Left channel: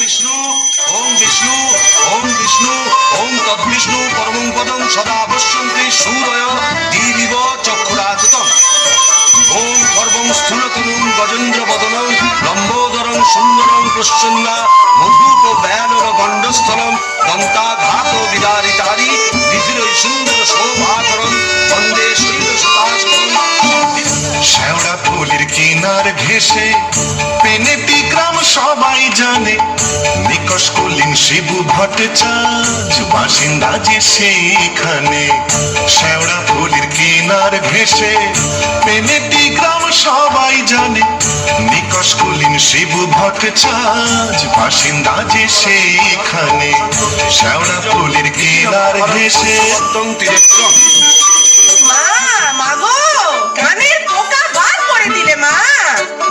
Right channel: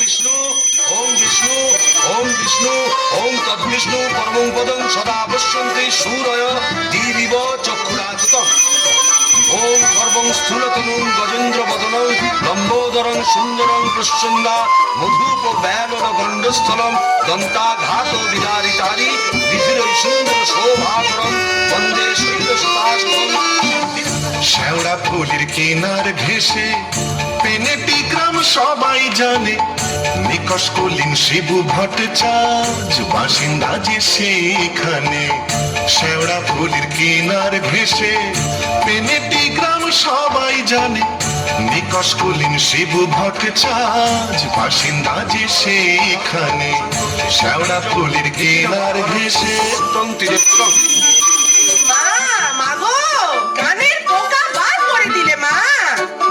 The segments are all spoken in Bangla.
বিষ্ণু ওম বিষ্ণু ওম বিষ্ণু ওম তদ্বিষ্ণু পরমং পদং সদা পশ্যন্তি সূরয় দিবিব চক্ষুরাচিতম ওম গর্বং স্থূলতনুং গজেন্দ্র বদনং লম্বোদরং সুন্দরং প্রসন্না মধুপ ব্যানল গণ্ডস্থলং দন্তাঘাত বিদারিতারি বিধিরৈ সুন্দর শোভাকরণ বন্দে শৈলসুতাশতং। শেওড়া ফুলের কিনার ঘেসে পেনেটি গ্রাম সবাই জানে, নিকষ কলিন শিবু ভট্টাচার্য বাসিন্দা যে সেইখানে। শেওড়া ফুলের কিনার ঘেসে পেনেটি গ্রাম সবাই জানে, নিকষ কলিন শিবু ভট্টাচার্য বাসিন্দা যে সেইখানে। শেওড়া ফুলের কিনার ঘেসে মা, মাগো, কানের পোকা বার করে দিলে মা।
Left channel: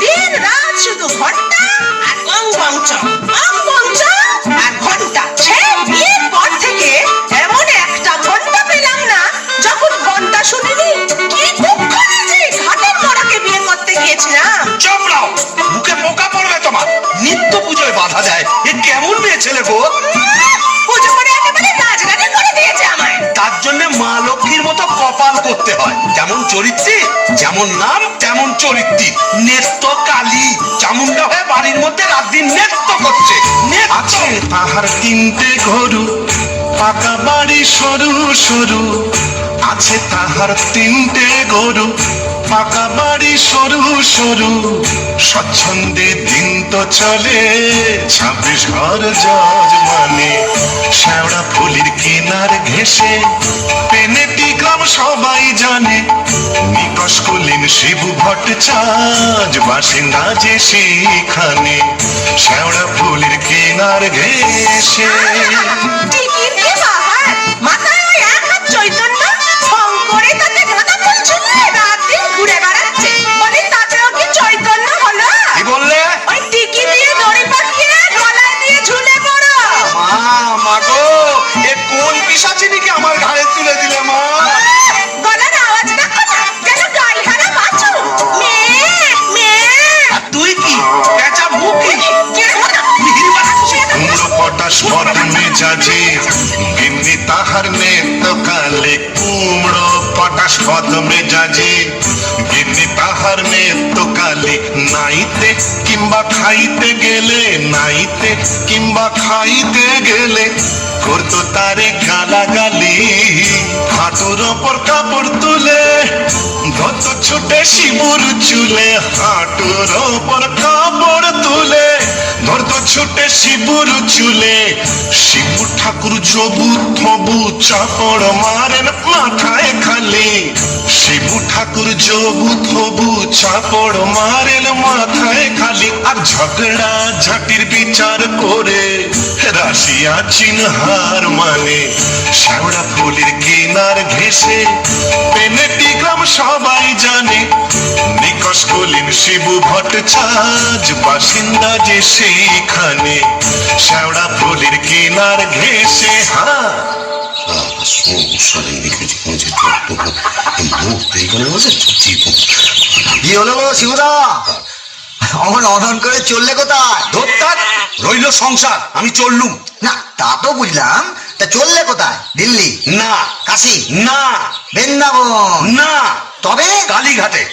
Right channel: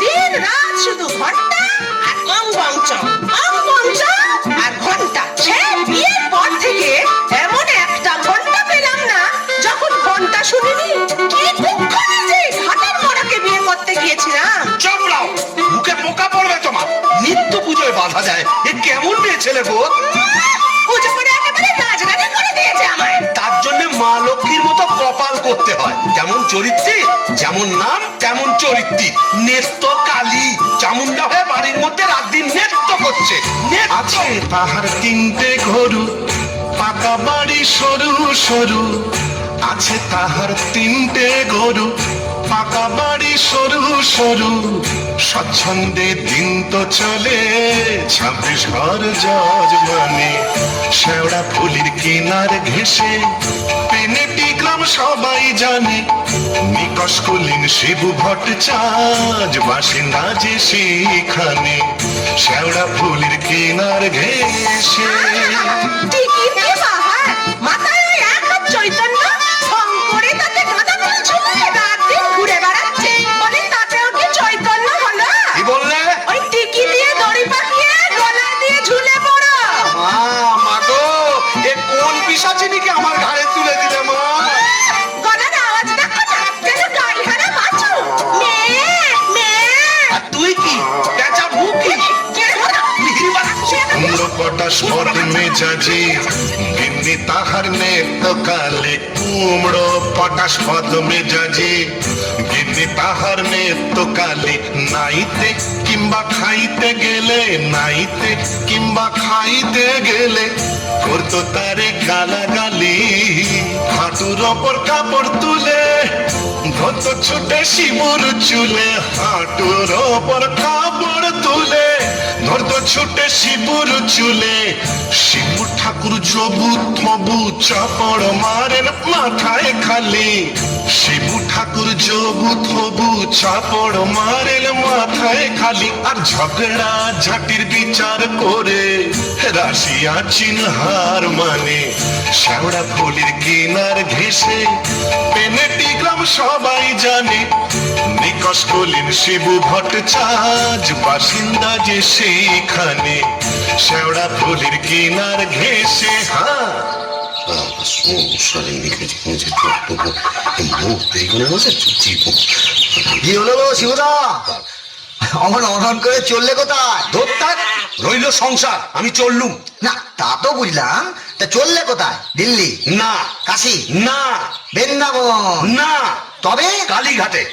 দিন রাত শুধু ঘন্টা আর অং বংচং, অং বংচং আর ঘন্টা। সে বিয়ের পর থেকে এমন একটা ঘন্টা পেলাম না যখন ঘন্টা শুনিনি। কি দুঃখ হয়েছে, ঘাটের মরাকে বিয়ে করতে গিয়েছিলাম। চমড়াও, মুখে পোকা পড়বে তোমার। নিত্য পুজোয় বাধা দেয়, এ কেমন মেয়ে ছেলে গো। পুজো করে একেবারে গাছগানি করে দিয়েছে আমায়। তার জন্য মা লক্ষ্মীর মতো কপাল করতে হয়। যেমন চরিত্রী, যেমন নাম তেমন চরিত্রী। নেত্য কালী চামুন্ডা হয়ে বাড়ির মধ্যে রাত দিন নেত্য করছে। আছে তাহার তিনটে গরু, পাকা বাড়ি সরু সরু। আছে তাহার তিনটে গরু, পাকা বাড়ি সরু সরু। স্বচ্ছন্দে দিন তো চলে 26 ঘর যজমানে। শেওড়া ফুলের কিনার ঘেসে পেনেটি গ্রাম সবাই জানে, নিকষ কলিন শিবু ভট্টাচার্য বাসিন্দা যে সেইখানে। শেওড়া ফুলের কিনার ঘেসে টিকির কি বাহার, মাথায় ওই এক হাত চৈতন্য, শঙ্করে তাতে গাঁদা ফুল ঝুলিয়ে রাত দিন ঘুরে বেড়াচ্ছে। বলি তাতেও কি চৈতন্য হলো? কি বললে? ওই টিকি দিয়ে দড়ি পাকিয়ে গলায় দিয়ে ঝুলে পড়ো। মা গো, এ কোন পিশাচিনিকে আমার ঘাড়ে তুলে দিলে মা? গলার আওয়াজ দেখো না, যেন গাইহারা বাছুর। মেয়ে, মেয়ে। আর তুই কি কেঁচা মুখি? কুমড়ো পটাশ পদ মেজাজে গিন্নি তাহার নেত কালে। কুমড়ো পটাশ পদ মেজাজে গিন্নি তাহার নেত কালে। নাইতে কিংবা খাইতে গেলে, নাইতে কিংবা খাইতে গেলে করতো তারে গালাগালি। হাঁটুর ওপর কাপড় তুলে ধরতো ছুটে শিবুর চুলে। হাঁটুর ওপর কাপড় তুলে ধরতো ছুটে শিবুর চুলে। শিবু ঠাকুর জবু থবু চাপড় মারেন মাথায় খালি। শিবু ঠাকুর জবু থবু চাপড় মারেন মাথায় খালি। আর ঝগড়া ঝাঁটির বিচার করে রাশিয়া চিনহার মানে। শেওড়া ফুলের কিনার ঘেসে পেনেটি গ্রাম সবাই জানে, নিকষ কলিন শিবু ভট্টাচার্য বাসিন্দা যে সেইখানে। শেওড়া ফুলের কিনার ঘেসে কি হলো গো শিবদা, অমন অধন করে চললে কোথায়? ধোপটাক রইল সংসার, আমি চললুম। না তা তো বুঝলাম, তা চললে কোথায়? দিল্লি, না, কাশী, না, বৃন্দাবন? না, তবে কালীঘাটে।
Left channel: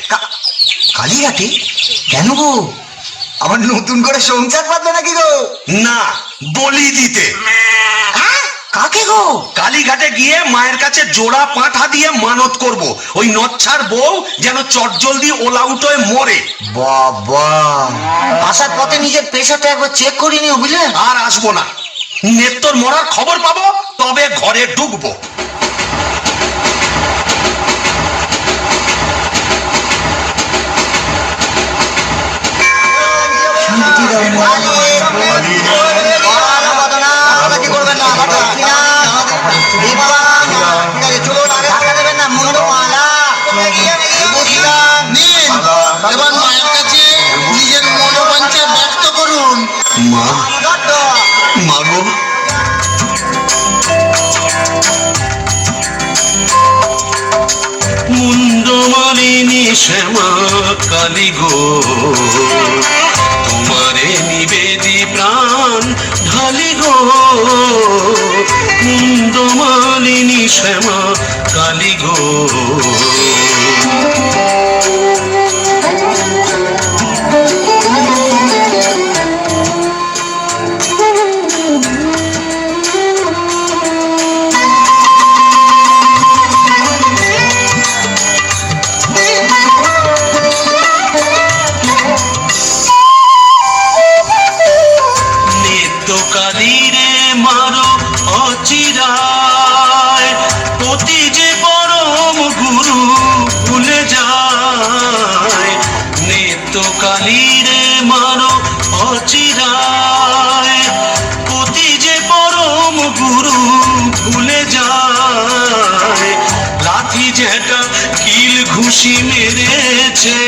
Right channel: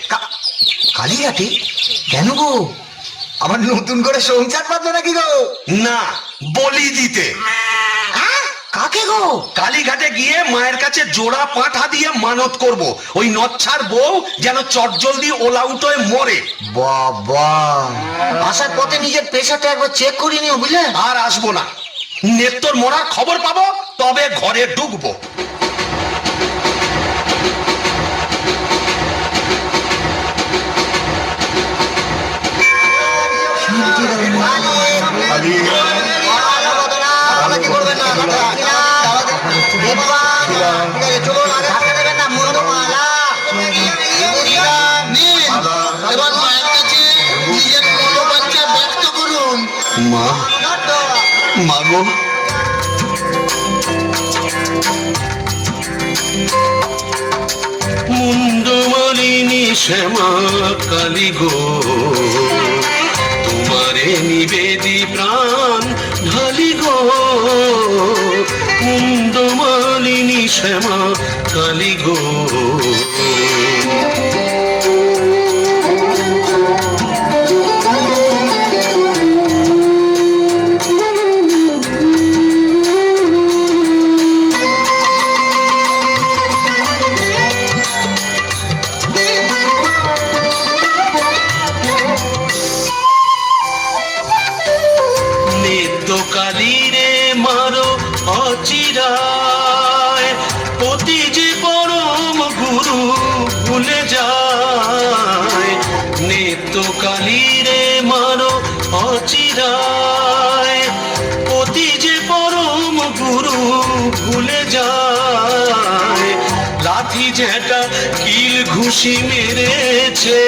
কালীঘাটে? কেন গো, আবার নতুন করে সংসার পাতলো নাকি গো? না, বলি দিতে। হ্যাঁ, কাকে গো? কালীঘাটে গিয়ে মায়ের কাছে জোড়া পাঁঠা দিয়ে মানত করব, ওই নচ্ছার বউ যেন চটজলদি ওলাউট হয়ে মরে। বাবা, আসার পথে নিজের পেশাটা একবার চেক করে নিও বুঝলে। আর আসবো না, নেত্তর মরার খবর পাবো তবে ঘরে ঢুকবো। এবার মায়ের কাছে নিজের মনোবাঞ্ছা ব্যক্ত করুন। মা, মাগো, মুন্ডমালিনী শ্যামা কালী গো, তোমারে নিবেদি প্রাণ ঢালি গো কুন্দমালিনী শ্যামা কালী গো। কালীরে মারো অচিরায় পতি যে পরম গুরু ভুলে যায়। নিত্য কালীরে মারো অচিরায় পতি যে পরম গুরু ভুলে যায়। লাঠি যেটা কিল ঘুষি মেরেছে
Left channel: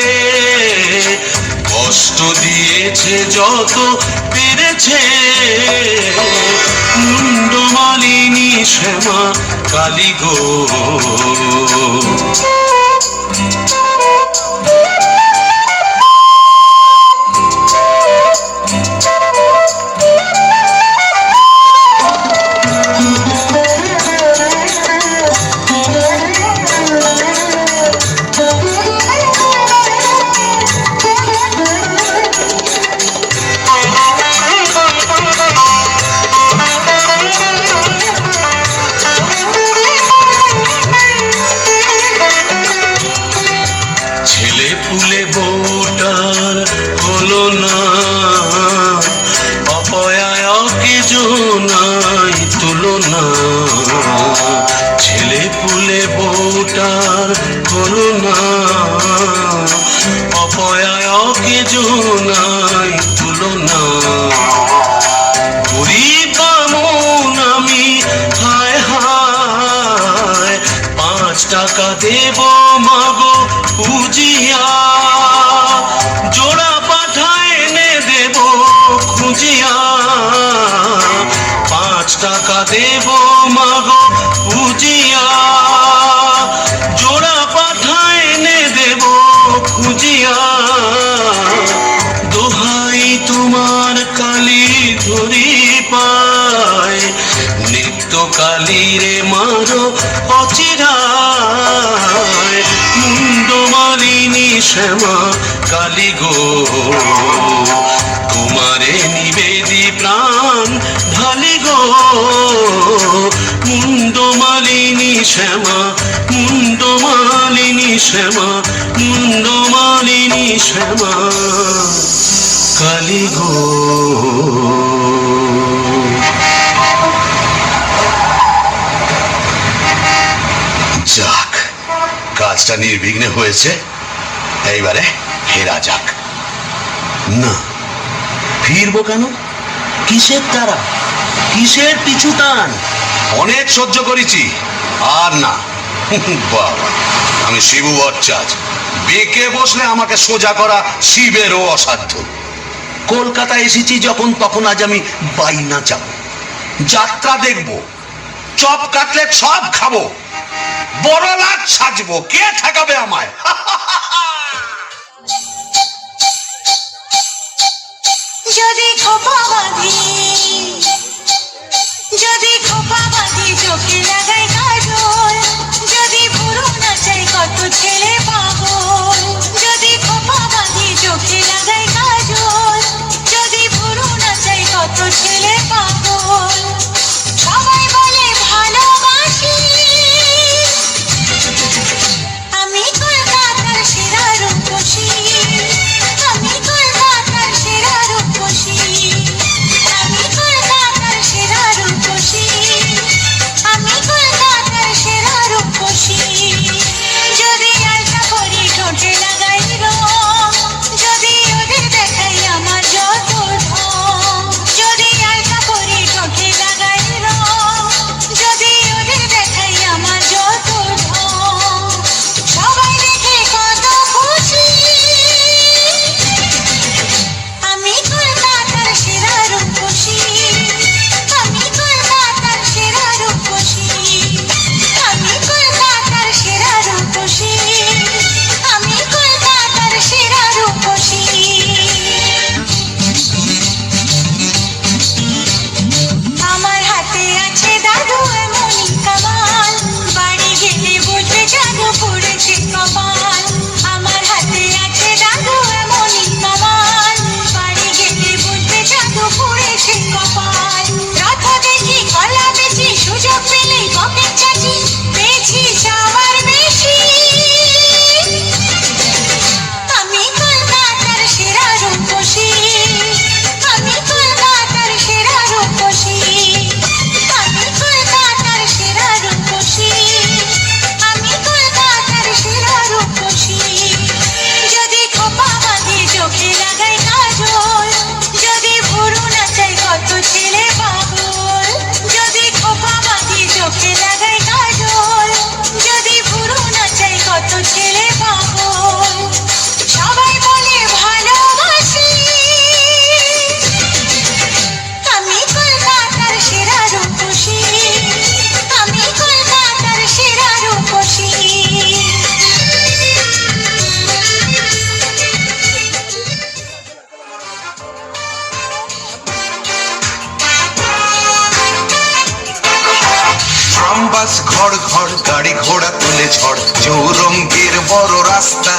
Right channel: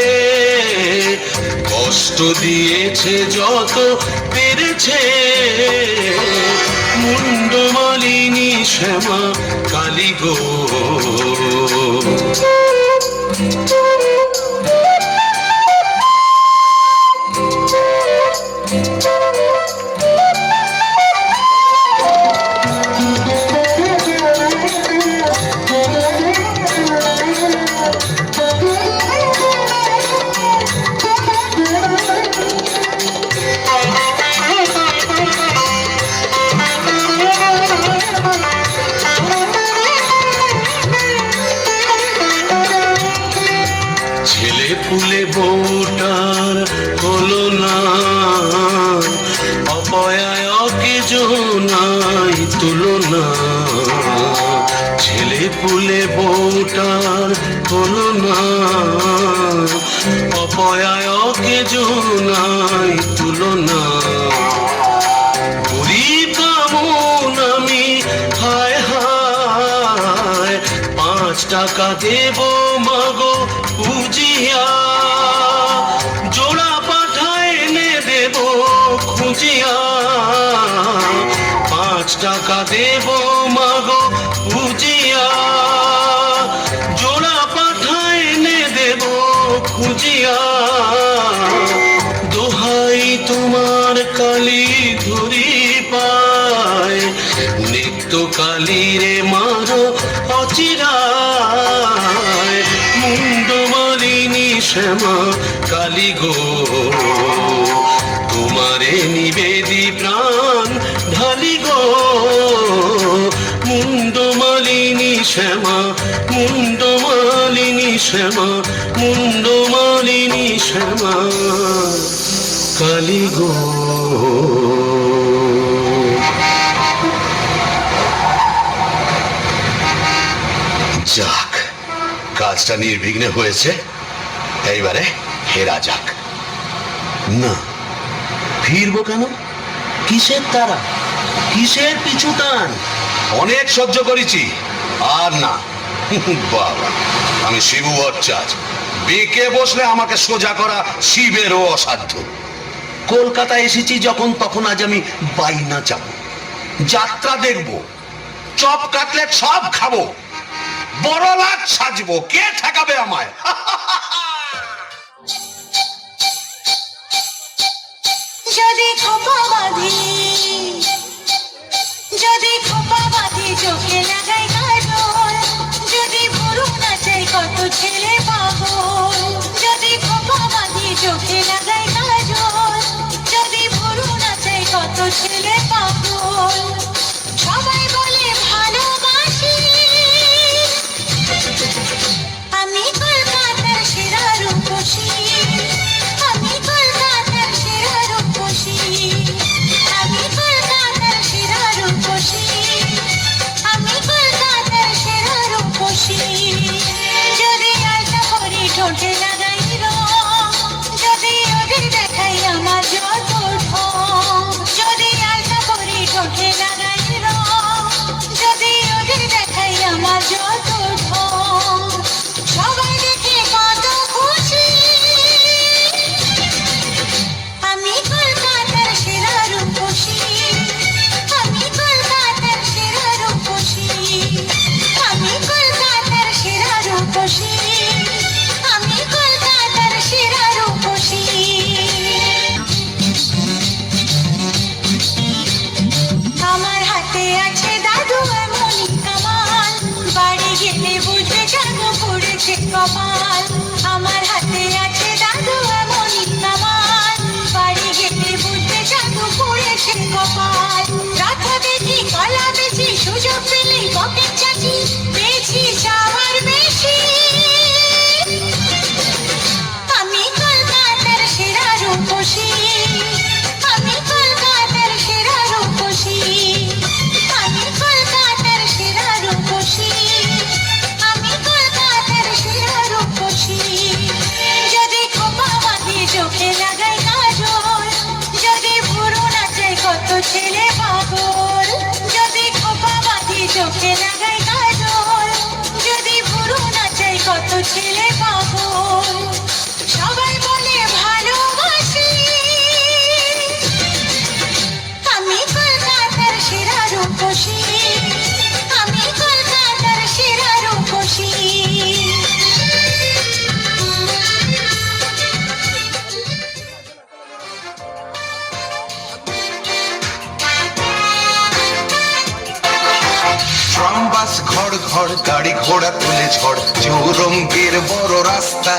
কষ্ট দিয়েছে যত পেরেছে মুন্ডমালিনী শ্যামা কালী গো। ছেলে পুলে বউটার হলো না অপয়াকে জোনাই তুলনা। ছেলে পুলে বউটার হলো না অপয়াকে জোনাই তুলনা। গরিব মন আমি হায় হায় 5 টাকা দেব মাগো পুজিয়া জোড়া পাঠায় এনে দেব খুঁজিয়া। 5 টাকা দেব মাগো পুজিয়া জোড়া পাঠায় এনে দেব খুঁজিয়া। দোহাই তোমার কালী ধরি পায় নিত্য কালীরে মারো অচিরায় মুন্ডমালিনী শ্যামা কালী গো। তোমারে নিবেদি প্রাণ ঢালি গো মুন্ডমালিনী শ্যামা মুন্ডমালিনী শ্যামা মুন্ডমালিনী শ্যামা কালী গো। যাক, কাজটা নির্বিঘ্নে হয়েছে, এইবারে ফেরা যাক। না, ফিরবো কেন? কিসের তারা, কিসের পিছু টান? অনেক সহ্য করেছি, আর না। বাবা, আমি শিবু ভট্টাচার্য, বেঁকে বসলে আমাকে সোজা করা শিবেরও অসাধ্য। কলকাতা এসেছি যখন, তখন আজ আমি বাইনা যাব, যাত্রা দেখব, চপ কাটলেট সব খাবো, বড় লাট সাজবো, কে ঠেকাবে আমায়? যদি খোপা বাঁধি, যদি খোপা বাঁধি চোখে লাগাই কাজল, যদি ভুরু নাচাই কত ছেলে পাগল। যদি খোপা বাঁধি চোখে লাগাই কাজল, যদি ভুরু নাচাই কত ছেলে পাগল। সবাই বলে ভালোবাসি, আমি কলকাতার সেরা রূপসী, আমি কলকাতার সেরা রূপসী, আমি কলকাতার সেরা রূপসী, আমি কলকাতার সেরা রূপসী। যদি আলতা করি ঠোঁটে লাগাই রং, যদি ওদের দেখাই আমার যত ঢং, যদি আলতা ছেলে পাগল সবাই বলে ভালোবাসি আমি কলকাতার সেরা রূপসী আমি কলকাতার সেরা রূপসী ট্রাম বাস ঘর ঘর গাড়ি ঘোড়া তুলে ঝড় চৌরঙ্গের বড় রাস্তা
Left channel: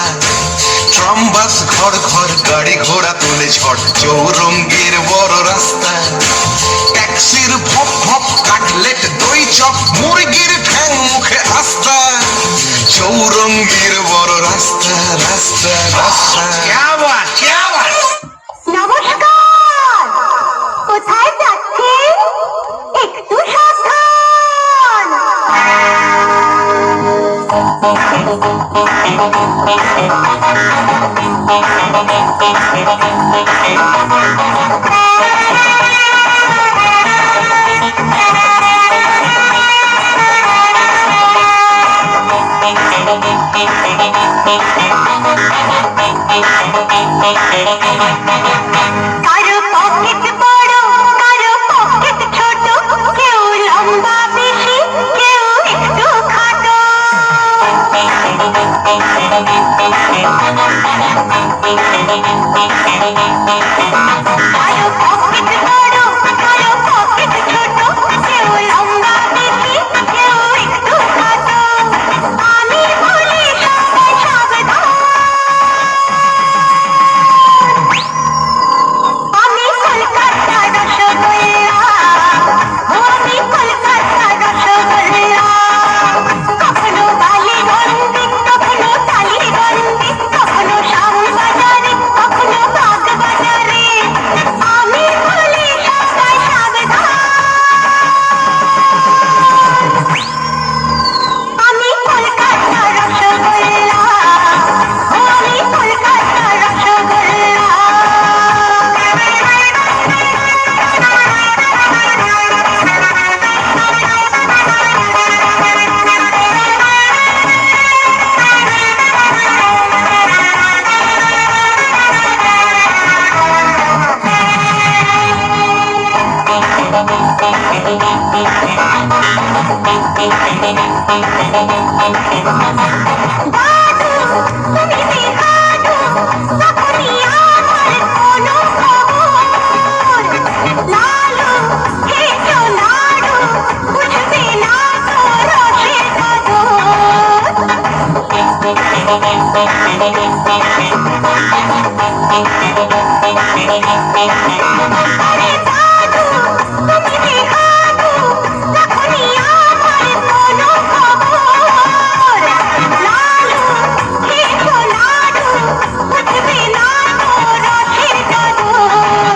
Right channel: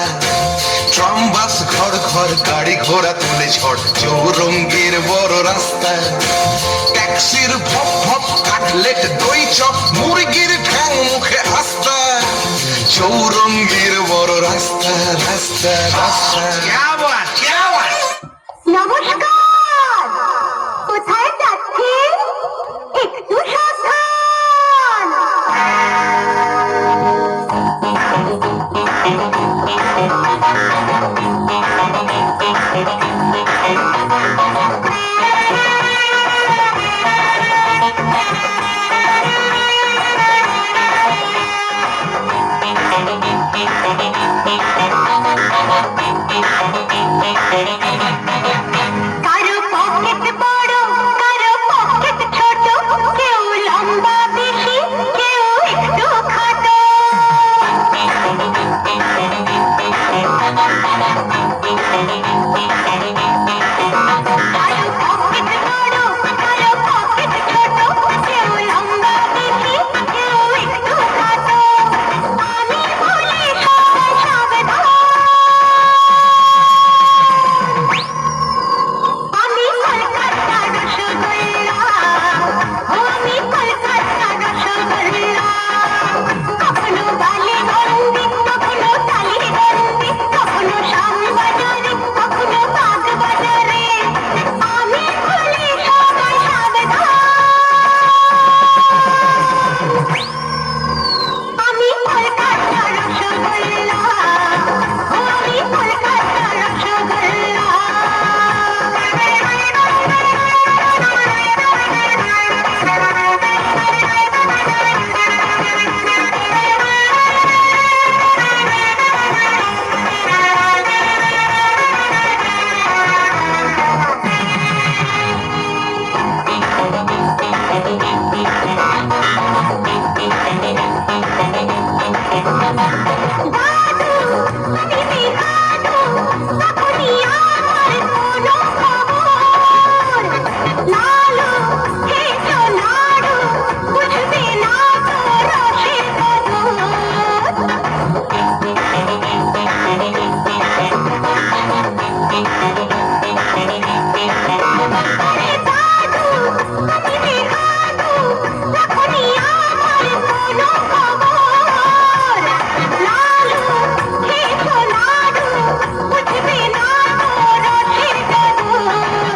ট্রাম বাস ঘর ঘর গাড়ি ঘোড়া তুলে ঝড় চৌরঙ্গের বড় রাস্তা ট্যাক্সির ভপ ভপ কাটলেট দই চপ মুরগির ঠ্যাং মুখে আস্তা চৌরঙ্গের বড় রাস্তা রাস্তা রাস্তা নমস্কার কোথায় যাচ্ছেন একটু সাবধান কারো পকেট বড় কারো পকেট ছোট কেউ লম্বা বেশি কেউ একটু খাটো কারো পকেট বড় কারো পকেট ছোট কেউ লম্বা বেশি কেউ একটু খাটো আমি বলি সবাই সাবধান আমি কলকাতার রসগোল্লা আমি কলকাতার রসগোল্লা কখনো বালিগঞ্জে কখনো টালিগঞ্জে কখনো শ্যামবাজারে কখনো বাগবাজারে আমি বলি সবাই সাবধান আমি কলকাতার রসগোল্লা আমি কলকাতার রসগোল্লা দাদু তুমি বেহাদু তখনই আমার কোনো খবর লালু হেঁচো নাড়ু বুঝবে না তো রসের আরে দাদু তুমি বেহাদু তখনই আমার কোনো খবর লালু হেঁচো নাড়ু বুঝবে না তো রসের কদর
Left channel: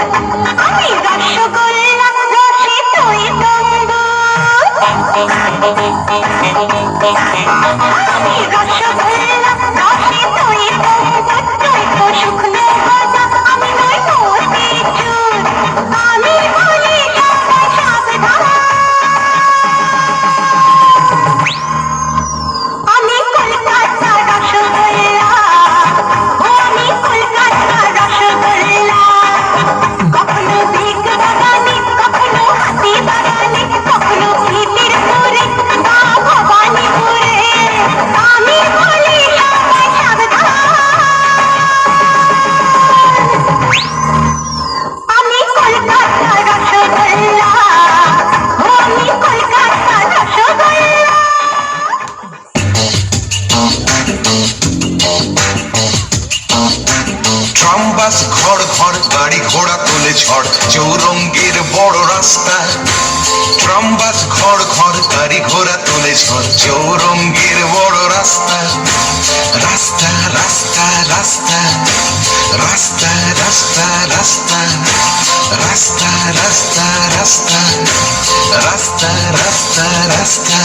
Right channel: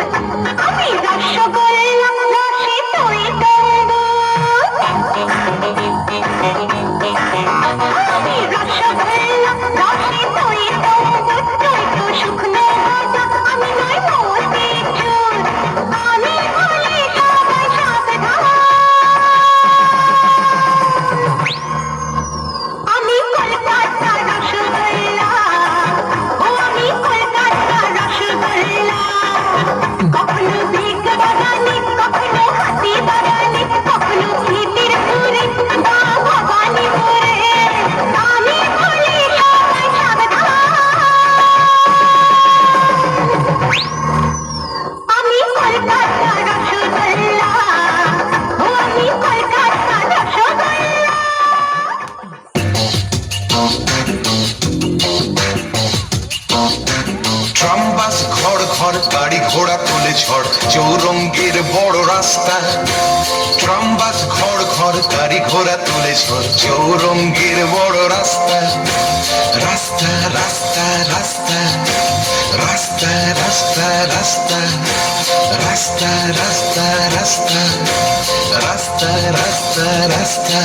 আমি রসগোল্লা রসে তুই আমি রসগোল্লা রসে তুই তুই তো শুকনো গজা আমি নই মোটি চুল আমি বলি সবাই সাবধান আমি কলকাতার রসগোল্লা আমি কলকাতার রসগোল্লা কখনো দিক বাগানে কখনো হাতি বাগানে কখনো ভিতিরপুরে বা ভবানীপুরে আমি বলি সবাই সাবধান আমি কলকাতার রসগোল্লা আমি কলকাতার রসগোল্লা ট্রাম বাস ঘর ঘর গাড়ি ঘোড়া তুলে ঝড় চৌরঙ্গের বড় রাস্তা ট্রাম বাস ঘর ঘর গাড়ি ঘোড়া তুলে ঝড় চৌরঙ্গের বড় রাস্তা রাস্তা রাস্তা রাস্তা রাস্তা রাস্তা রাস্তা রাস্তা রাস্তা রাস্তা রাস্তা রাস্তা রাস্তা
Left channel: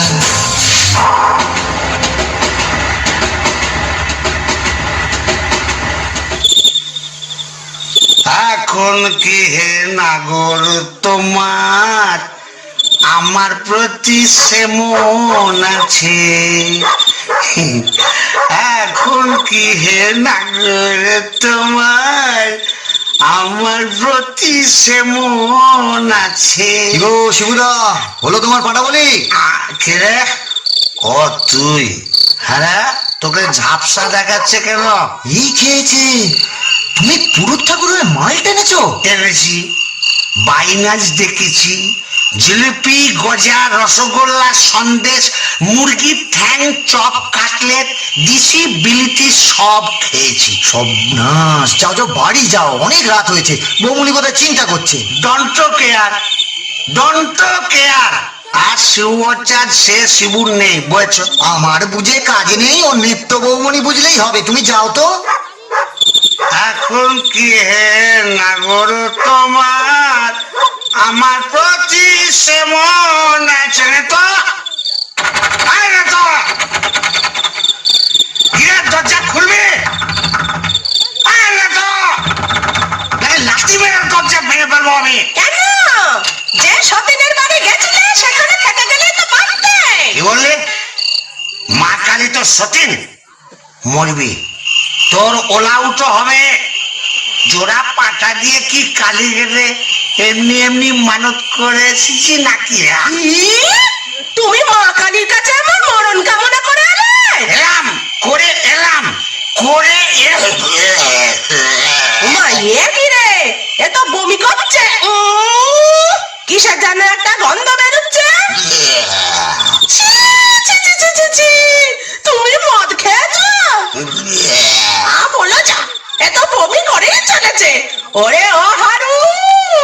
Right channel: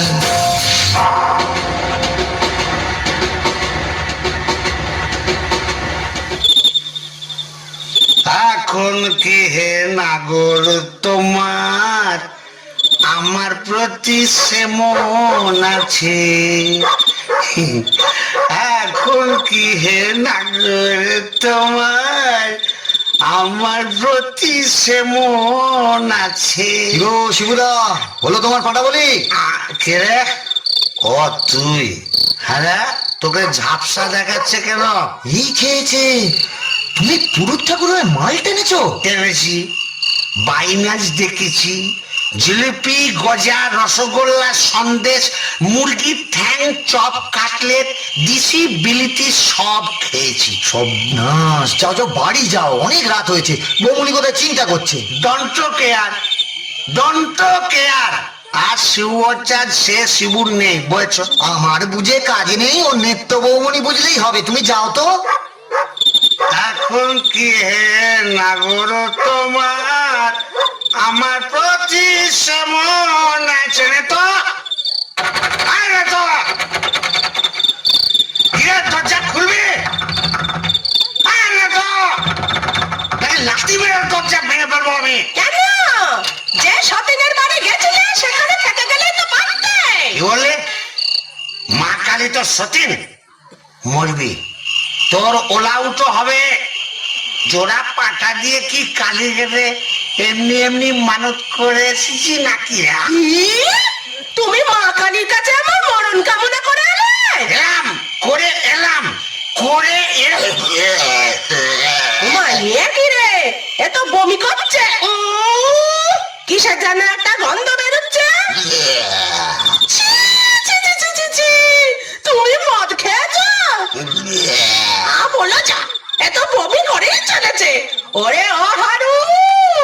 এখন কি হে নাগর তোমার আমার প্রতি সেমন আছে এখন কি হে নাগর তোমার আমার প্রতি সেমন আছে? গো শিবুদা, হলো তোমার পাটা বলি? কে রে? ও তুই? হ্যাঁ, তোকে ঝাপসা দেখাচ্ছে কেন? এই খেয়েছে, তুমি পুরুত ঠাকুরের মাল টেনেছো? টেনেছি, বাইনাচ দেখেছি, জিলিপি, গজা, রসগোল্লা, সন্দেশ, মুরগির ঠ্যাং, চপ, কাটলেট, দিশি বিলিতি সব খেয়েছি। সব না, যাও যাও বাড়ি যাও, অনেক রাত হয়েছে। বৌমনি বোধহয় চিন্তা করছে। Don't care, don't care. আর শিবচাঁদ সে শিবুর নেই, বুঝেছ? আমার বুঝে কাজে নেই, ও নেত্য বৌমনি বুঝলেই হবে। তুমি যাও তো। এখন কি হে নাগর তোমার আমার প্রতি সেমন আছে? তো আয় রে তো, গিয়ে দরজা খুলবি? আয় রে তো, লাঠি মেরে দরজা ভেঙে ফেলবো আমি। কেন? যে সতীনের বাড়ি গেছিলে সেখানে থেকে গেলে তো পারতে। কি বললি? মা কালী তো সতীন, মরবি, তোর ওলা উঠো হবে। জোড়া পাটা দিয়ে কি কালী গেলে এমনি এমনি মানত করে এসেছি নাকি? তুমি মা কালীর কাছে আমার মরণ কামনা করে এলে? এলাম করে এলাম করে মা এ কি রে? এ তো বমি করছে। কিসের যেন একটা গন্ধ বেরোচ্ছে। ছি, ছি, ছি, ছি, ছি, ছি। তুমি মদ খেয়েছো? বলো যা, এ তো বমি করেই চলেছে। ওরে ও হারু,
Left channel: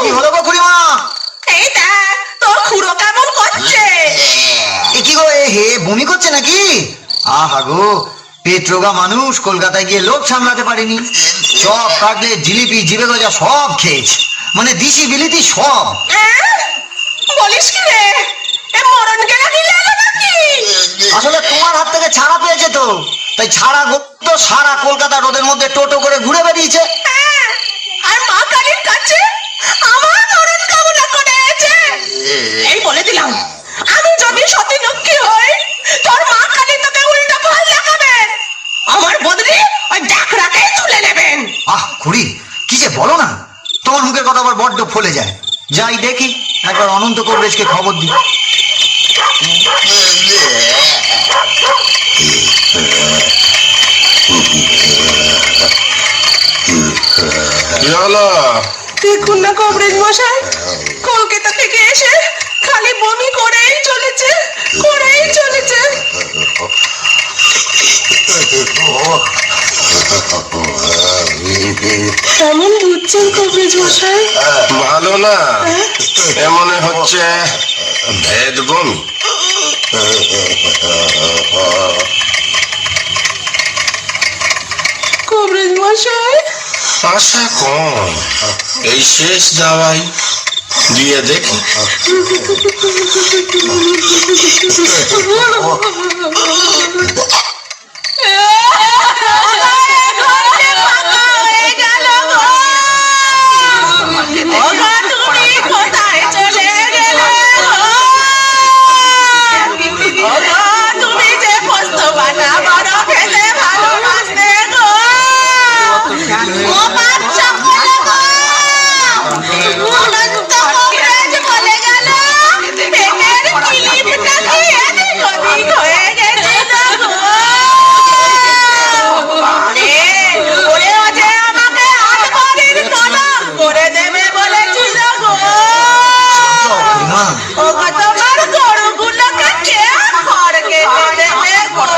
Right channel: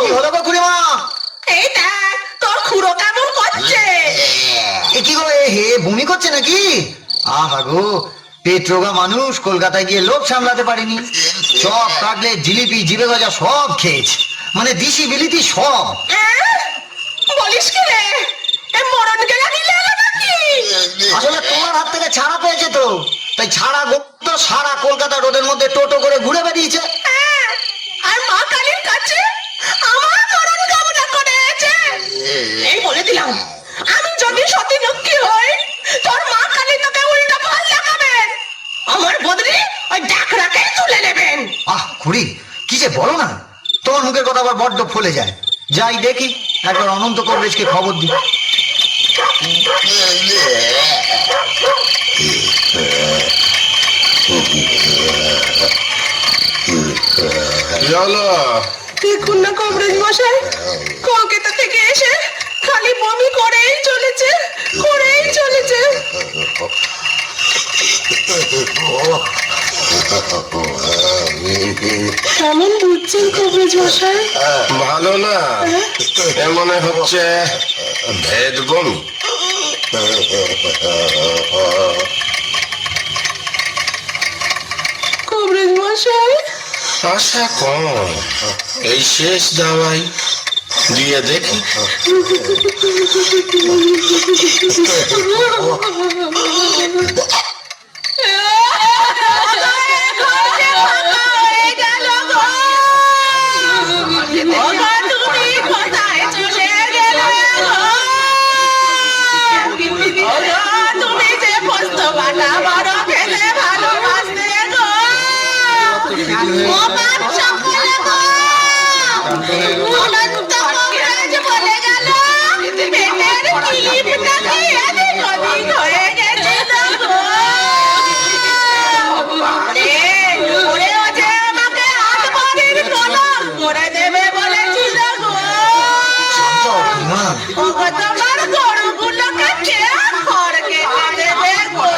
কি হলো গো খুড়িমা? এই দেখ তোর খুড়ো কেমন করছে। এ কি গো, এ হে বমি করছে নাকি? আহা গো, পেট রোগা মানুষ, কলকাতায় গিয়ে লোক সামলাতে পারেনি। চপ, কাটলেট, জিলিপি, জিবে গজা সব খেয়েছে, মানে দিশি বিলিতি সব। বলিস কি রে? এ মরণ গেলা দিলে নাকি? আসলে তোমার হাত থেকে ছাড়া পেয়েছে তো, তাই ছাড়া গুপ্ত সারা কলকাতা রোদের মধ্যে টোটো করে ঘুরে বেরিয়েছে। আর মা কালীর কাছে আমার মরণ কামনা করেছে। এই বলে দিলাম, আমি যদি সতী লক্ষ্মী হই, তোর মা কালী তোকে উল্টো ফল দেখাবেন। আমার বদলি ওই ডাকরাকেই তুলে নেবেন। আহ খুড়ি, কি যে বলো না, তোমার মুখের কথা আবার বড্ড ফলে যায়। যাই দেখি, একবার অনন্ত কবরেজকে খবর দিই। দেখুন না কবরেজ মশাই, কলকাতা থেকে এসে খালি বমি করেই চলেছে, করেই চলেছে। কেমন বুঝছেন কবরেজ মশাই? ভালো না, এমন হচ্ছে ভেদ বমি। কবরেজ মশাই, আশা কম, এই শেষ দাওয়াই দিয়ে দেখি। তুমি কোথায় চলে গেলে? তুমি যে পোস্ত বাটা বড় খেতে ভালোবাসতে গো। ও বাচ্চা বলে গো, অনন্ত কবরেজ বলে গেল, পেটের কিলিপটা কি এদিক ওদিক হয়ে গেছে গো। ওরে ও যে আমাকে হাত বাড়ির কলম করে দেবে বলেছিল গো। খুড়িমা, ও গো তোমার গরুগুলোকে কে খড় কেটে দেবে গো।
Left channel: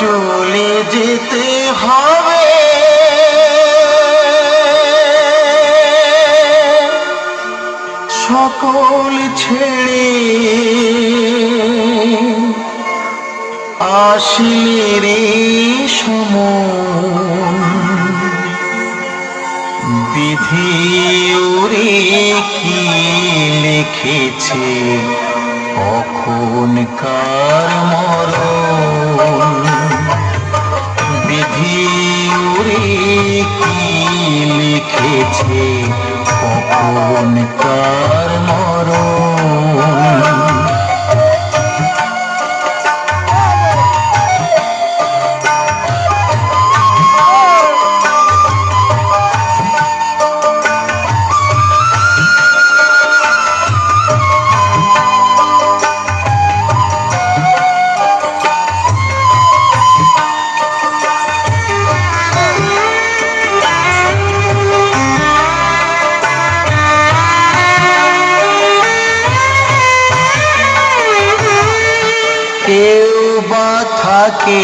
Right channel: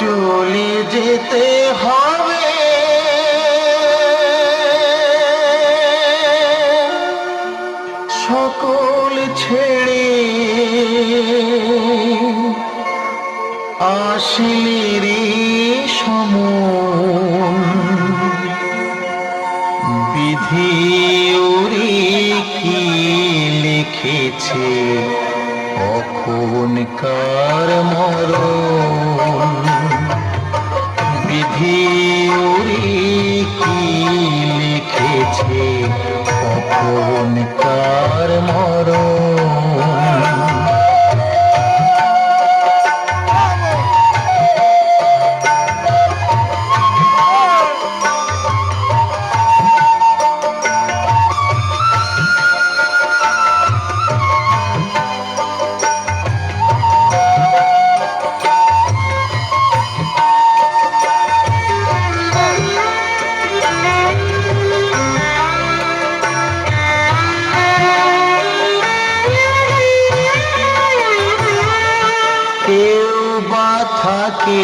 চলে যেতে হবে সকল ছেড়ে, আসলে রে সমন বিধি ওরে কি লিখেছে কখনকার মরণ। বিধি ওরে কি লিখেছে থাকে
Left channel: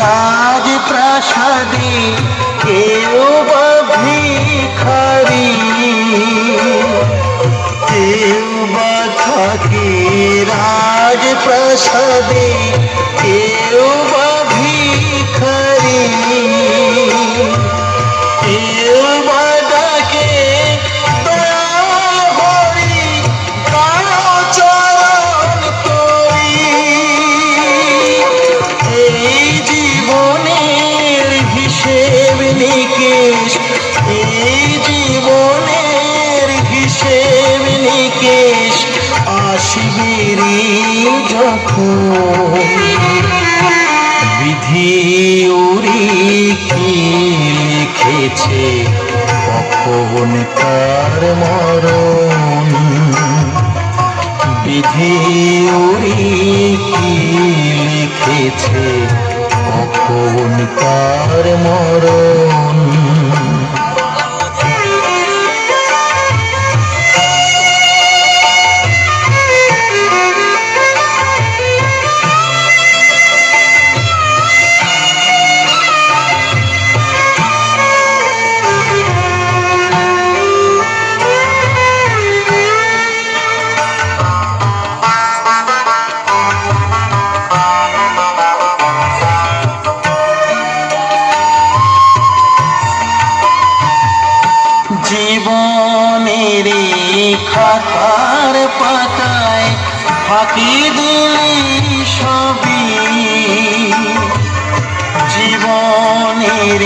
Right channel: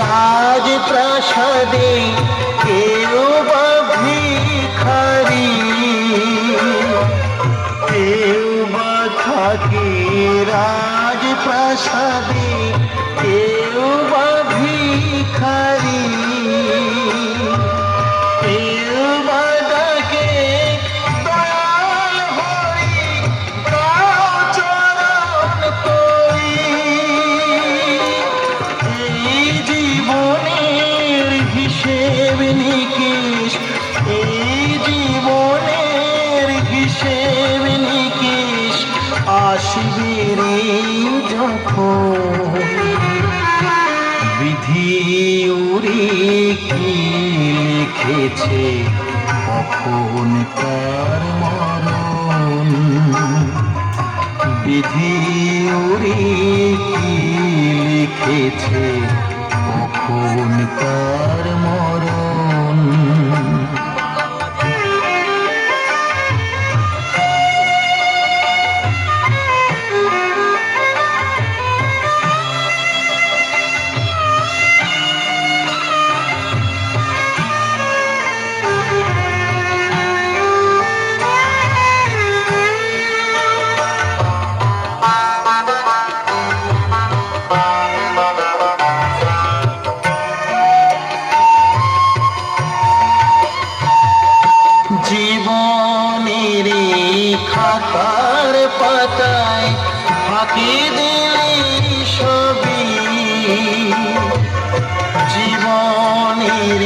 রাজপ্রাসাদে, কেউ বা ভিখারি, কেউ বা থাকে রাজপ্রাসাদে, কেউ বা ভিখারি, কেউ বা ডাকে দয়াল হরি, দাও চরণ তরি। এই জীবনের হিসেব নিকেশ, এই জীবনের হিসেব নিকেশ আসিবে যখন, বিধি উড়ি কি লিখেছে কখন কার মরণ, বিধি উড়ি কি লিখেছে কখন কার মরণ। জীবনের খাতার পাতায় ফাঁকি দিলি সবই, জীবনের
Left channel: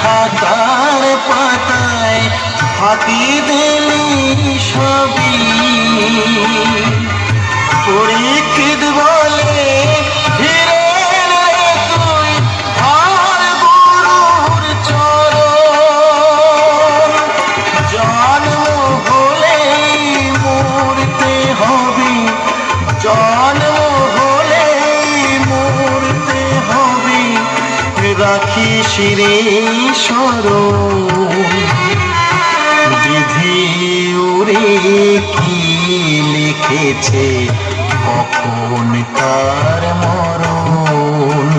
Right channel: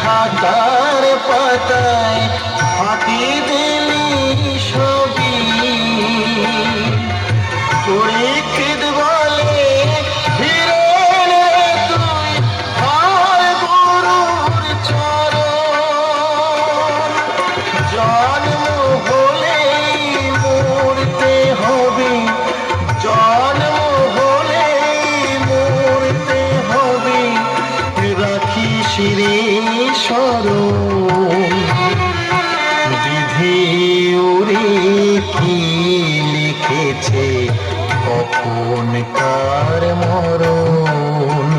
খাতার পাতায় ফাঁকি দিলি সবই, পরীক্ষিত বলে হিরেন তুই হার গুরুর চরণ, জন্ম হলেই মরতে হবে, জন্ম হলেই মরতে হবে, রাখিস রে স্মরণ, বিধি ওরে কি লিখেছে কখন কার মরণ,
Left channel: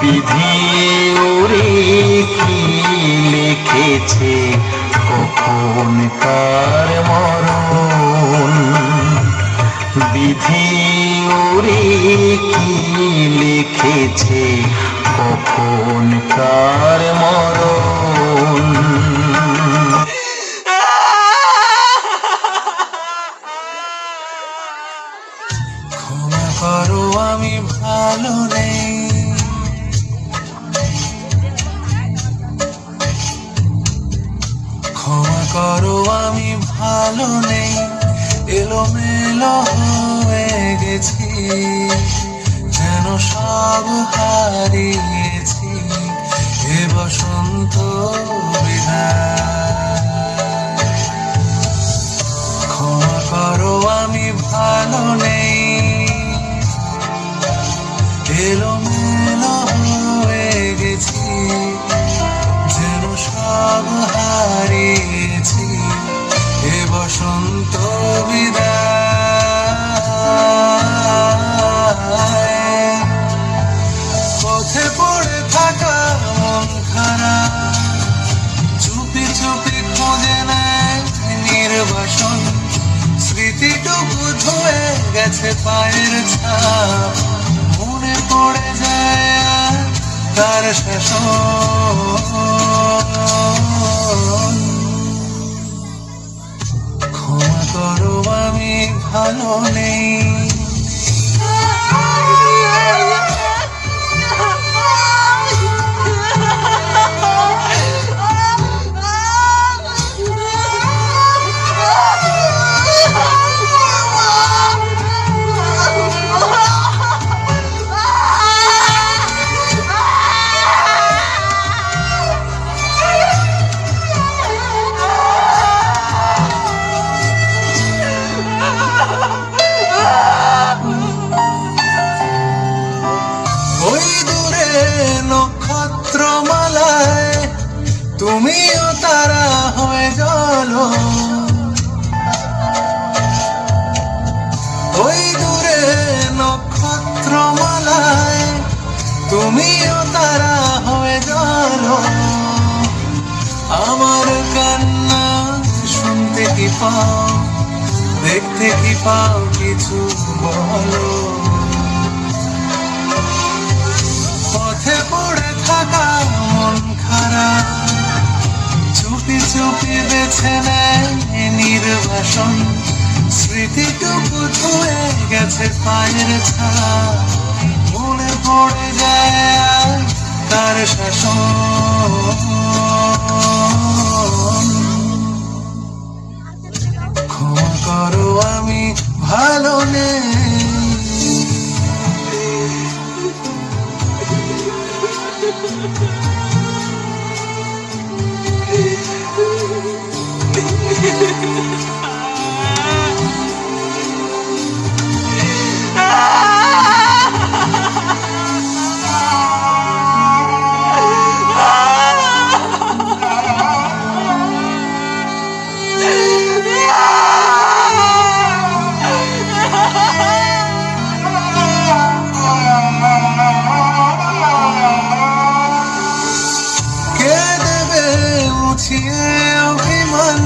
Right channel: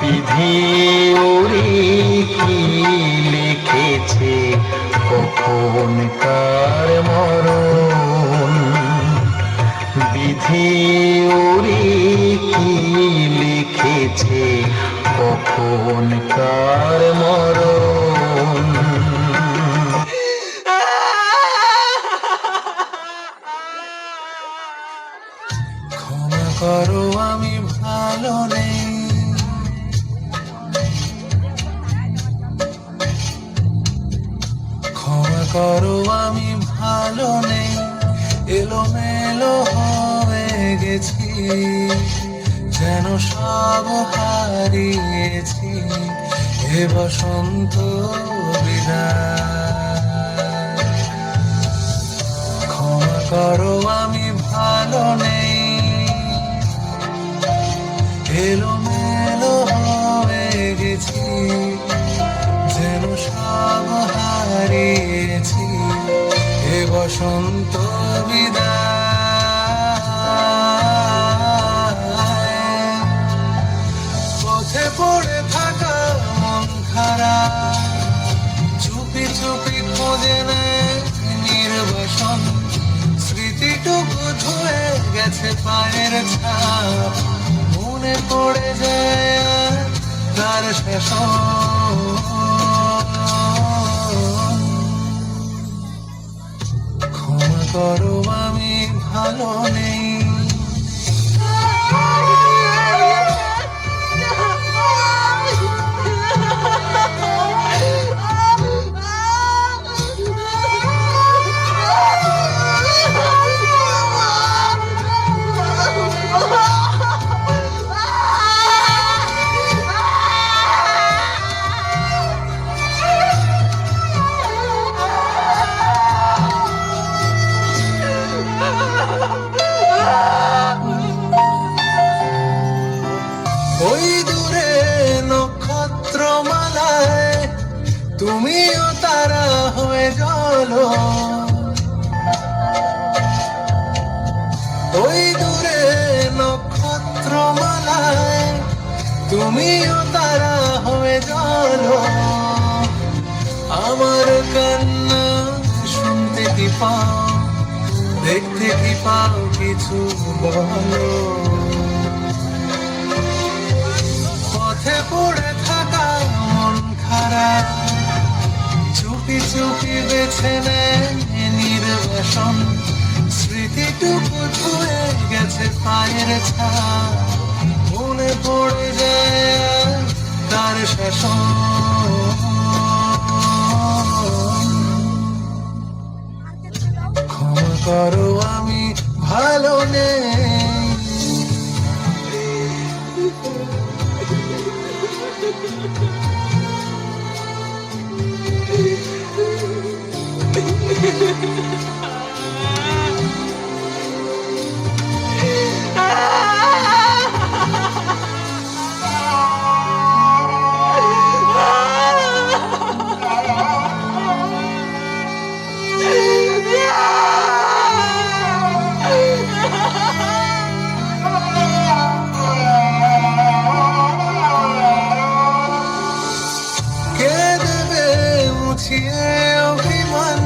বিধি ওরে কি লিখেছে কখন কার মরণ, বিধি ওরে কি লিখেছে কখন কার মরণ। ক্ষমা করো আমি ভালো নেই, ক্ষমা করো আমি ভালো নেই, এলোমেলো হয়ে গেছি, যেন সব হারিয়েছি, এ বসন্ত বিদায়। ক্ষমা করো আমি ভালো নেই, এলোমেলো হয়ে গেছি, যেন সব হারিয়েছি, এ বসন্ত বিদায়। পথে পড়ে থাকা মন খারাপ চুপি চুপি খোঁজে নেয় নির্বাসন, স্মৃতিটুকু ধুয়ে গেছে পায়ের ছাপ, মনে পড়ে যায় তার শাসন। ক্ষমা করো আমি ভালো নেই, ওই দূরে নক্ষত্রমালায় তুমিও তারা হয়ে জ্বলো, ওই দূরে নক্ষত্রমালা তুমিও তারা হয়ে চলো, আমার কান্না শুনতে কি পাও, দেখতে কি পাও, কিছু বলো। পথে পড়ে থাকা মন খারাপ চুপি চুপি বেছে নেয় নির্বাসন, স্মৃতিটুকু ধুয়ে গেছে পায়ের ছাপ, মনে পড়ে যায় আর তার শাসন। ক্ষমা করো আমি ভালো নেই, কে দেবে মুছিয়ে অভিমান,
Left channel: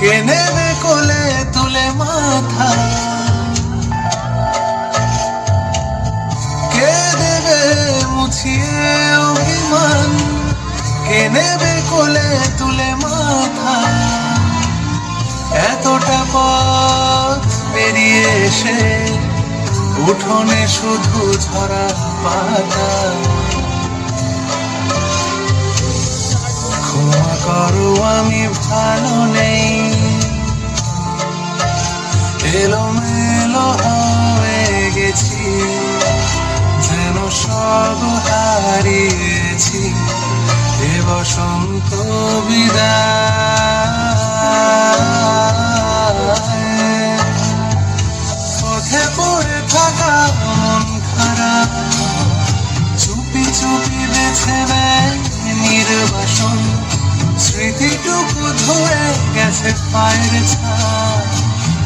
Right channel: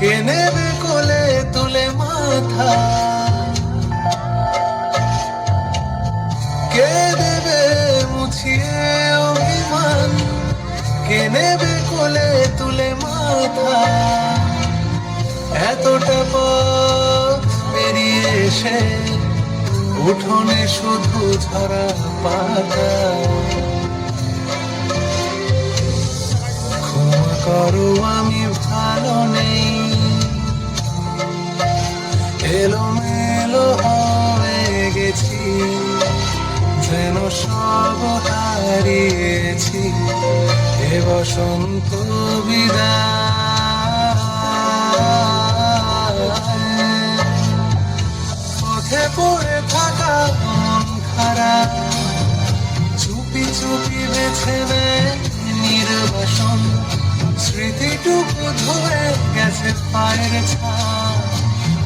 কে নেবে কোলে তুলে মাথা, কে দেবে মুছিয়ে অভিমান, কে নেবে কোলে তুলে মাথা। এতটা পথ পেরিয়ে এসে উঠোনে শুধু ঝরা পাতা, ক্ষমা করো আমি ভালো নেই, এলোমেলো হয়ে গেছি, যেন সব হারিয়েছি, এ বসন্ত বিদায়। পথে পড়ে থাকা মন খারাপ চুপি চুপি বেছে নেয় নির্বাসন, স্মৃতিটুকু ধুয়ে গেছে পায়ের ছাপ,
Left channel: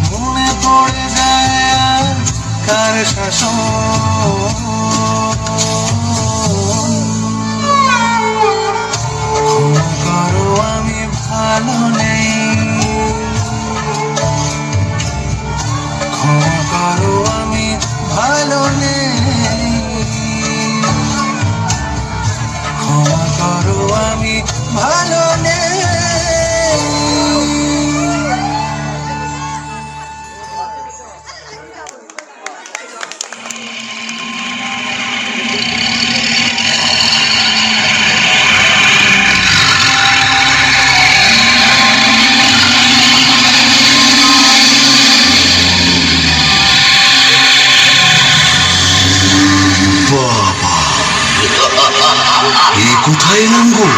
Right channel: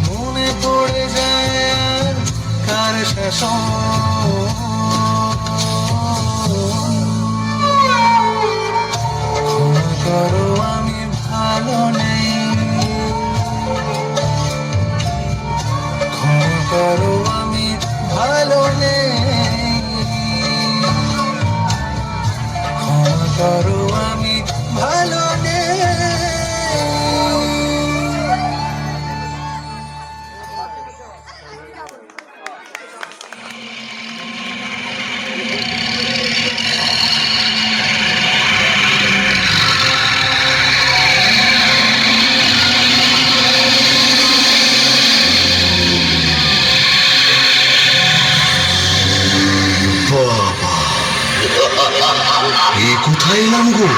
মনে পড়ে যায় আর কার শাসন। ক্ষমা করো আমি ভালো নেই, ক্ষমা করো আমি ভালো নেই, ক্ষমা করো আমি ভালো নেই। বাবা, এ কোথায় এলাম গো?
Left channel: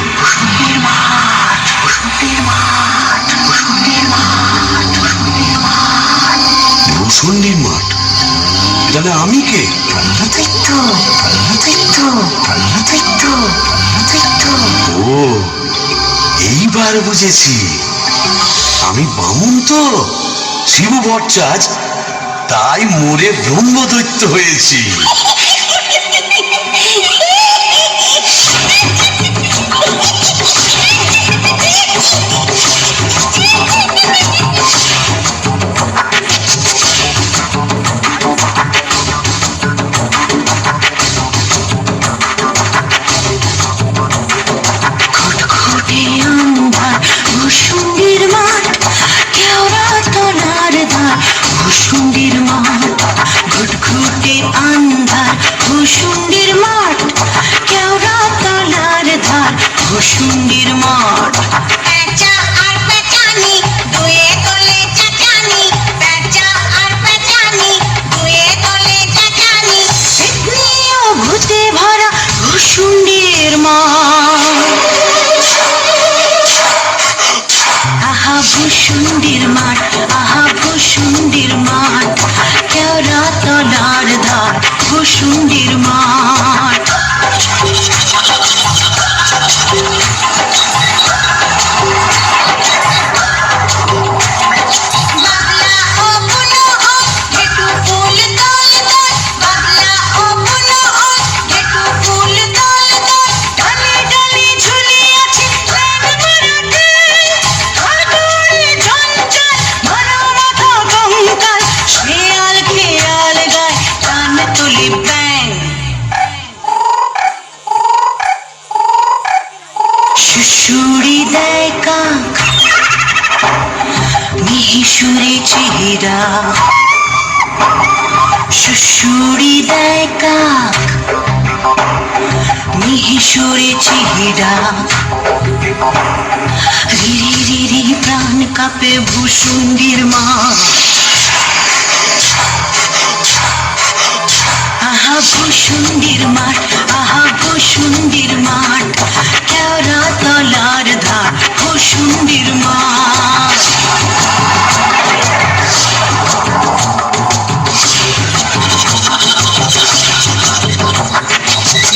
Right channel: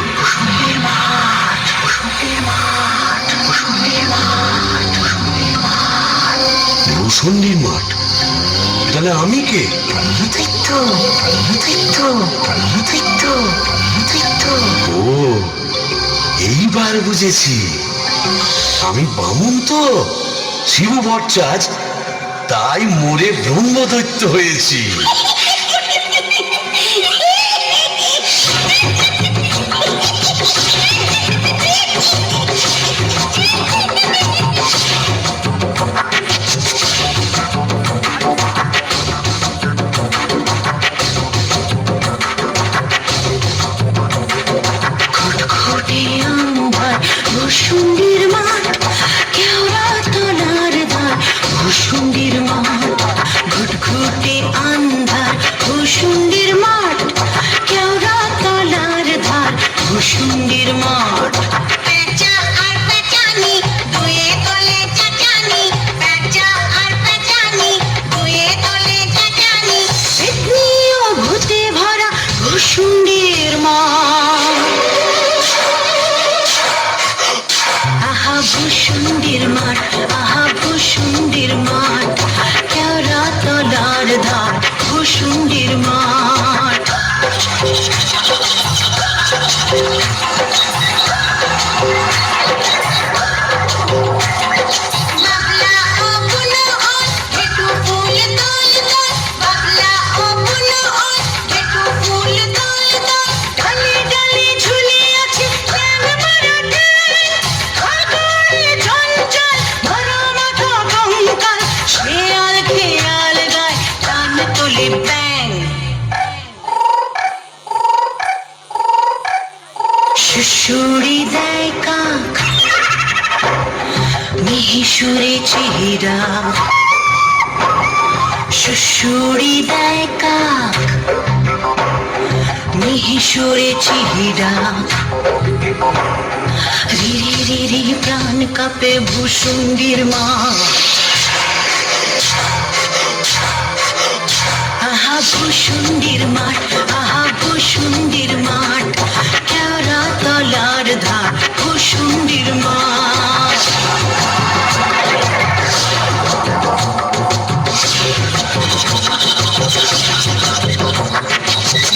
ভূষণ্ডির মাঠ, তাহলে আমি কে? ও, এইবার বুঝেছি, আমি বামুন তো, শিব ভট্টাচ, তাই মোরে ব্রহ্মদৈত্য হয়েছি। ভূষণ্ডির মাঠ, কেওড়া তলার ধার, ভূষণ্ডির মাঠ, ঘুটঘুটে আন্ধার, সুরে চেহারা সুশুরি দেয় কাক মিহিসুরে চেহারা রিরি রিরি প্রাণ কাপে ভূসুন্ডির মা আহা ভূসুন্ডির মাঠ আহা ভূসুন্ডির মাঠ কেওড়া তলার ধার ভূসুন্ডির মাঠ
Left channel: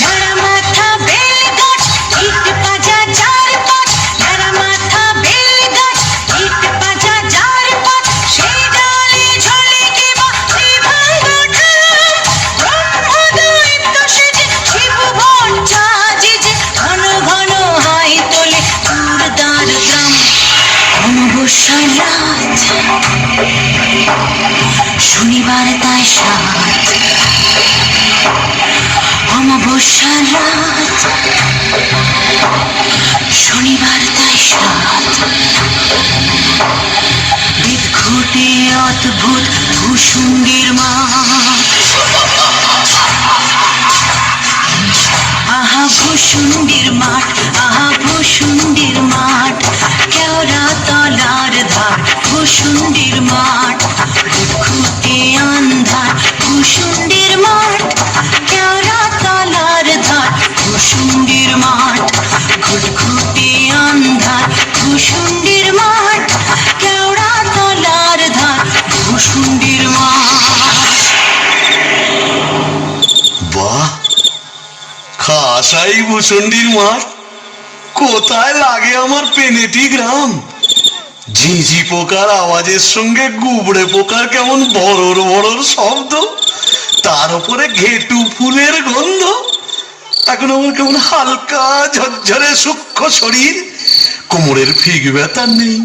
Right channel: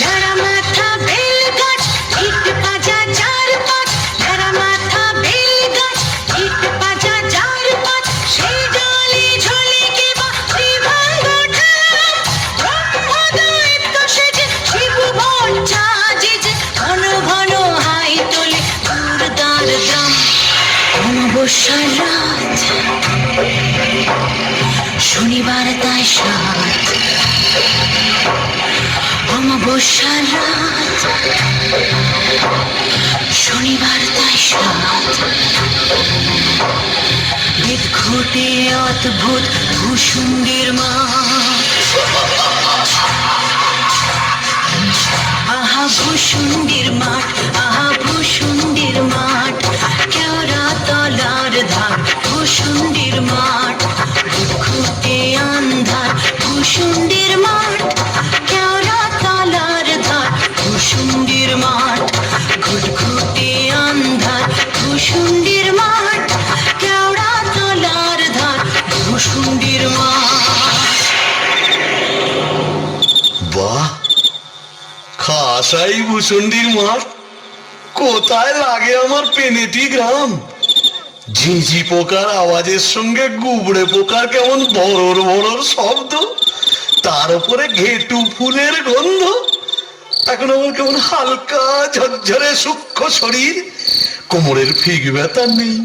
নাড়া মাথা বেল গাছ ইট পাজা চার পাঁচ নাড়া মাথা বেল গাছ ইট পাজা চার পাঁচ সেই ডালে ঝোলে কে বা বিভঙ্গ ঠাল ব্রহ্মদৈত্য সেজে শিব ভঞ্জা যে ঘন ঘন হাই তোলে দুর্দার গ্রাম অমাবস্যা রাত শনিবার তাই সাত অমাবস্যা রাত শনিবার তাই সাত বিদঘুটে অদ্ভুত ভূসুন্ডির মাঠ আহা ভূসুন্ডির মাঠ আহা ভূসুন্ডির মাঠ কেওড়া তলার ধার ভূসুন্ডির মাঠ বিদঘুটে আন্ধার ভূসুন্ডির মাঠ কেওড়া তলার ধার ভূসুন্ডির মাঠ ঘুটঘুটে আন্ধার ভূসুন্ডির মাঠ কেওড়া তলার ধার ভূসুন্ডির মাঠ বাহ, খাসাই ভূসুন্ডির মাঠ। কোথায় লাগে আমার পেনেটি গ্রাম। ঝিঝি পোকার আওয়াজের সঙ্গে গুবড়ে পোকার কেমন বড়র বড়র শব্দ, তার উপরে ঘেটু ফুলের গন্ধ। এখন আমার কেমন হালকা ঝরঝরে সূক্ষ্ম শরীর, কোমরের ফিগ ব্যথা নেই,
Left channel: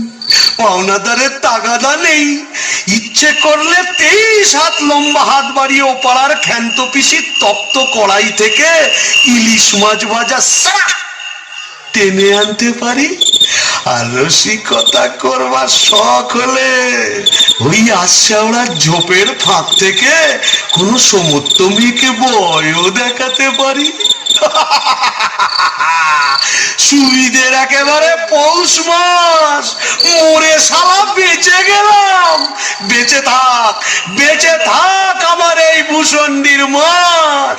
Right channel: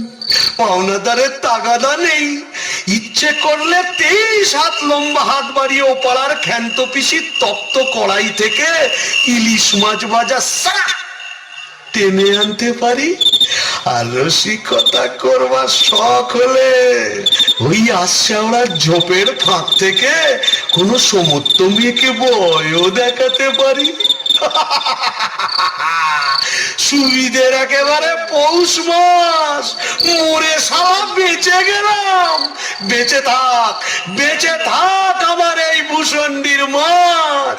পাওনাদারের তাগাদা নেই। ইচ্ছে করলে 23 হাত লম্বা হাত বাড়িয়ে ওপাড়ার ক্ষান্ত পিসির তপ্ত কড়াই থেকে ইলিশ মাছ ভাজা সারা টেনে আনতে পারি। আর রসিকতা করবার শখ হলে ওই আশ্যাওড়ার ঝোপের ফাঁক থেকে কোনো সমর্থ মেয়েকে বয়ও দেখাতে পারি। সুবিধের একেবারে পৌষ মাস, মরে সারা বেঁচে গেলাম। বেঁচে থাক আমার এই ভূসুন্ডির মাঠ।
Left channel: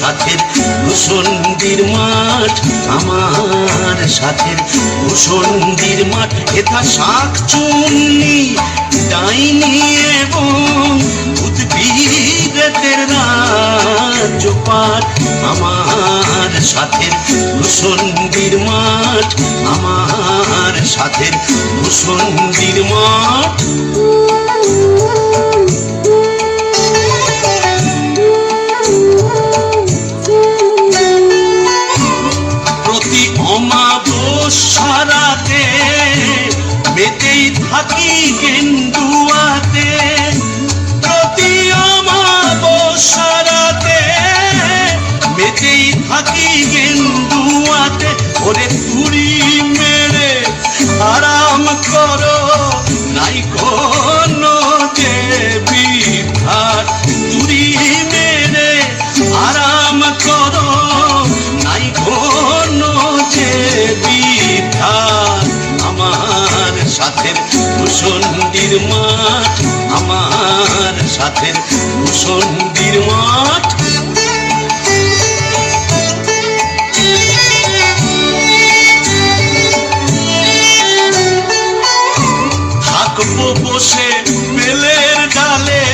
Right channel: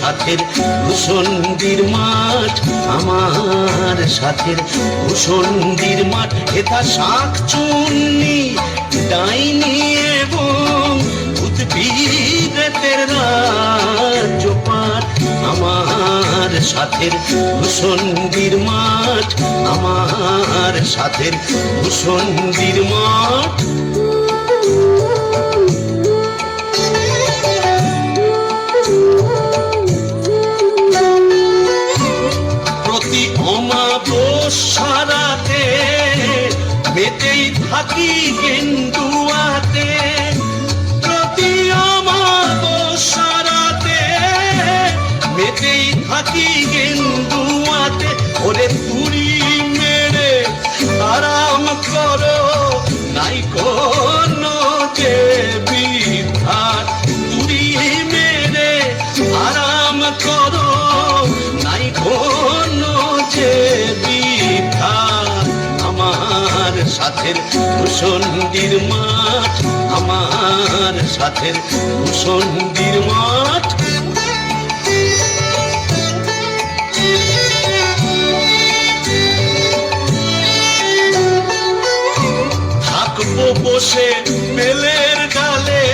সাথের ভূসুন্ডির মাঠ, আমার সাথের ভূসুন্ডির মাঠ। এটা শাক চুন্নি ডাইনি এবং উদ্ভিদের রাজ্যপাঠ। আমার সাথের ভূসুন্ডির মাঠ, আমার সাথের ভূসুন্ডির মাঠ। অমাবস্যারাতে মেতেই থাকি গেন্দুয়াতে, প্রতি অমাবস্যারাতে মেতেই থাকি গেন্দুয়াতে। ওরে তুড়ি মেরে আরাম করো, নাই কোনো যে বিধার। তুড়ি মেরে আরাম করো, নাই কোনো যে বিধার। আমার সাথের ভূসুন্ডির মাঠ, আমার সাথের ভূসুন্ডির মাঠ। থাকবো বসে বেলের ডালে,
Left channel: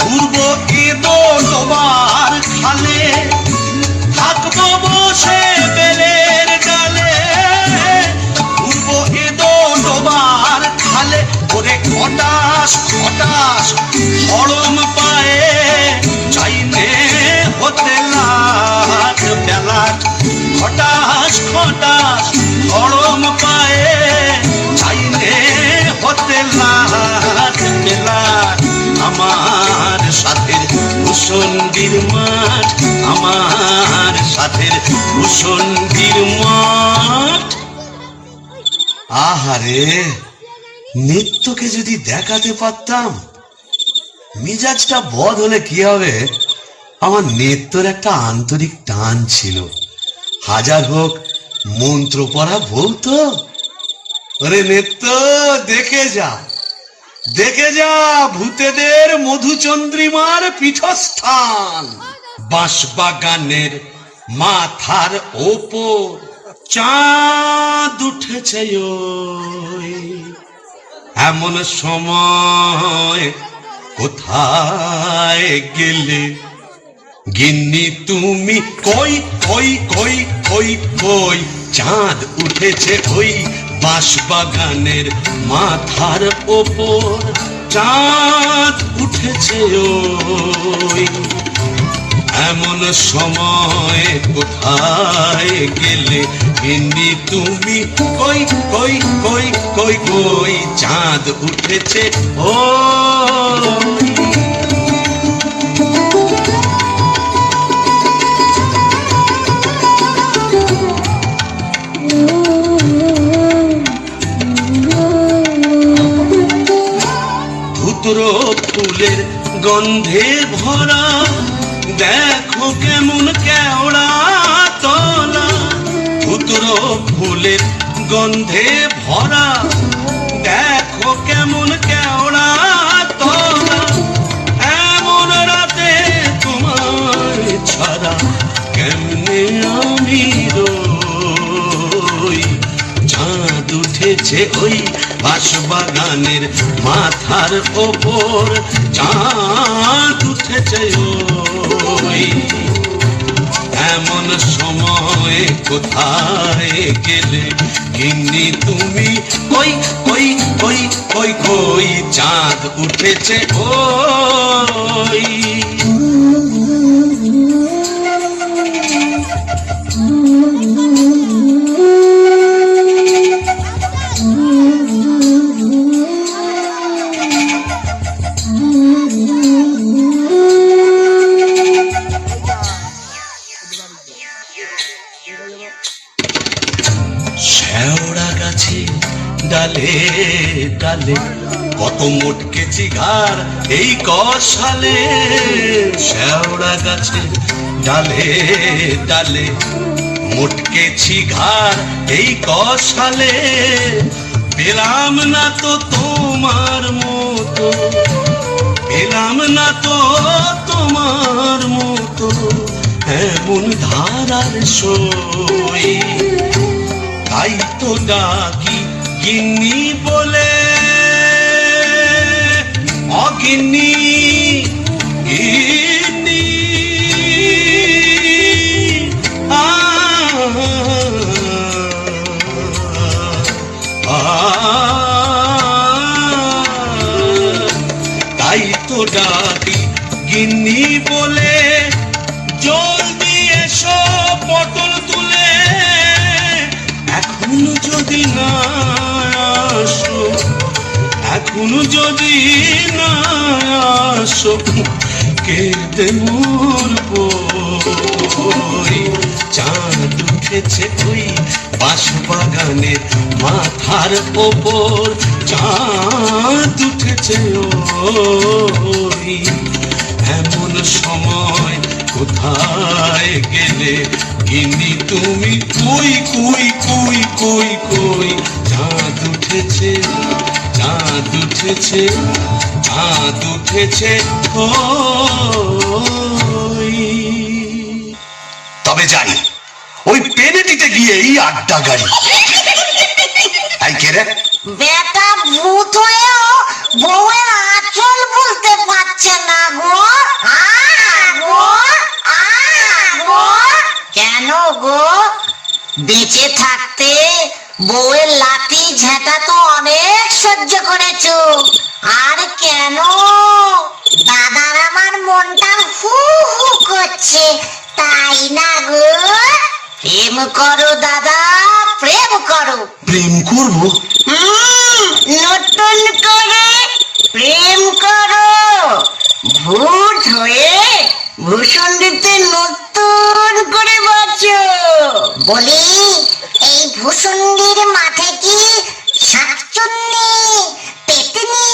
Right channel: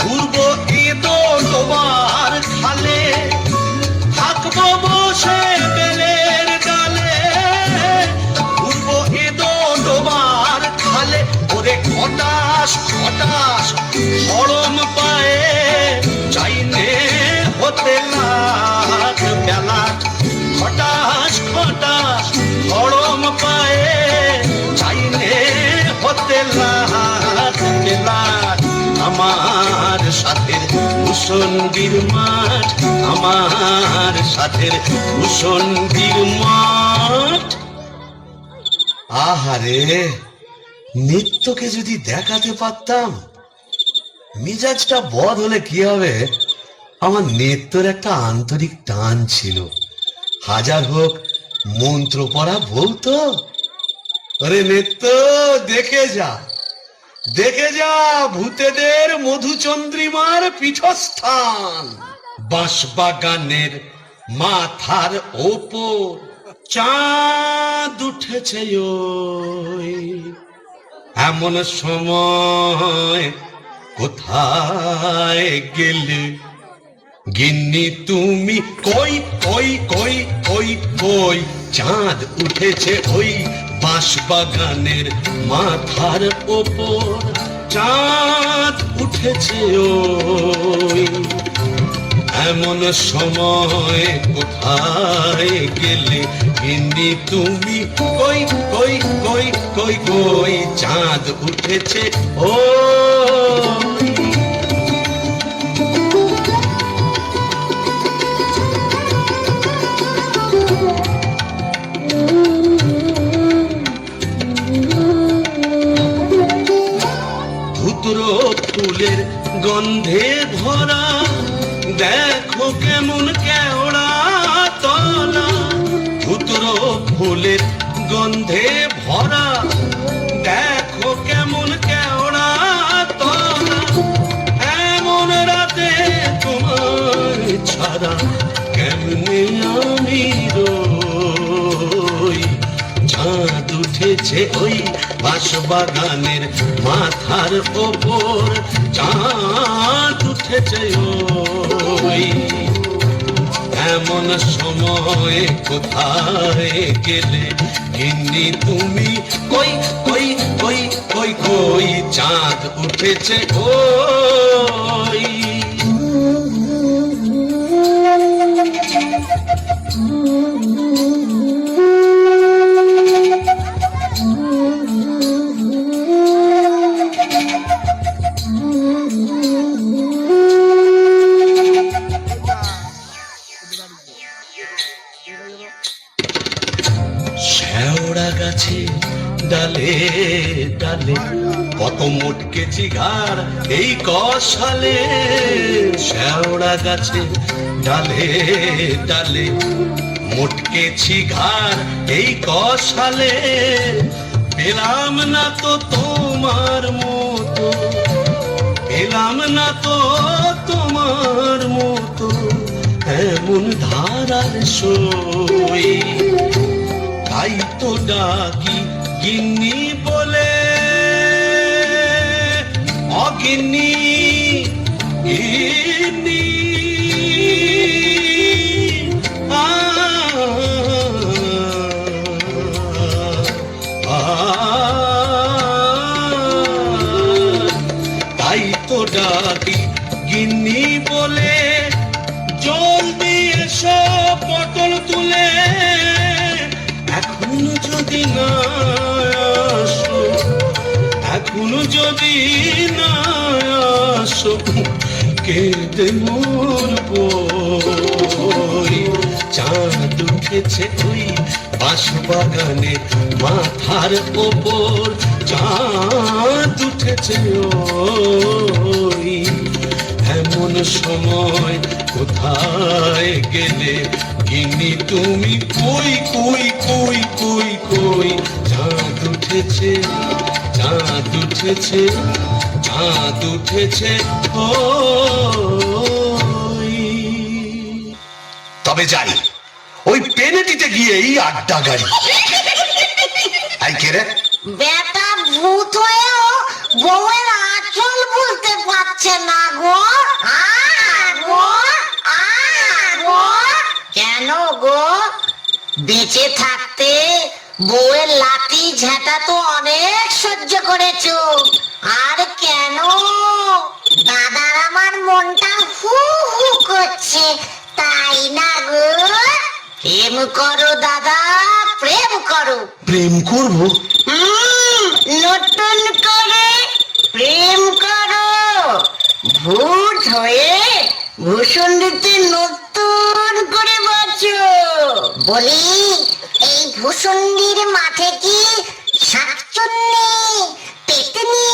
ঘুরবো এদো ডোবার খালে। থাকবো বসে বেলের ডালে, ঘুরবো এদো ডোবার খালে। ওরে খটাস খটাস হরম পায়ে, চাইনে হতে লাট বেলাট। খটাস খটাস হরম পায়ে, হতে লাট লাট আমার সাথের মুসন্দির মাঠ, আমার সাথের মুসন্দির মাঠ। আহারে, নিত্যকে যদি দেখাতে পারতাম। মিজাজটা বদ হলে কি হবে, আমার নিত্যর একটা আন্তরিক টান ছিল। হাজার হোক মন্ত্র পড়া বলতো, আরে নিত্য দেখে যা, দেখে যা ভূতেদের মধুচন্দ্রিমার পীঠস্থান। বাঁশবাগানের মাথার ওপর চাঁদ উঠেছে ওই, এমন সময় কোথায় গেলে গিন্নি তুমি? কই কই কই কই কই, চাঁদ উঠেছে ওই বাঁশবাগানের মাথার ওপর, চাঁদ উঠেছে ওই, এমন সময় কোথায় গেলে গিন্নি তুমি? কই কই কই কই কই, চাঁদ উঠেছে ওই। ধুতরো ফুলের গন্ধে ভরা, দেখো কেমন কেওড়া তলা। ধুতরো ফুলের গন্ধে ভরা, দেখো কেমন কেওড়া তলা। এমন রাতে তোমার ছাড়া কেমনে আমি রই। চাঁদ উঠেছে ওই বাঁশবাগানের মাথার ওপর, চাঁদ উঠেছে ওই, এমন সময় কোথায় গেলে গিন্নি তুমি? কই কই কই কই কই, চাঁদ উঠেছে ওই। শেওড়া গাছে ডালে ডালে কত মোটকেছি ঘাড় এই কষালে। শেওড়া গাছে ডালে ডালে মোটকেছি ঘাড় এই কষালে। পেলাম না তো তোমার মতো, পেলাম না তো তোমার মতো এমন ধারার সই। তাই তো ডাকি গিন্নি বলে, অগিন্নি গিন্নি। তাই তো ডাকি গিন্নি বলে, জলদি এসো পটল তুলে। এখন যদি না আসো, এখন যদি না আসো, কেঁদে মরবো। চাঁদ উঠেছে ওই বাঁশবাগানের মাথার ওপর, চাঁদ উঠেছে ওই, এমন সময় কোথায় গেলে গিন্নি তুমি? কই কই কই কই কই, চাঁদ উঠেছে, চাঁদ উঠেছে, চাঁদ উঠেছে ওই। তবে যাই ওই পেনেটিতে গিয়েই আড্ডা গাড়ি। তাই কে রে? বেটা ভূত হয়েও বউয়ের আঁচল বুঝতে পারছে না গো। কেন গো? বেঁচে থাকতে বউয়ের লাঠি ঝেঁটা তো অনেক সহ্য করেছো, আর কেন? দাদার আমার মনটা হু হু করছে, তাই না গো? প্রেম করো দাদা, প্রেম করো। প্রেম করবো? নতুন প্রেম করো ভূত হয়ে ভূষণ্ডিতে নতুন করে বাঁচো। বলি এই ভূষণ্ডির মাঠে কি শাকচুন্নি পেতনি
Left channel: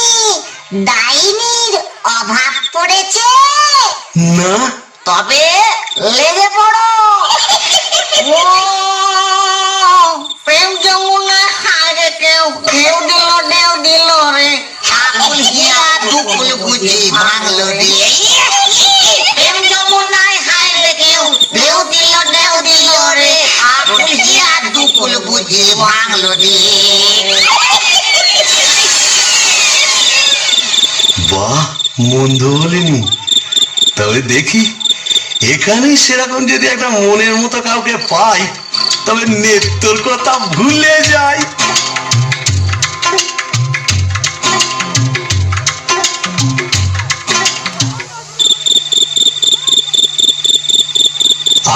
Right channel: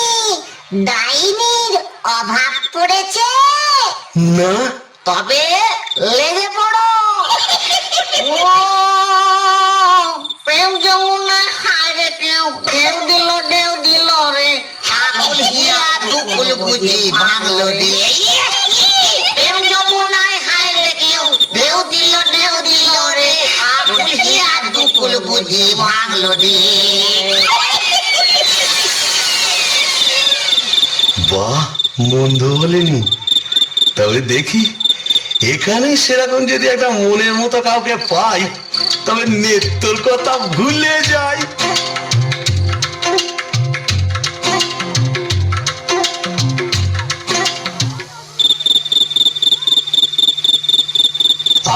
ডাইনির অভাব পড়েছে? না, তবে লেগে পড়ো। ও প্রেম যমুনা হারে কেউ কেউ দিল রে আকুল হিয়া দুকুল বুঝি ভাঙলো দিয়ে। প্রেম যমুনায় হারে কেউ দিল রে আকুল হিয়া দুকুল বুঝি ভাঙলো দিয়ে। বাহ, মন্দ বলেনি। তবে দেখি এখানে সেরকম যদি একটা মনের মতো কাউকে পাই তবে নেত্তর কথা ভুলে যাই।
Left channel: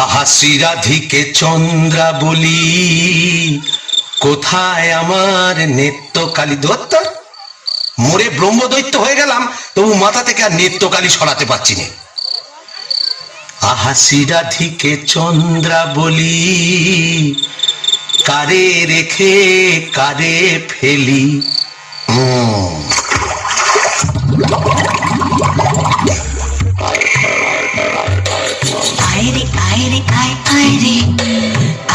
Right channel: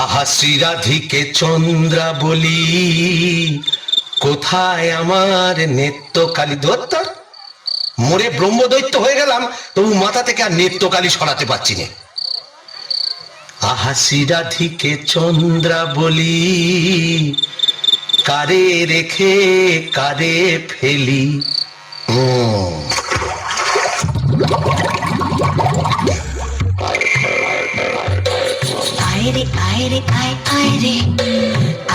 আহা শ্রীরাধিকে চন্দ্রা বলি, কোথায় আমার নেত্রকালী দত্ত? মোরে ব্রহ্মদৈত্য হয়ে গেলাম, তবু মাথা থেকে আর নেত্রকালী সরাতে পারছি না। আহা শ্রীরাধিকে চন্দ্রা বলি, কারে রেখে কারে ফেলি। আয় রে আয় রে আয় আয় রে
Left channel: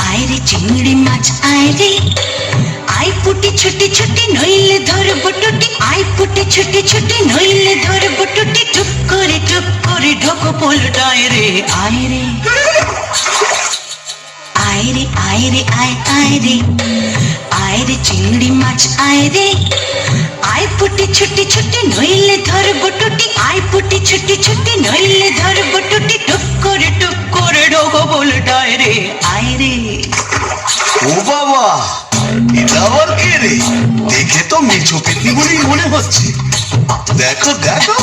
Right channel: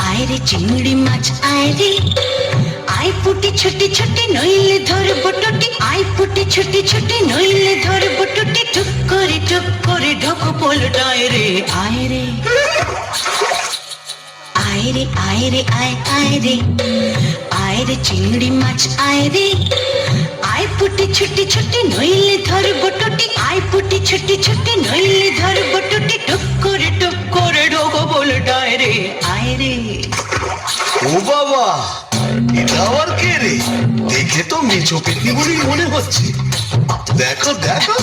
আয় রে চিংড়ি মাছ আয় রে আয় পুটি ছুটি ছুটি নইলে ধরব টুটি আয় পুটি ছুটি ছুটি নইলে ধরব টুটি টুক করে ঢোকো পোলটায় রে আয় রে আয় রে আয় রে আয় আয় রে আয় রে চিংড়ি মাছ আয় রে আয় পুটি ছুটি ছুটি নইলে ধরব টুটি আয় পুটি ছুটি ছুটি নইলে ধরব টুটি টুক করে ঢোকো পোলটায় রে আয় রে। ও বাবা, এটা আবার কে রে? দেখে তো মেছো পেতনি বলেই মনে হচ্ছে। দেখো দেখো,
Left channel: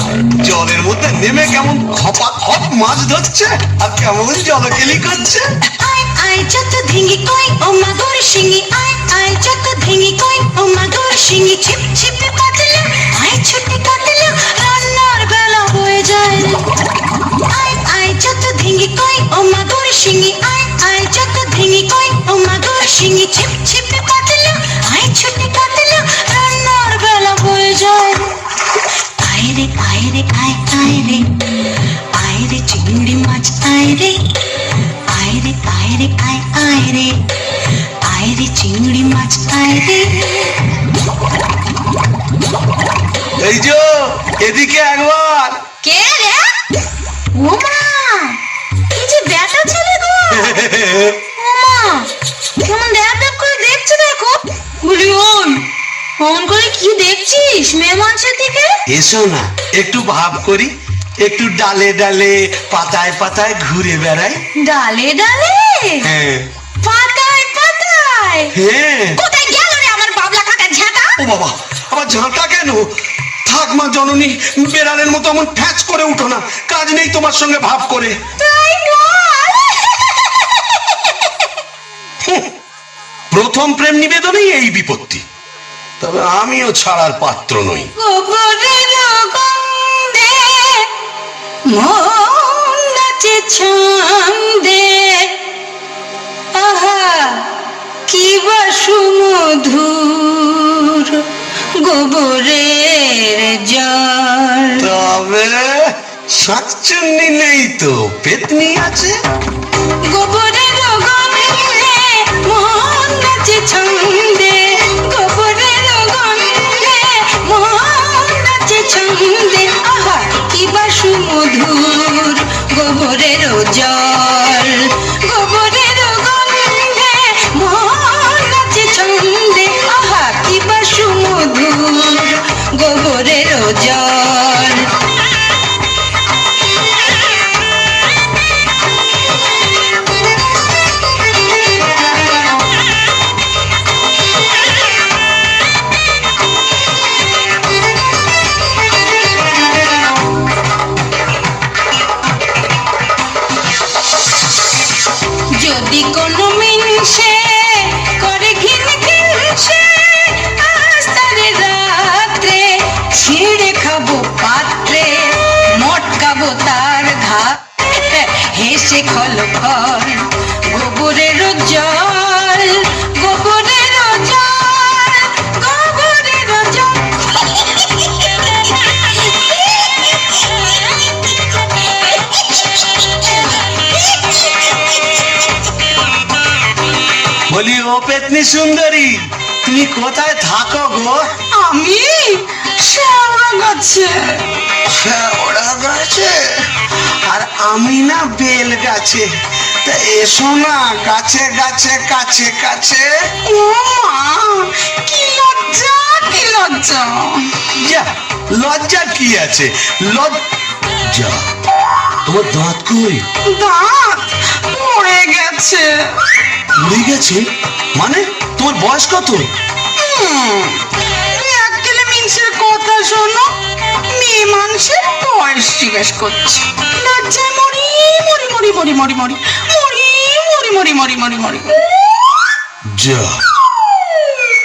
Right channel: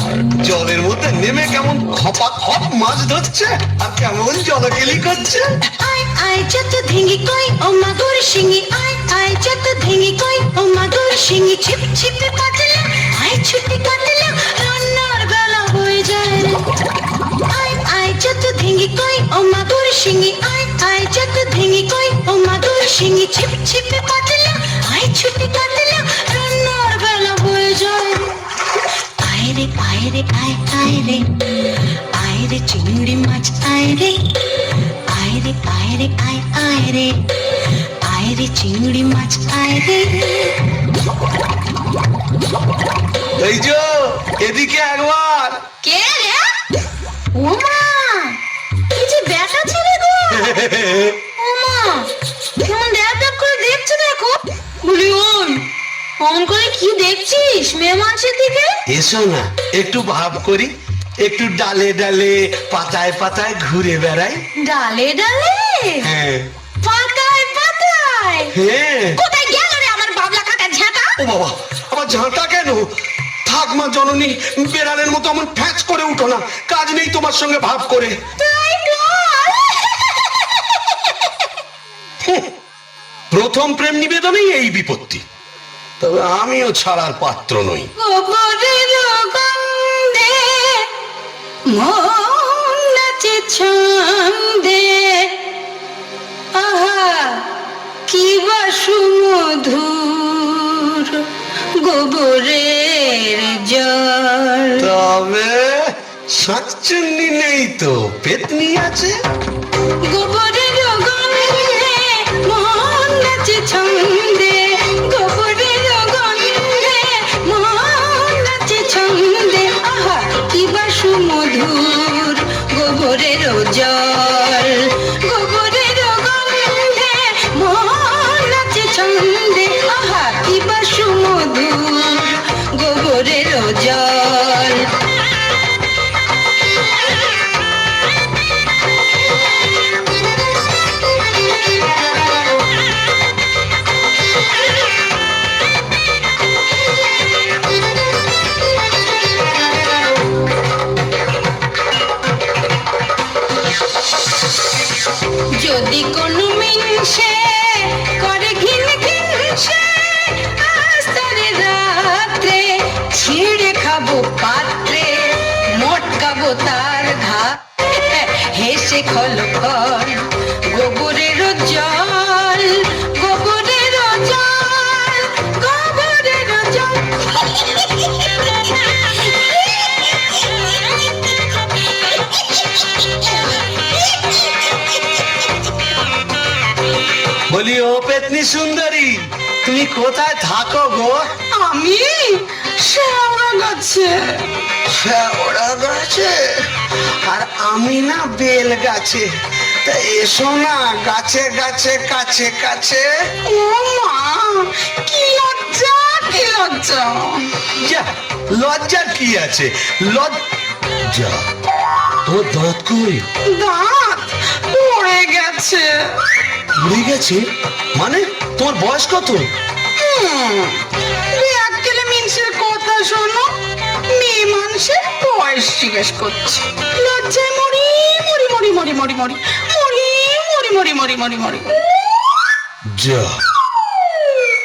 জলের মধ্যে নেমে কেমন খপা খপ মাছ ধরছে আর কেমন জলকেলি করছে। আয় আয় যত ধিঙ্গি কই ও মাগুর শিঙি আয় আয় যত ধিঙ্গি কই ও মাগুর শিঙি ছিপ ছিপে কাটলে আয় ছুটে কাটলে রান্নার বেলা হয়ে যায়। আয় আয় যত ধিঙ্গি কই ও মাগুর শিঙি আয় আয় যত ধিঙ্গি কই ও মাগুর শিঙি ছিপ ছিপে কাটলে আয় ছুটে কাটলে রান্নার বেলা হয়ে যায়। আয় রে আয় রে আয় আয় রে আয় রে চিংড়ি মাছ আয় রে আয় রে আয় রে আয় আয় রে আয় রে চিংড়ি মাছ আয় রে। এই যে এদিকে একবার। কে রে? ও মা, কি যে ব্যাটা ছেলে গো। ও মা, কেমন ড্যাব ড্যাব করে দেখছে দেখো। বলি ওই ফোন করে কি দেখছিস মেয়ে মানুষের দিকে? এসো না, একটু ভাব করি, একটু ডালে ডালে পাতায় পাতায় ঘুরে বেড়াই। ডালে ডালে হ্যাঁ পাতায় পাতায় হ্যাঁ। কোথায় গেল রে আমার বাবলা কাকা ঝাঁটা? ও বাবা, আবার ঝাঁটা কেন? থাক মা জননী, বেড়ালের মতো এমন ফ্যাচ করে উঠো না, কাজ নেই তোমার সঙ্গে ভাব করে। তাই বল। প্রথম প্রেম নিবেদনেই এই বিপত্তি, তবে আমিও ছাড়ার পাত্র নই। গোবরের গন্ধে মন নাচে ছন্দে আহা কি বা সুমধুর গোবরের জল। তবে শাকচুন্নি নেই তো, পেতনি আছে। গোবরের গন্ধে মন নাচে ছন্দে গোবরের গন্ধে মন নাচে ছন্দে আহা কি বা সুমধুর গোবরের জল। গোবরের গন্ধে মন নাচে ছন্দে আহা কি বা সুমধুর গোবরের জল। যদি কোনো মিনসে করে ঘিন ঘিনসে আজ তারে রাত্রে ছিঁড়ে লাগাবো পাত্রে, মটকাবো তার ঘাট, হেসে খলখল গোবরের জল, গোবরের জল, গোবরের জল। বলি ও পেতনি সুন্দরী, তুমি কোথায় থাকো গো? আমি শেওড়া গাছে। ওরা গাছে আর আমি না বেল গাছে। তা এসো না গাছে গাছে কাছে কাছে। ও মা, কি লজ্জা, কি লজ্জা। যা, লজ্জার কি আছে? লজ্জা? তোমার দাঁত কই? দাঁত পড়ে গেছে। উড়ে গেছে মানে? তোমার বয়স কত? এককেলে মিনসের কথা শোনো, মেয়ে মানুষের বয়স জিজ্ঞেস করছে। লজ্জায় মরি মরি মরি মরি মরি মরি মরি মরি মরি মরি মরি মরি। যা,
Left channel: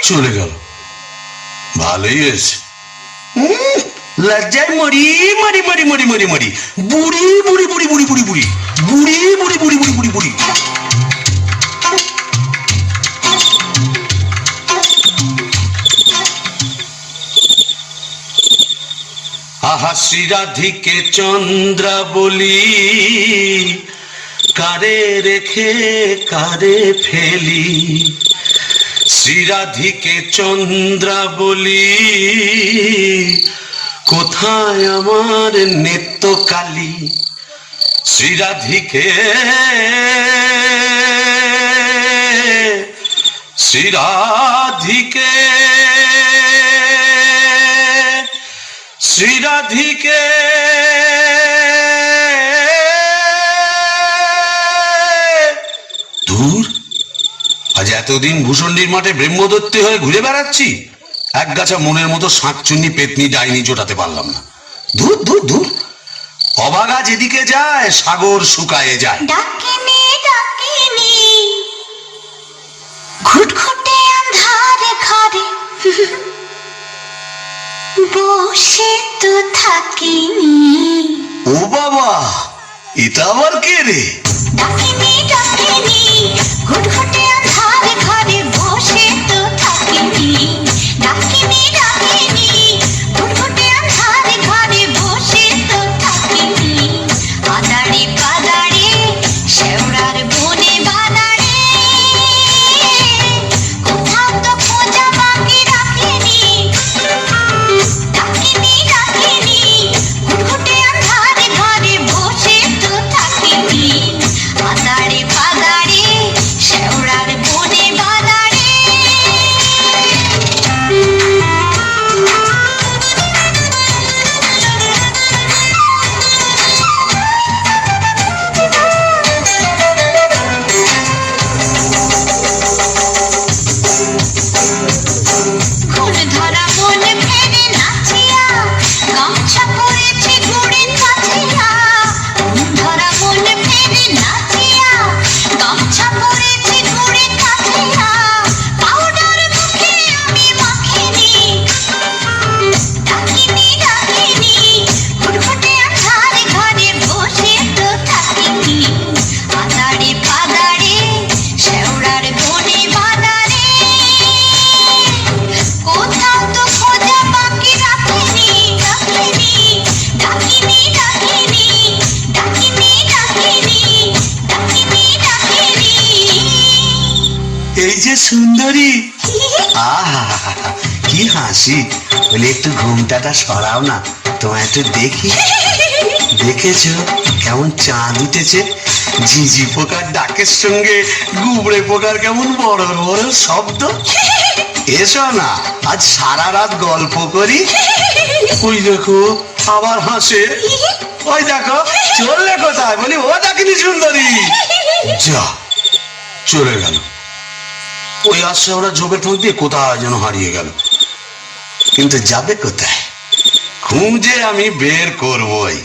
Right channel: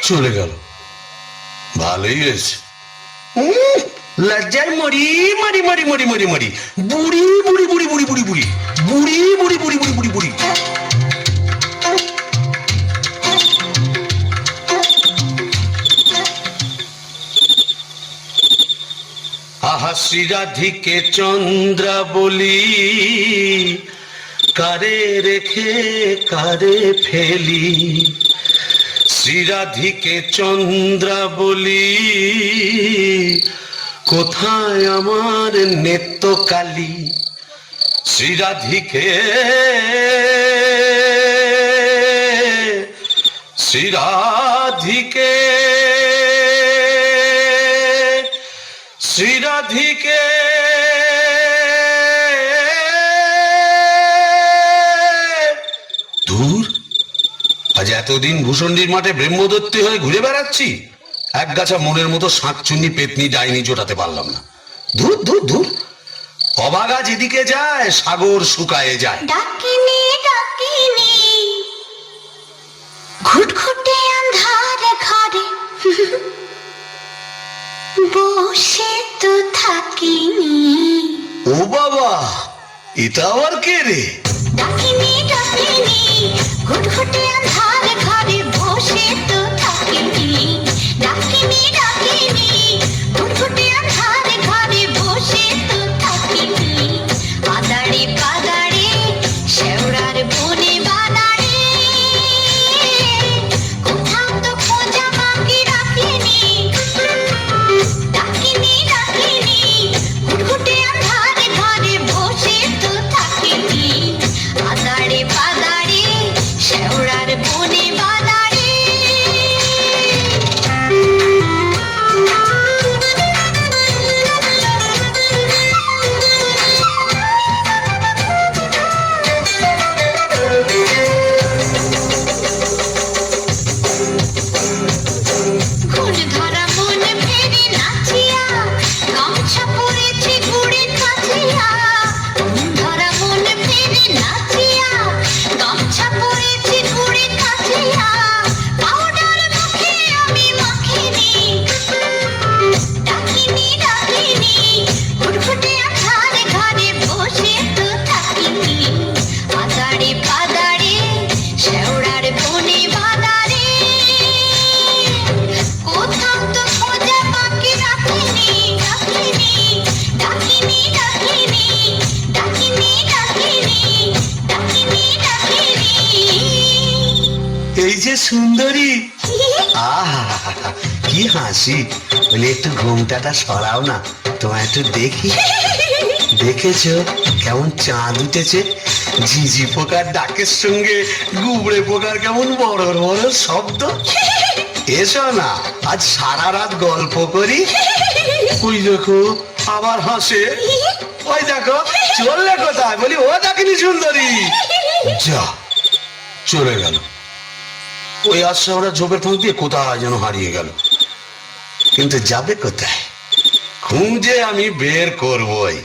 চলে গেল, ভালোই হয়েছে। লজ্জায় মরি মরি মরি মরি মরি মরি বুড়ি বুড়ি বুড়ি বুড়ি বুড়ি বুড়ি বুড়ি বুড়ি বুড়ি বুড়ি বুড়ি বুড়ি। আহা শ্রীরাধিকে চন্দ্রা বলি, কারে রেখে কারে ফেলি। শ্রীরাধিকে চন্দ্রা বলি, কোথায় আমার নেত্রকালী। শ্রীরাধিকে শ্রীরাধিকে শ্রীরাধিকে দূর, আজ এতদিন ভূষণ্ডির মাঠে ব্রহ্মদত্তি হয়ে ঘুরে বেড়াচ্ছি, এক গাছা মনের মতো শাঁকচুন্নি পেতনি ডাইনি জোটাতে পারলাম না। দূর দূর দূর, অবাগা যেদিকে যায় সাগর শুকায়ে যায়। ডাকিনি ডাকিনি ঘুটঘুটে আন্ধারে ঘরে বসে তো থাকিনি। ও বাবা, এটা আবার কে রে? ডাকিনি ডাকিনি ঘুটঘুটে আন্ধারে ঘরে বসে তো থাকিনি। ডাকিনি ডাকিনি ঘুটঘুটে আন্ধারে ঘরে বসে তো থাকিনি। আদাড়ি পাদাড়ি শেওড়ার বনে বাদাড়ি, কোথাও তো খোঁজা বাকি রাখিনি। ডাকিনি ডাকিনি ঘুটঘুটে আন্ধারে ঘরে বসে তো থাকিনি। আদাড়ি পাদাড়ি শেওড়ার বনে বাদাড়ি। ঘুম ধরা মন ফেরে নাচিয়া, গামছা পরেছে ঘুড়ে কাছিয়া। ঘুম ধরা মন ফেরে নাচিয়া, গামছা পরেছে ঘুড়ে কাছিয়া। পাউডার মুখে আমি মাখিনি। ডাকিনি ডাকিনি ঘুটঘুটে আন্ধারে ঘরে বসে তো থাকিনি। আদাড়ি পাদাড়ি শেওড়ার বনে বাদাড়ি, কোথাও তো খোঁজা বাকি রাখিনি। ডাকিনি ডাকিনি ডাকিনি ডাকিনি ডাকিনি ডাকিনি ডাকিনি। এই যে সুন্দরী, আহা কি হাসি। বলে একটু ঘুমটাটা সরাও না, তোমায় একটু দেখি। দেখেছো কেমন চাঁদ উঠেছে? ঝিঝি পোকার ডাকের সঙ্গে গুবড়ে পোকার কেমন বড় বড় শব্দ। এসো না আজ সারা রাত গল্প করি। ওই দেখো আবার হাসে, ওই দেখো চললে কোথায়? বলি ও ডাকিনি সুন্দরী। যা, চলে গেল। ওই আসছে ওরা ঝোপে ঠোঁক দিয়ে কোথায় যেন হারিয়ে গেল। কিন্তু যাবে কোথায়? খুঁজে আমি বের করবই।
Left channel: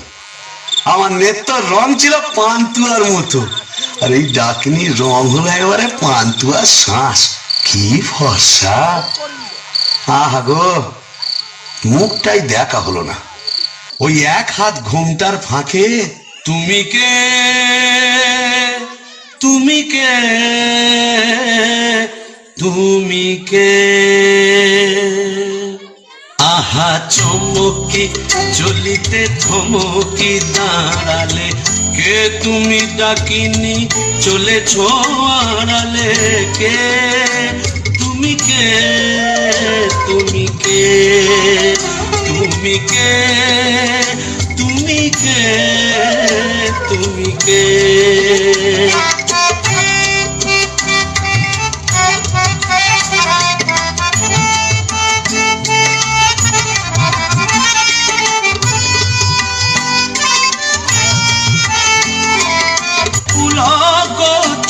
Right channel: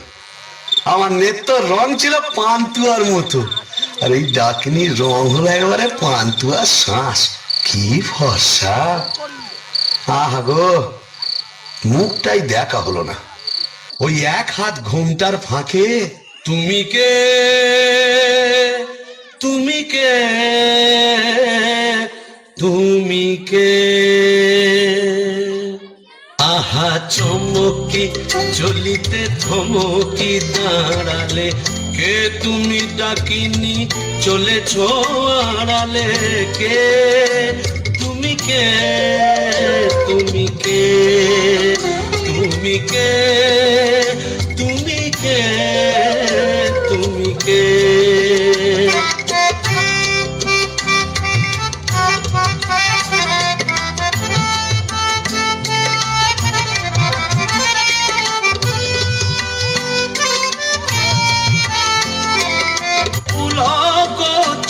আমার নেত্র রং ছিল পান্তুয়ার মতো, আর এই ডাকিনীর রং হলো একেবারে পান্তুয়ার শ্বাস। কি ফর্সা! আহা গো, মুখটাই দেখা হলো না। ওই এক হাত ঘোমটার ফাঁকে তুমি কে, তুমি কে, তুমি কে। আহা চমকি চলিতে থমকি দাঁড়ালে, কে তুমি ডাকিনি চলেছ আড়ালে, কে তুমি কে, তুমি কে, তুমি কে, তুমি কে, তুমি কে।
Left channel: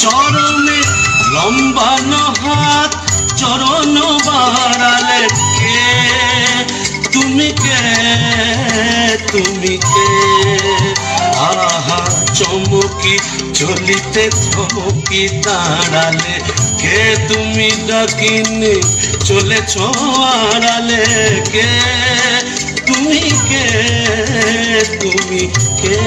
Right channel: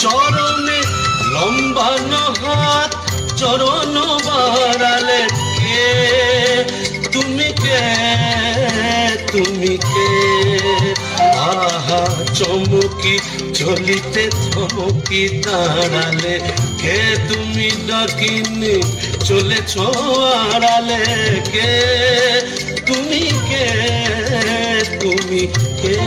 চরণে লম্বানো হাত চরণ বাড়ালে, কে তুমি কে, তুমি কে। আহা চমকি চলিতে থমকি দাঁড়ালে, কে তুমি ডাকিনি চলেছ আড়ালে, কে তুমি কে, তুমি কে।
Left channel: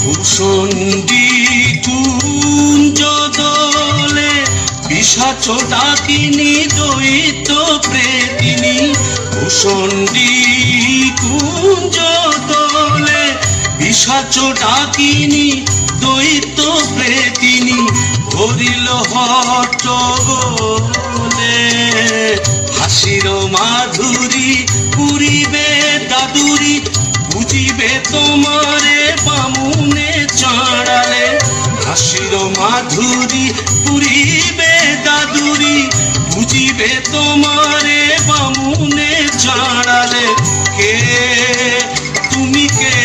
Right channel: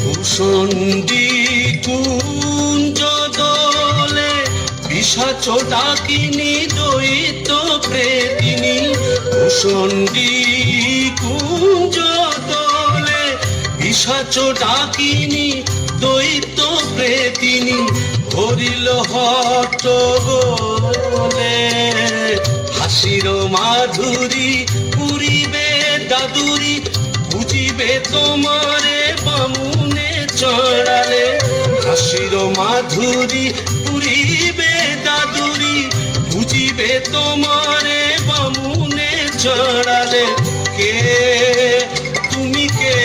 ভূষণ্ডী কুঞ্জ দোলে পিশাচ ডাকিনী দৈত্য প্রেতিনী, ভূষণ্ডী কুঞ্জ দোলে পিশাচ ডাকিনী দৈত্য প্রেতিনী, ধরিল হট্টগোলে হাসির মাধুরী পুরিবে দাদুরি, বুঝিবে তোমারে বামুনে চড়ালে, হাসির মাধুরী পুরিবে দাদুরি, বুঝিবে তোমারে বামুনে চড়ালে, কে তুমি কে,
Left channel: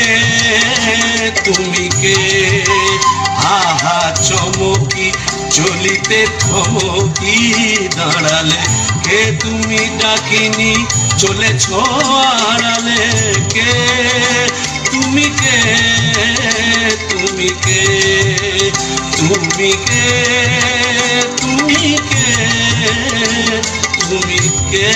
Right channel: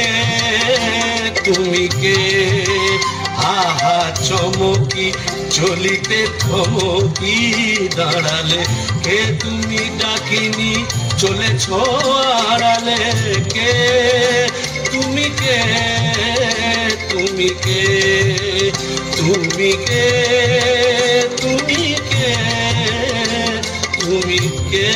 তুমি কে। আহা চমকি চলিতে থমকি দাঁড়ালে, কে তুমি ডাকিনি চলেছ আড়ালে, কে তুমি কে, তুমি কে, তুমি কে, তুমি কে, তুমি কে।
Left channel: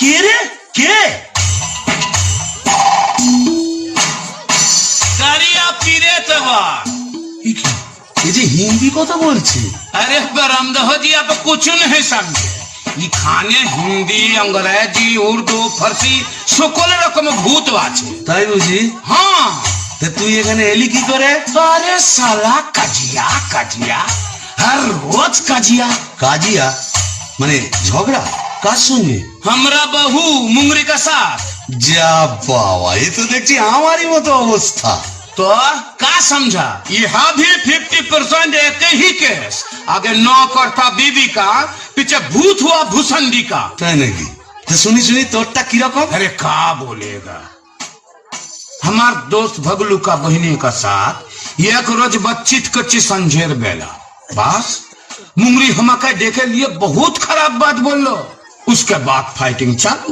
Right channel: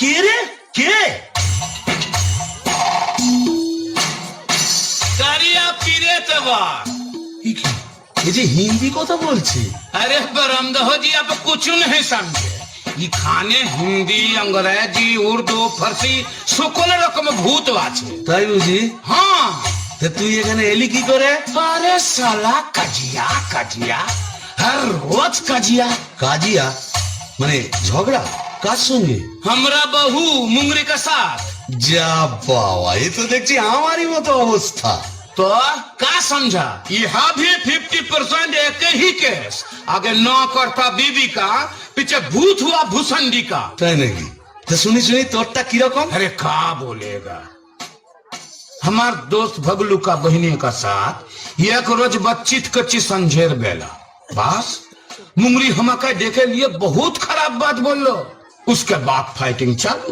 কে রে, কে? ये जी हिंदी কথা বলছে। अरे बरमदहो जी आप कुछ नहीं समझे, ये खाने हिंदी अंग्रेजी उर्दू फारसी সকল রকম ভূত আছে। তাই বুঝি? হ্যাঁ। তা তুই এখানে এলি কি করে? আরে সালা কাজিয়া কাজিয়া, हर रोज কাজিয়া। কাজিয়া মানে ঝগড়া কার সঙ্গে? हमरा बहू मुंगरी का साथ। যা বাবা, এই তো দেখছি আমারই মতো অবস্থা। तो का समझा, यहाँ भी 50% एक ही केस, आगे नौकर था बीबी का, पीछे भूत हुआ भूसंडी का। তাই নাকি? তা শুনি শুনি তোরটা কিরকম? अरे का बोलेगा, हमार दोस्त भगलू का बहनी का साथ एक रोज बातचीत कच्ची संझेर बेला, बस मुंगरी हमका देखे लिए बहुत खराब बात बोलो, उसके बाद फाइटिंग चालू।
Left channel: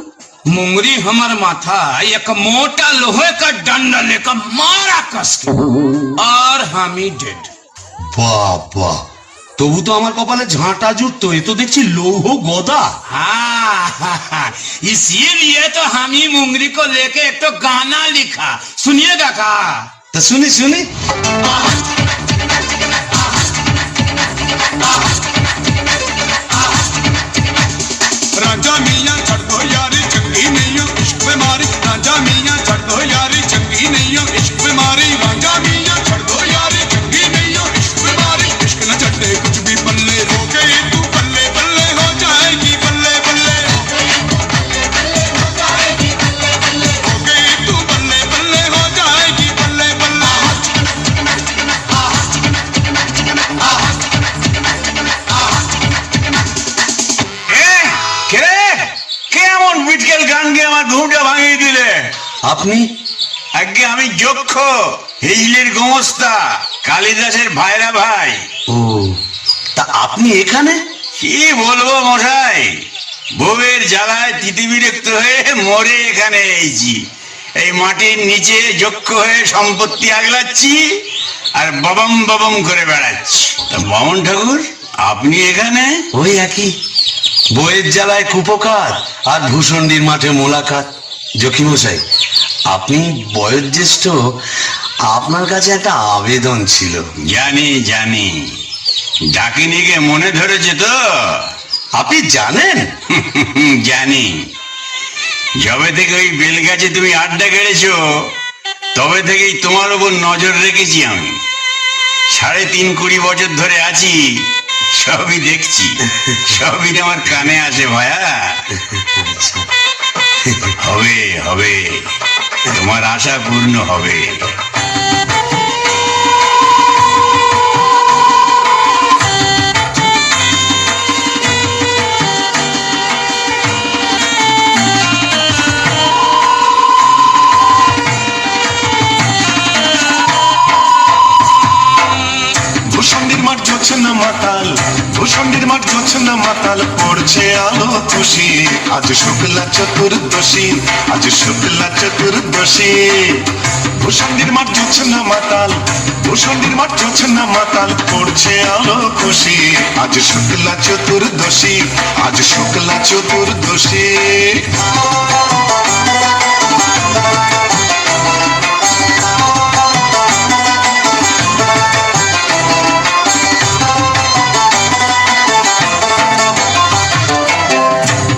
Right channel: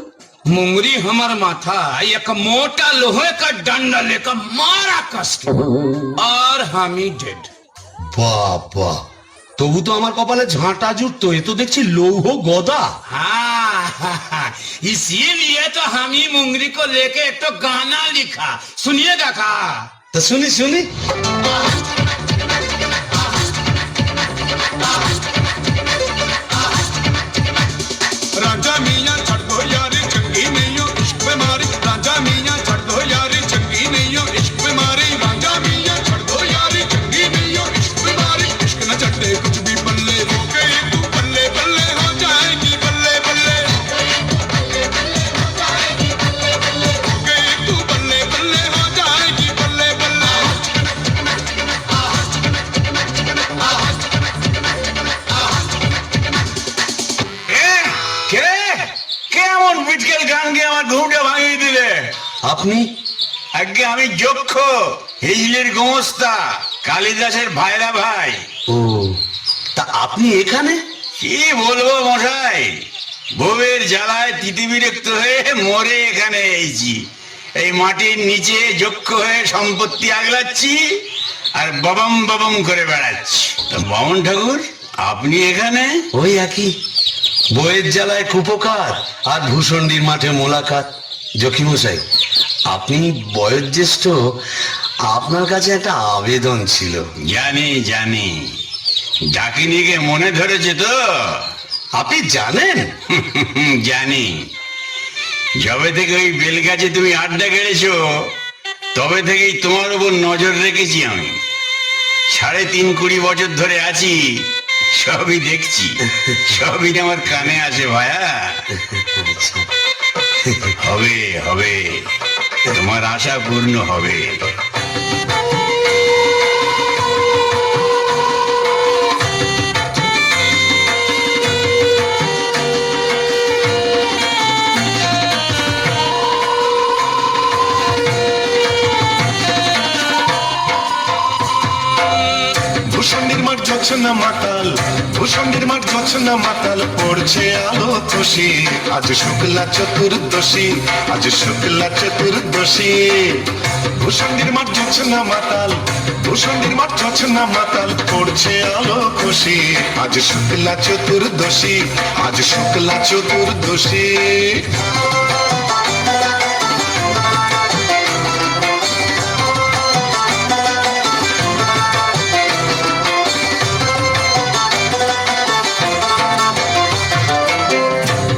मुंगरी हमार माथा एक मोटा लोहे का डंडा लेकर मारा कस के, और हम ही डेड। বাবা, তবু তো আমার কপালে ঝাঁটা জুটতো, এ তো দেখছি লৌহ গদা। हाँ, इसीलिए तो हम ही मुंगरी को लेके एक तो गाना लिखा, सुनिएगा का? তা শুনি শুনি। राजा मियां छड़ दो यारी, चंगी नहीं हो इश्क पे मारी। আপনি? আগে আমি যক্ষ, হিজলির গোমস্তা, কালিদাসের ভাইরা ভাই। ও, তা আপনি এখানে? কি বলবো মশাই, বউয়ের জ্বালায় তিতিবিরক্ত হয়ে মরে এখানে এসেছি। এই মাটির নিচে যক্ষ হয়ে সম্পত্তি আগলাচ্ছি আর ববম ববম করে বেড়াচ্ছি। তা বামন ঠাকুর, আপনি এখানে? ওই একই, বইয়ের জ্বালায় কুপোকাত আর ভূষণ্ডির মাঠে মোলাকাত। জকিমশাই, আপনি বয়োজ্যেষ্ঠ, আপনার কাছে একটা আবেদন ছিল। জানি জানি, ডাকিনিকে মনে ধরেছে তো? আপনি জানেন? জানি। যবে থেকে ওই বেলগাছে তুমি আড্ডা কেড়েছো, তবে থেকেই তোমার উপর নজর রেখেছি আমি। ৩.৫ বছর ধরে আছি, সবই দেখছি, সবই আমার কানে আসে ভায়া। হবে হবে, তোমার আশা পূর্ণ হবে। ভূষণ্ডির মাঠ জ্বলছে না মাতাল, ভূষণ্ডির মাঠ জ্বলছে না মাতাল, পড়ছে আলো খুশি। আজ শুক্লা চতুর্দশী, আজ শুক্লা চতুর্দশী। ভূষণ্ডির মাঠ জ্বলছে না মাতাল, ভূষণ্ডির মাঠ জ্বলছে না মাতাল, পড়ছে আলো খুশি। আজ শুক্লা চতুর্দশী, আজ শুক্লা চতুর্দশী।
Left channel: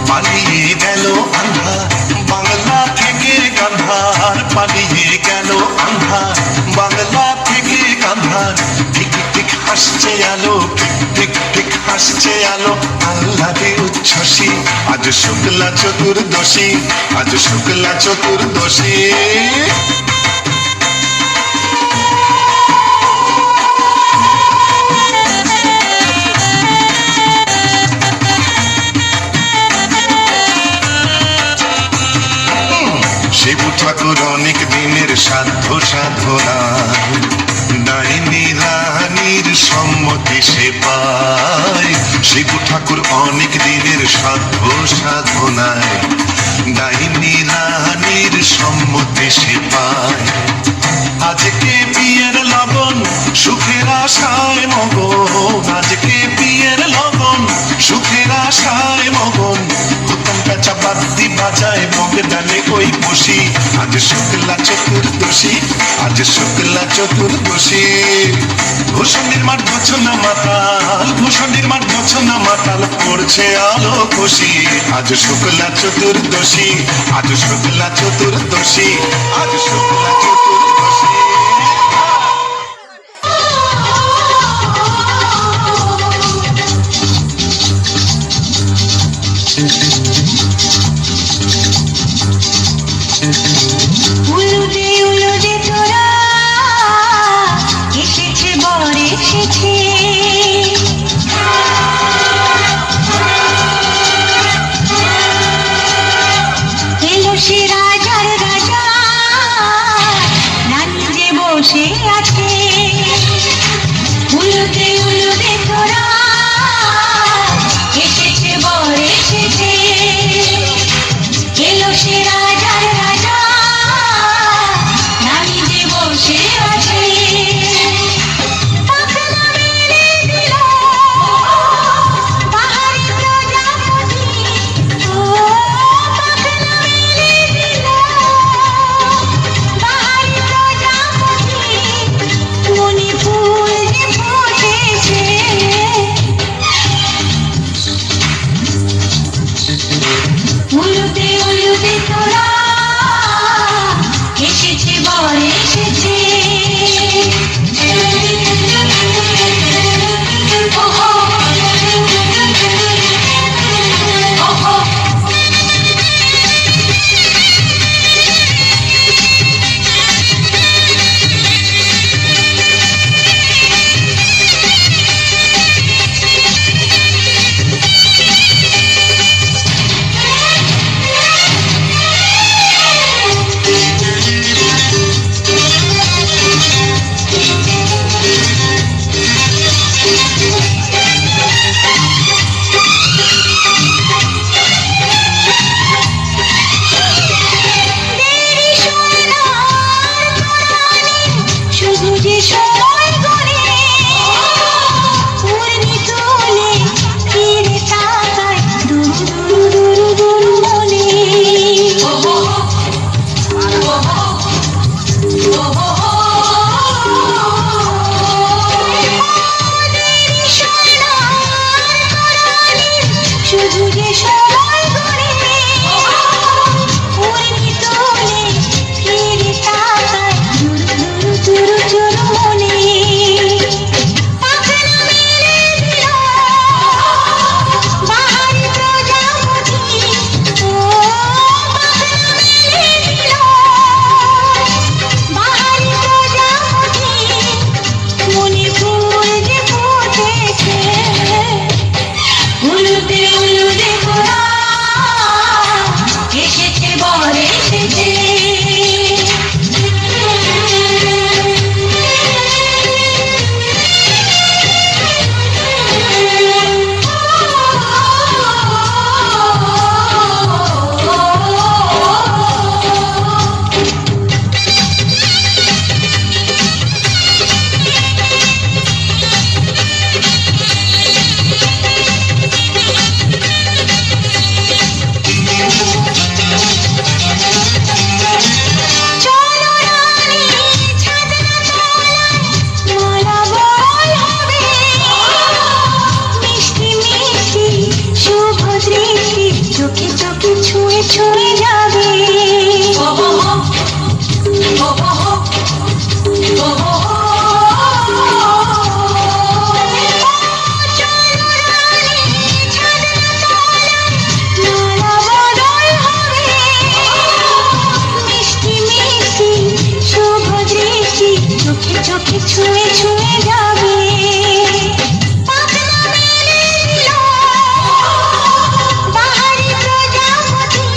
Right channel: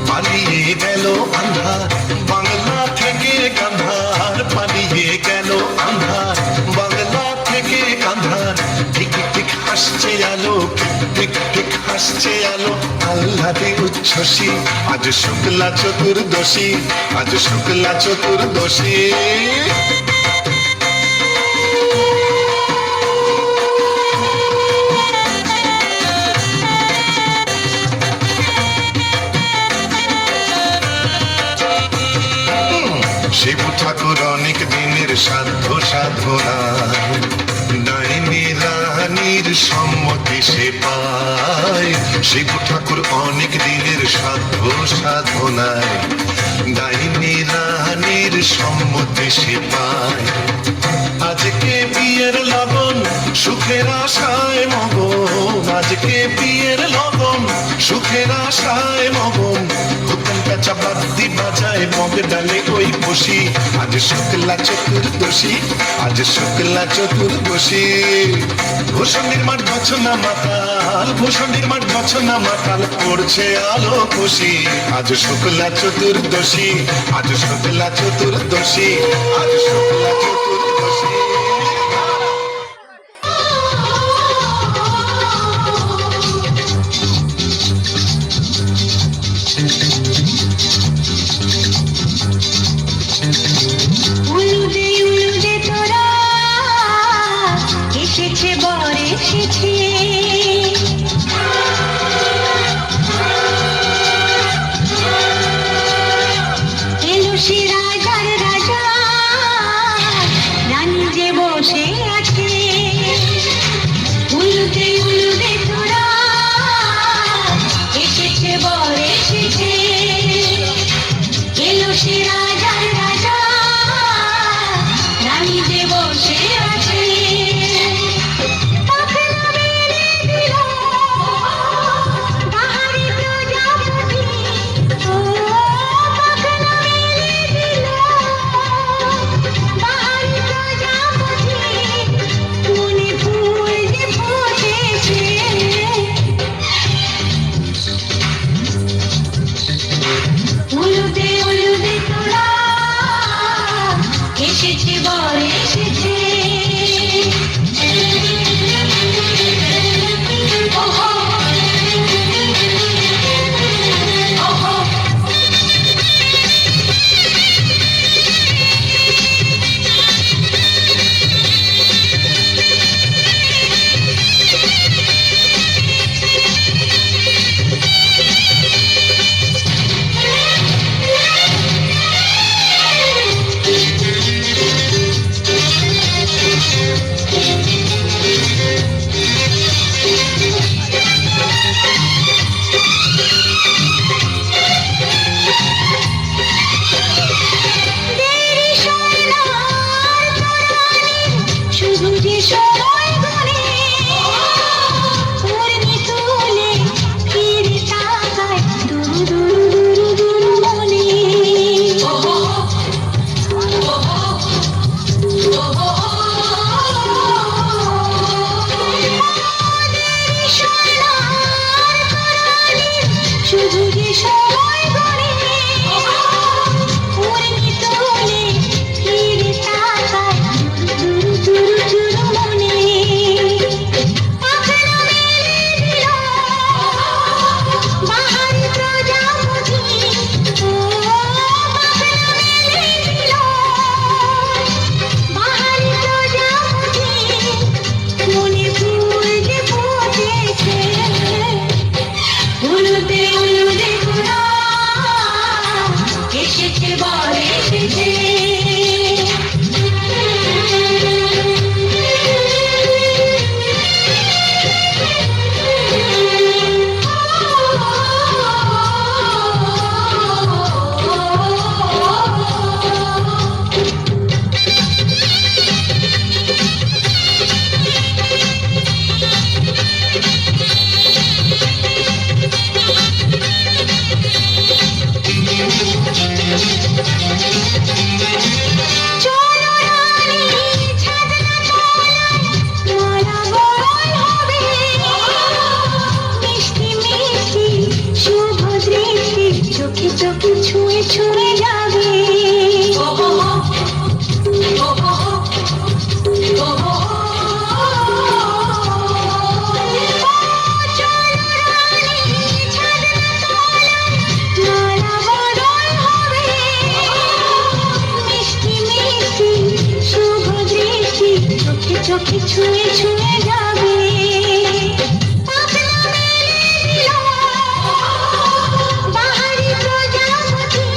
পালিয়ে গেল আন্ধার বাংলা থেকে গান্ধার, পালিয়ে গেল আন্ধার বাংলা থেকে গান্ধার। ঠিক ঠিক হাসছে আলো, ঠিক ঠিক হাসছে আলো, আহ্লাদে উচ্ছ্বাসী। আজ শুক্লা চতুর্দশী, আজ শুক্লা চতুর্দশী। শিব ঠাকুর অনেক দিনের সাধ্য সাধনা, ডাইনি রানীর সম্মতি সে পায়। শিব ঠাকুর অনেক দিনের সাধ্য সাধনায়, ডাইনি রানীর সম্মতি সে পায়। আজকে বিয়ের লগন সুখের আশায় মগন, আজকে বিয়ের লগন সুখের আশায় মগন। হুতম পেঁচা বাদ্যি বাজায় বগ ডালে ওই বসি। আজ শুক্লা চতুর্দশী, আজ শুক্লা চতুর্দশী। ভূষণ্ডির মাঠ জ্বলছে না মাতাল, ভূষণ্ডির মাঠ জ্বলছে না মাতাল, পড়ছে আলো খুশি। আজ শুক্লা চতুর্দশী, আজ শুক্লা চতুর্দশী, আজ শুক্লা চতুর্দশী। উলুদে তোরা এসেছে, বর এসেছে। এলো সে রাজার রাজা, রানী যে বসে আছে। উলুদে তোরা এসেছে, বর এসেছে। এলো সে রাজার রাজা, রানী যে বসে আছে। পাখনা মেলে দিল বাহারি প্রজাপতি, ও পাখনা মেলে দিল বাহারি প্রজাপতি। সময় গড়ে পূর্ণি তোলে ফিরে তাকায় দুরু দুরু দুরু দুরু মনে শুধু যে সময় গড়ে পূর্ণি তোলে ফিরে তাকায় দুরু দুরু দুরু মনে পাখনা মেলে দিল বাহারি প্রজাপতি ও পাখনা মেলে দিল বাহারি প্রজাপতি মনে ফুল যে ফুটেছে উলুদে উলুদে তোরা এসেছে বর এসেছে চলো রানী ছাদনা তলায় মালা বরণ হবে মিষ্টি মিষ্টি শুভ দৃষ্টি চোখে চোখে ছুঁয়ে ছুঁয়ে যাবে চলো রানী ছাদনা তলায় মালা বরণ হবে মিষ্টি মিষ্টি শুভ দৃষ্টি চোখে চোখে ছুঁয়ে ছুঁয়ে যাবে পাখনা মেলে দিল বাহারি প্রজাপতি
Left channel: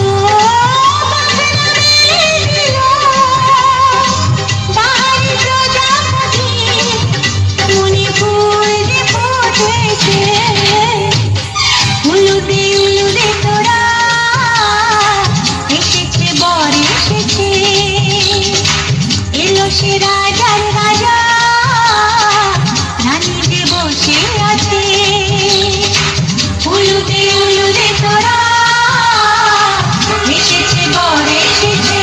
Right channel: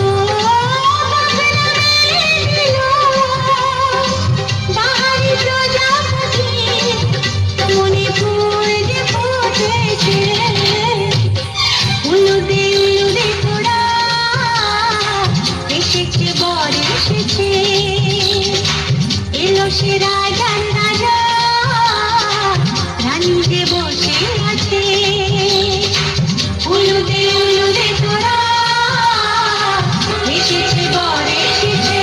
ও পাখনা মেলে দিল বাহারি প্রজাপতি মনে ফুল যে ফুটেছে উলুদে উলুদে তোরা এসেছে বর এসেছে এলো সে রাজার রাজা রানী যে বসে আছে উলুদে উলুদে তোরা এসেছে বর এসেছে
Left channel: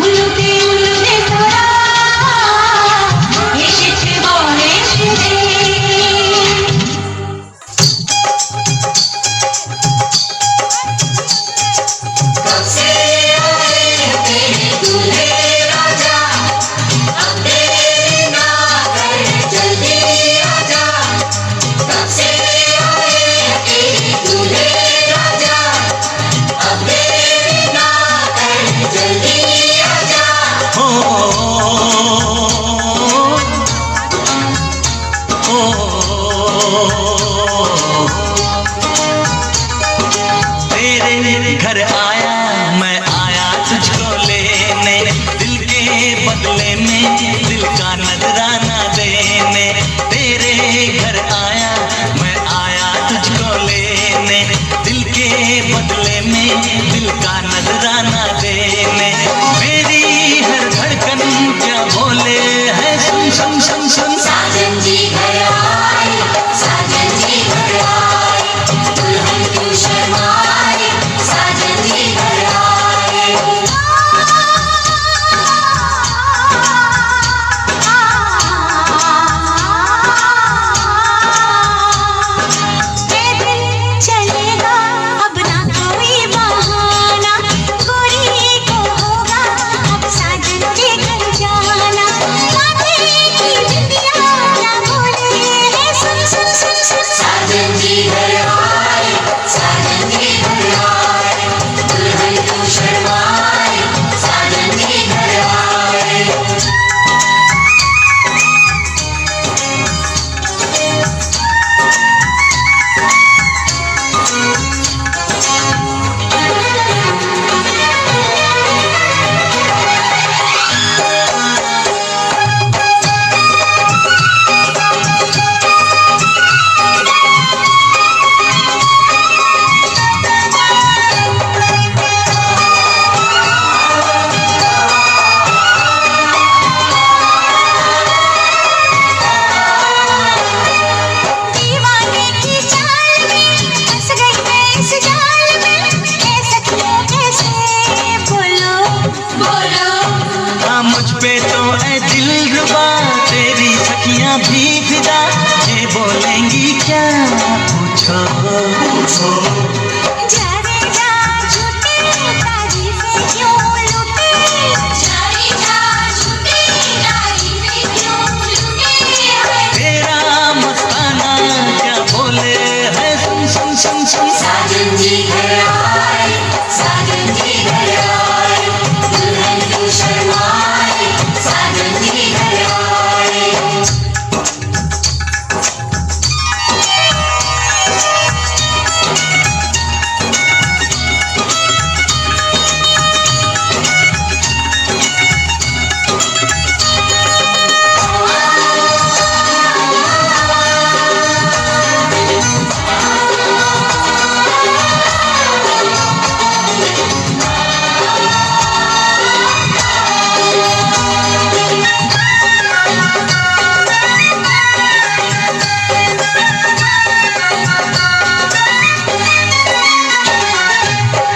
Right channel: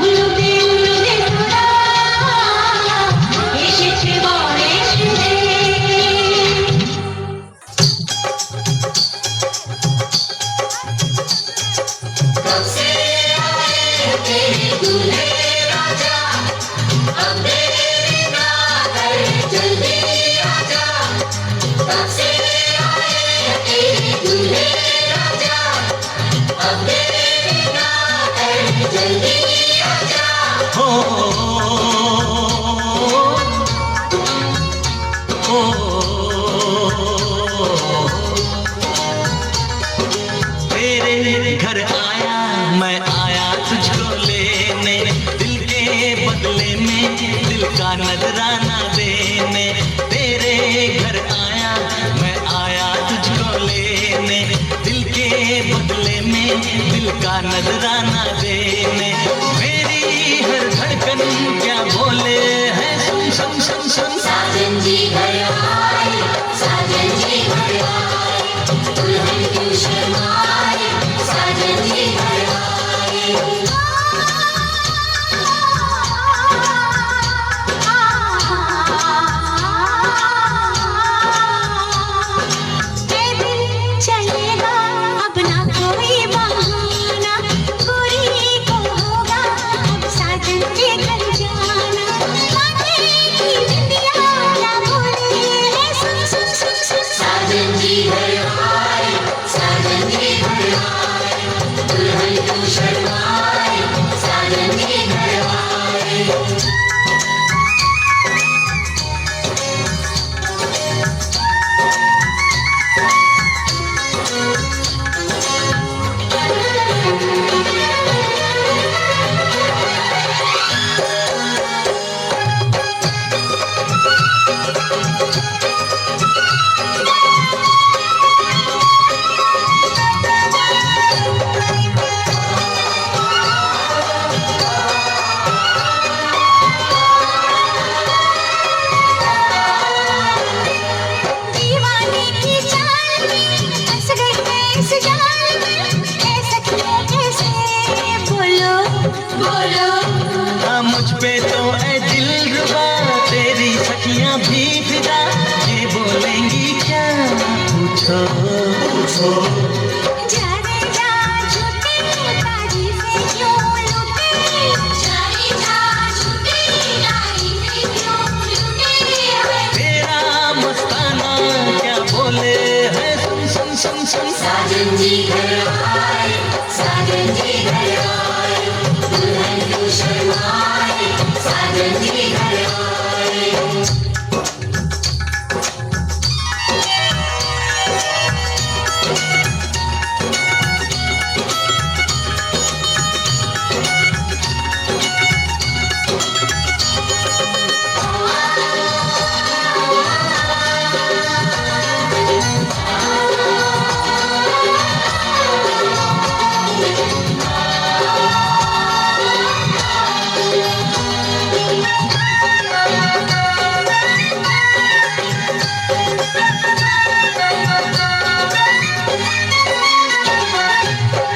উলুদে উলুদে তোরা এসেছে বর এসেছে तेरे घर आया मैं आया तुझको लेने दिल के बदले में दिल का नजराना देने तेरे घर आया मैं आया तुझको लेने दिल के बदले में दिल का नजराना देने मेरी हर धड़कन क्या बोले है सुन सुन सुन सुन साजन जी घर आए साजन जी घर आए दुल्हन को शर्माए साजन जी घर आए पैदल चलेगा अब ना कोई बहाना गोरी को होगा अब साजन जी घर जाना माथे की बिंदिया ना बोले मुझ पे तो ऐ दिलरुबा तेरी सखियां भी फिदा, ये बोलेंगी क्या पूछो पूछो। जा रे जा झूठी तारीफें क्यों लूटे, जा रे जा झूठी तारीफें क्यों लूटे। तेरा मस्ताना क्या बोले है, सुन सुन सुन सुन। साजन जी घर आए, साजन जी घर आए, दुल्हन क्यों शर्माए, साजन जी घर आए।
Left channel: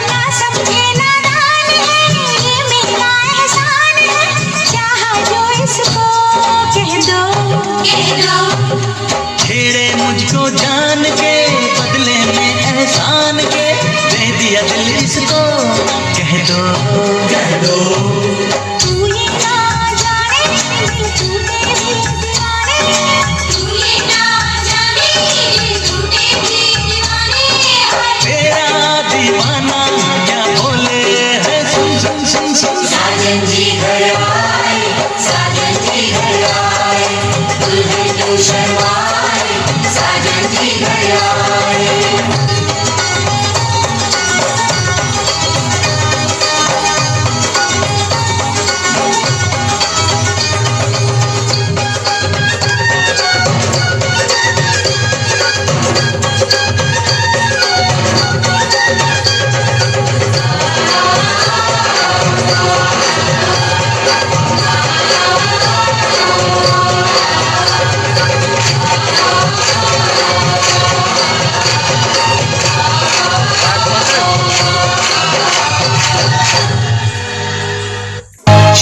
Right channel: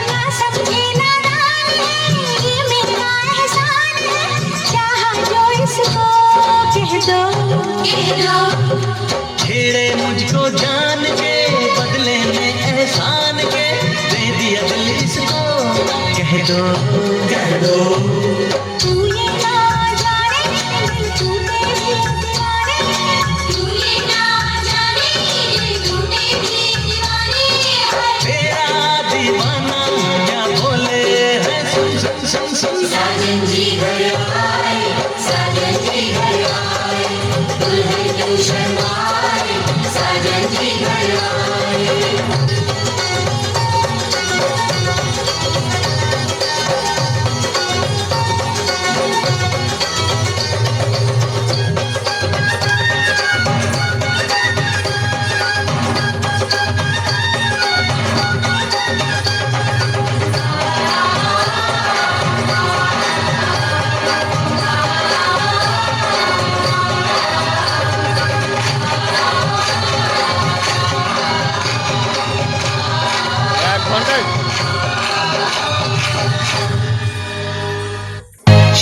ना समझे नादान है, ये मेरा एहसान है, चाहा जो इसको कह दो कह दो। छेड़े मुझको जान के बदले में एहसान के, दे दिया दिल इसको कह दो कह दो। तू ये ना जाने दिल टूटे भी दीवाने, तू ये ना जाने दिल टूटे भी दीवाने। तेरा दीवाना क्या बोले है, सुन सुन सुन सुन। साजन जी घर आए, साजन जी घर आए, दुल्हन क्यों शर्माए, साजन जी घर आए।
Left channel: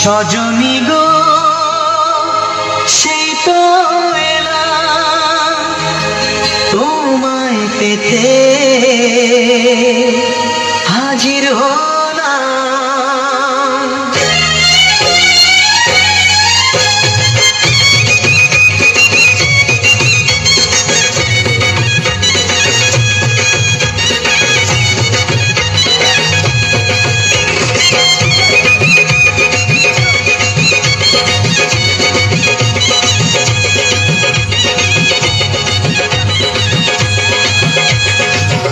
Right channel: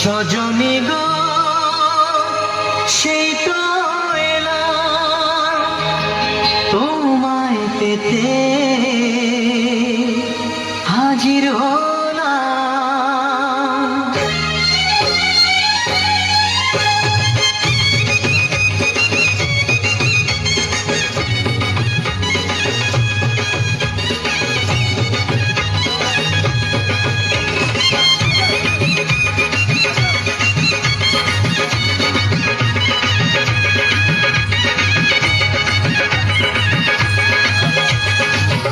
সজনী গো সে তো এলাম তোমায় পেতে, হাজির হলাম।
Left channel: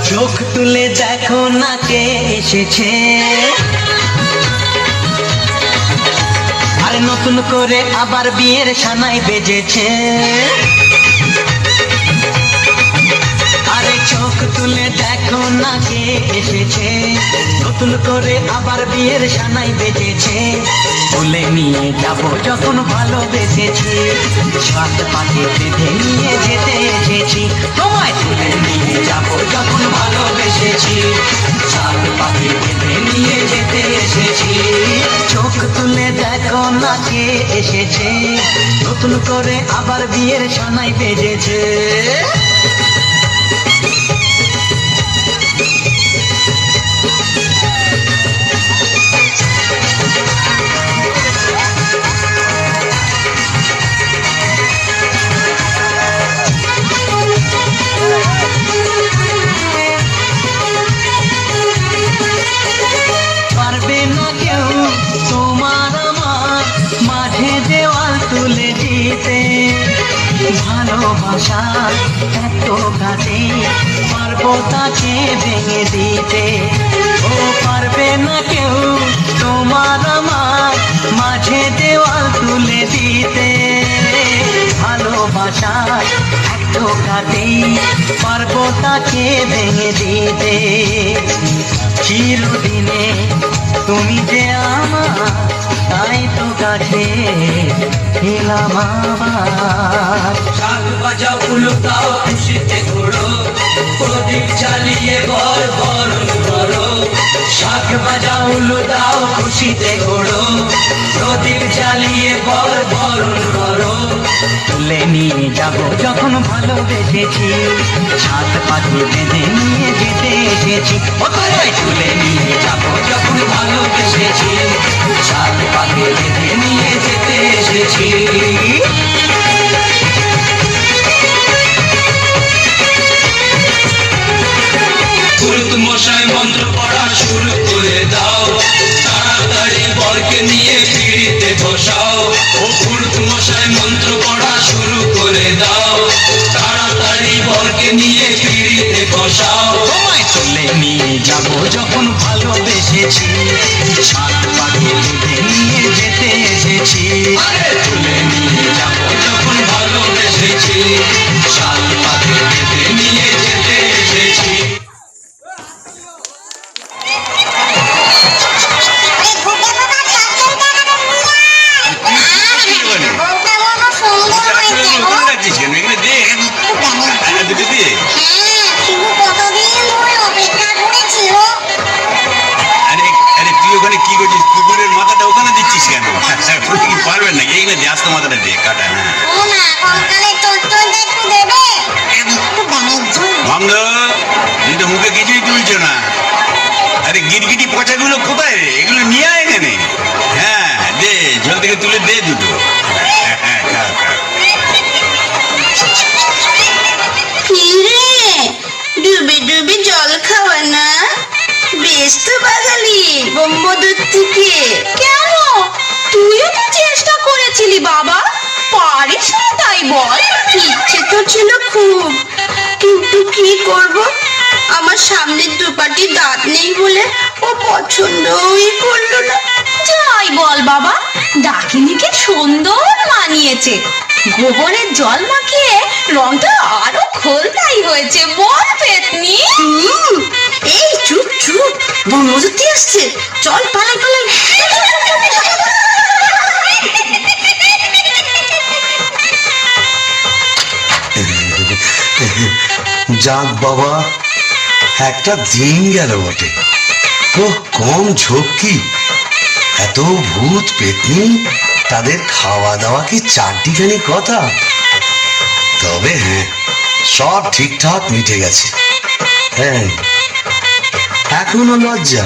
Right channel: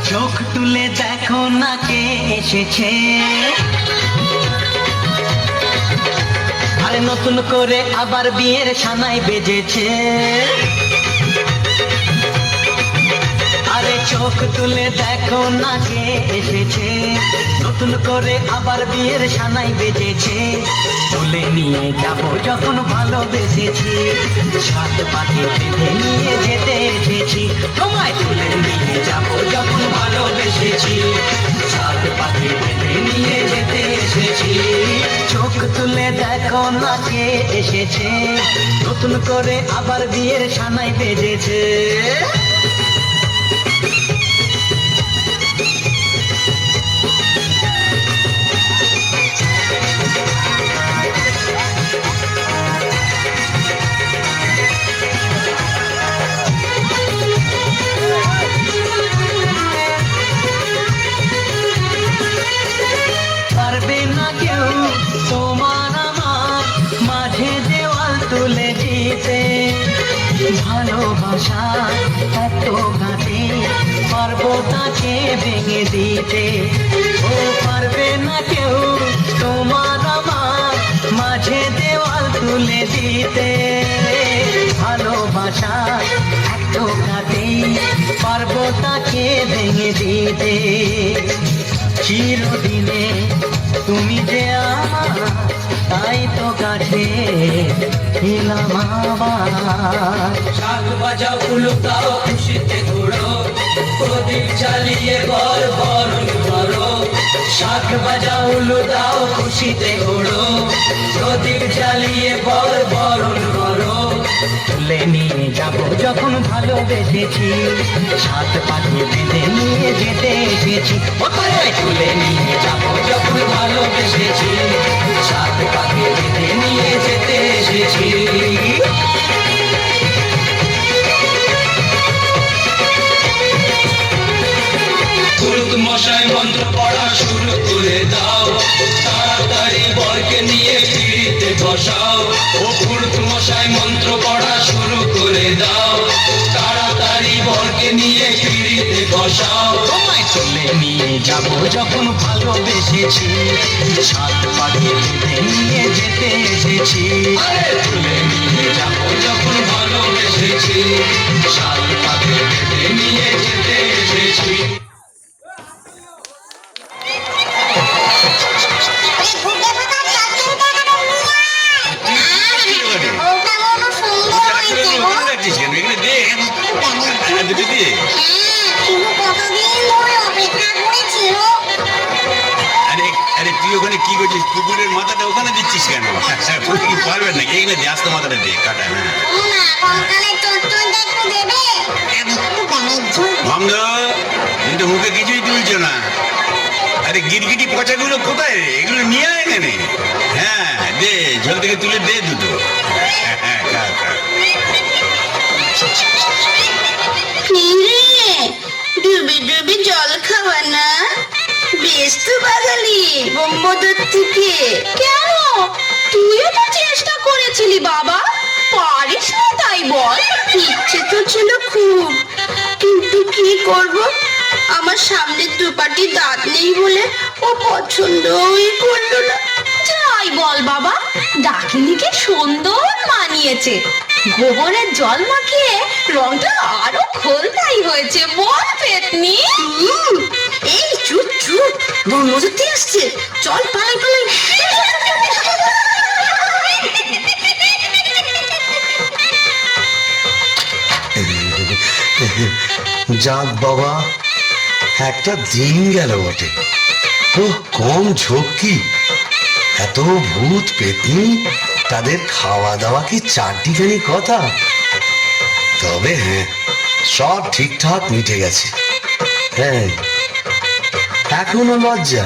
চোখ তুলে দেখো না কে এসেছে, আরে নতুন করে আবার বিয়ের সানাই বেজেছে। আরে চোখ তুলে দেখো না কে এসেছে, নতুন করে আবার বিয়ের সানাই বেজেছে। তুলে নিয়ে যাব যখন ভালোবেসেছি, সাত পাকে বেঁধে নিয়ে যেতে এসেছি। তোমায় তুলে নিয়ে যাব যখন ভালোবেসেছি, সাত পাকে বেঁধে নিয়ে যেতে এসেছি। চোখ তুলে দেখো না কে এসেছে, নতুন করে আবার বিয়ের সানাই বেজেছে। পারবে না কেউ তোমার আমার মাঝে দেওয়াল তুলে দিতে, ভালোবাসা এত কাছে পারবো তাকে ভেঙে দিতে। ও পারবে না কেউ তোমার আমার মাঝে দেওয়াল তুলে দিতে, ভালোবাসা এত কাছে পারবো তাকে ভেঙে দিতে। চিরদিনে তুমি যে আমার, তাই তো কাছে এলাম আবার। শাক বাজাও উলুকাও খুশিতে ঘোড়ো, প্রদীপ জ্বালিয়ে বর বরণ করো। শাখ বাজাও উলু দাও খুশিতে ওড়ো প্রদীপ জ্বালিয়ে বল বরণ করো তুলে নিয়ে যাব যখন ভালোবেসেছি সাত পাখি বেঁধে নিয়ে যেতে এসেছি ওটাই তুলে নিয়ে যাব যখন ভালোবেসেছি সাত পাকে বেঁধে নিয়ে যেতে এসেছি পুরুত মশাই মন্ত্র পড়া শুরু করে দাও তাড়াতাড়ি বরকে নিয়ে পিড়িতে বসাও ও পুরুত মশাই মন্ত্র পড়া শুরু করে দাও তাড়াতাড়ি বরকে নিয়ে পিড়িতে বসাও তোমায় তুলে নিয়ে যাব যখন ভালোবেসেছি সাত পাখি বেঁধে নিয়ে যেতে এসেছি তুলে নিয়ে যাব যখন ভালোবেসেছি সাত পাকে বেঁধে নিয়ে যেতে এসেছি তুই ওখানে কি করছিস কুকুরের মাথাটা ওখানে দিচ্ছিস কেন কি পারবেন নাকি এইখানে দিয়ে আসতো মাথাটা দিয়ে কাটা ভঙ্গ তুই তো মুখে কিছুই তুলছো না আরে গিরগিটি পচাগুলো কোথায় রে এগুলো নিয়ে আয় এখানে হ্যাঁ দে জল থেকে তুলে দে দুটো ডুবে ডুবে জল খাওয়া না বেশ তো বাঙালি বোম্বদূর থেকে কেন তুইও তো চেষ্টা করেছিলি বাবা পারিস না তাই বল ইচ্ছে তো ছিল খুব কিন্তু কি করব আমার সামনের দুপাটি দাঁত নেই বলে ও পছন্দই করলো না যাই বল বাবা ডাকিনিকে সুন্দর মানিয়েছে গোবরের জল মাখিয়ে রংটা আরো খোলতাই হয়েছে বল পেতনি এই চুপ চুপ বনমজুতি আসছে চল পালাই পালাই যাক বাবা একটা দিন গেল বটে ও কম ঝক্কি এত ভূত পেতনি তাদের খাওয়া দাওয়া কি চারটিখানি কথা তবে হ্যাঁ সব ঠিকঠাক মিটে গেছে হ্যাঁ এখনো লজ্জা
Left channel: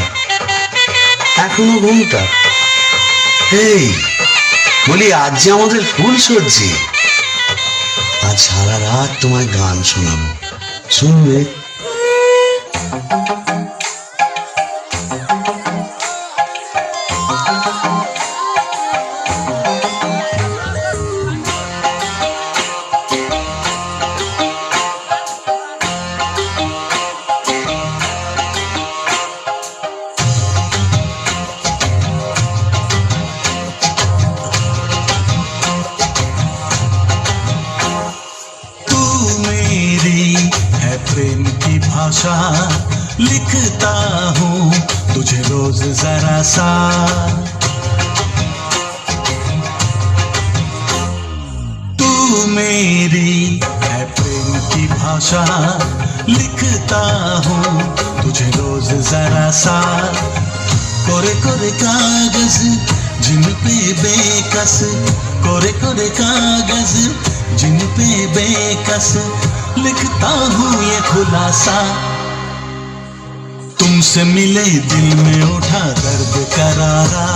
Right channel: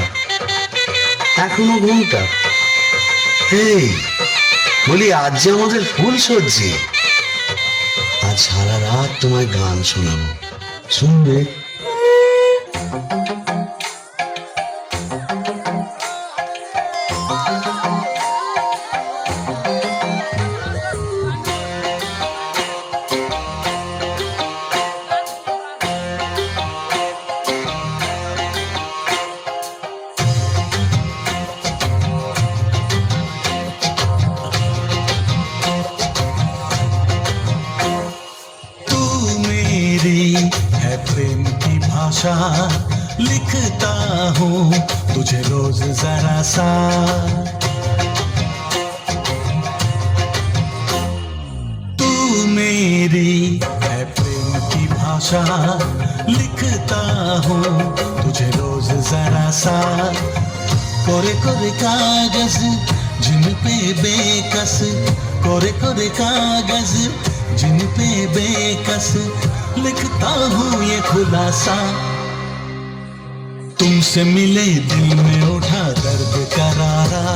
এখনো ঘুমটা এই বলি আজ যে আমাদের ফুল সজ্জি আজ সারা রাত তোমায় গান শোনাবো শুনবে प्रेम की भाषा लिखता हूँ तुझे रोज जरा सा तू मेरी है प्रेम की भाषा लिखता हूँ तुझे रोज जरा सा कोरे कोरे कागज जिन पे बेकस कोरे कोरे कागज जिन पे बेकस लिखता हूँ ये खुलासा तुमसे मिले दिल में उठा दर्द करारा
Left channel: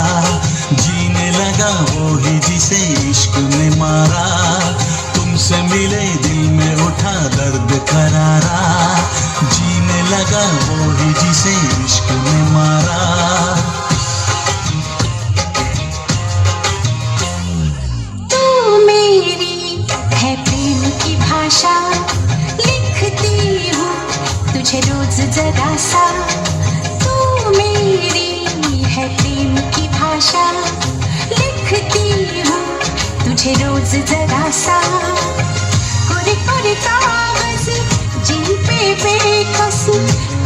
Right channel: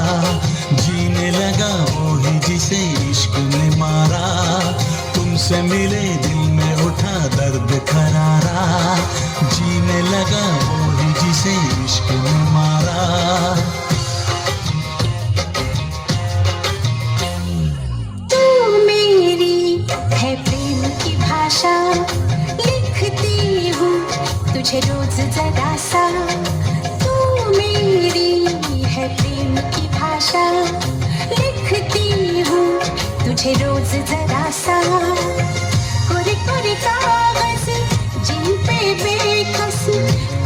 जीने लगा वो ही जिसे इश्क ने मारा तुमसे मिले दिल में उठा दर्द करारा जीने लगा वो ही जिसे इश्क ने मारा तू मेरी है प्रेम की भाषा लिखती हूँ तुझे रोज जरा सा तू मेरी है प्रेम की भाषा लिखती हूँ तुझे रोज जरा सा कोरे कोरे कागज जिन पे बेकस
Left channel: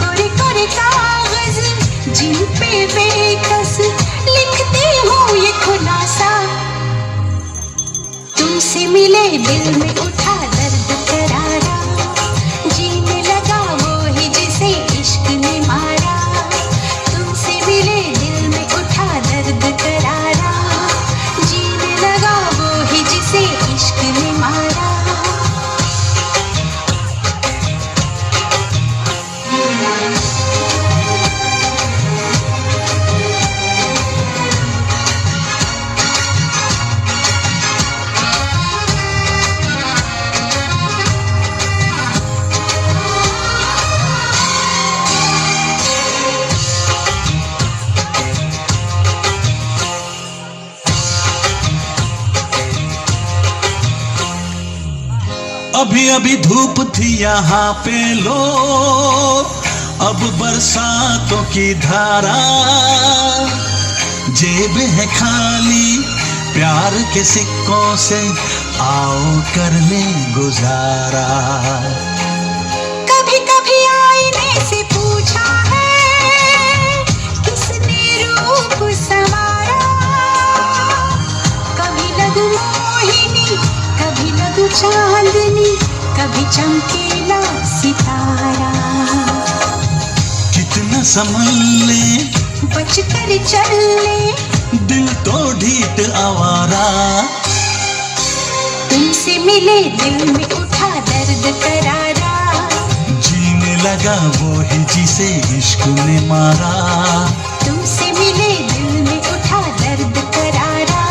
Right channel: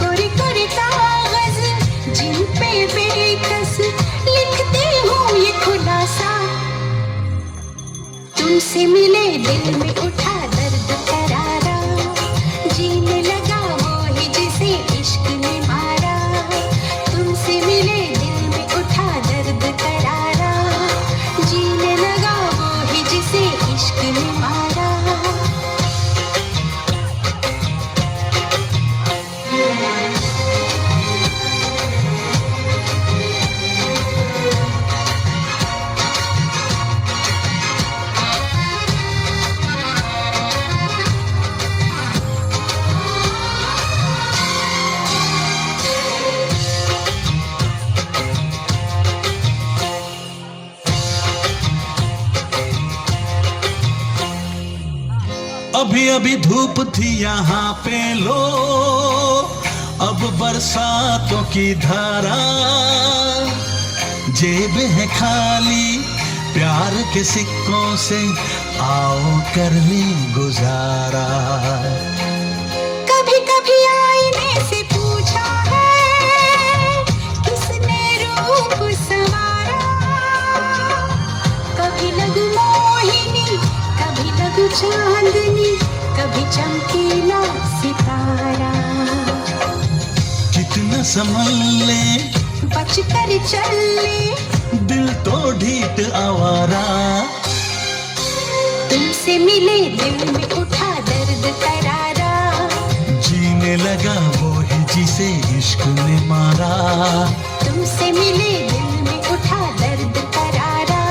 कोरे कोरे कागज जिन पे बेकस लिखती हूँ ये खुलासा तुमसे मिले दिल में उठा दर्द करारा जीने लगा वो ही जिसे इश्क ने मारा तुमसे अभी अभी धूप थी यहाँ पे लो, अब बरसातों की धारा, जेब है खाली प्यार के सिक्कों से, आओ करने गुजारा। कभी कभी आईने से पूछा है किसने रूप संवारा, कभी लगू मोहिनी, कभी लगू चांदनी, कभी चमकीला सितारा। कितना संभल ले, बच कर चल ले, दिल तो ढीठ आवारा। तुमसे मिले दिल में उठा दर्द करारा, जीने लगा वो ही जिसे इश्क ने मारा। तुमसे मिले दिल में उठा दर्द करारा,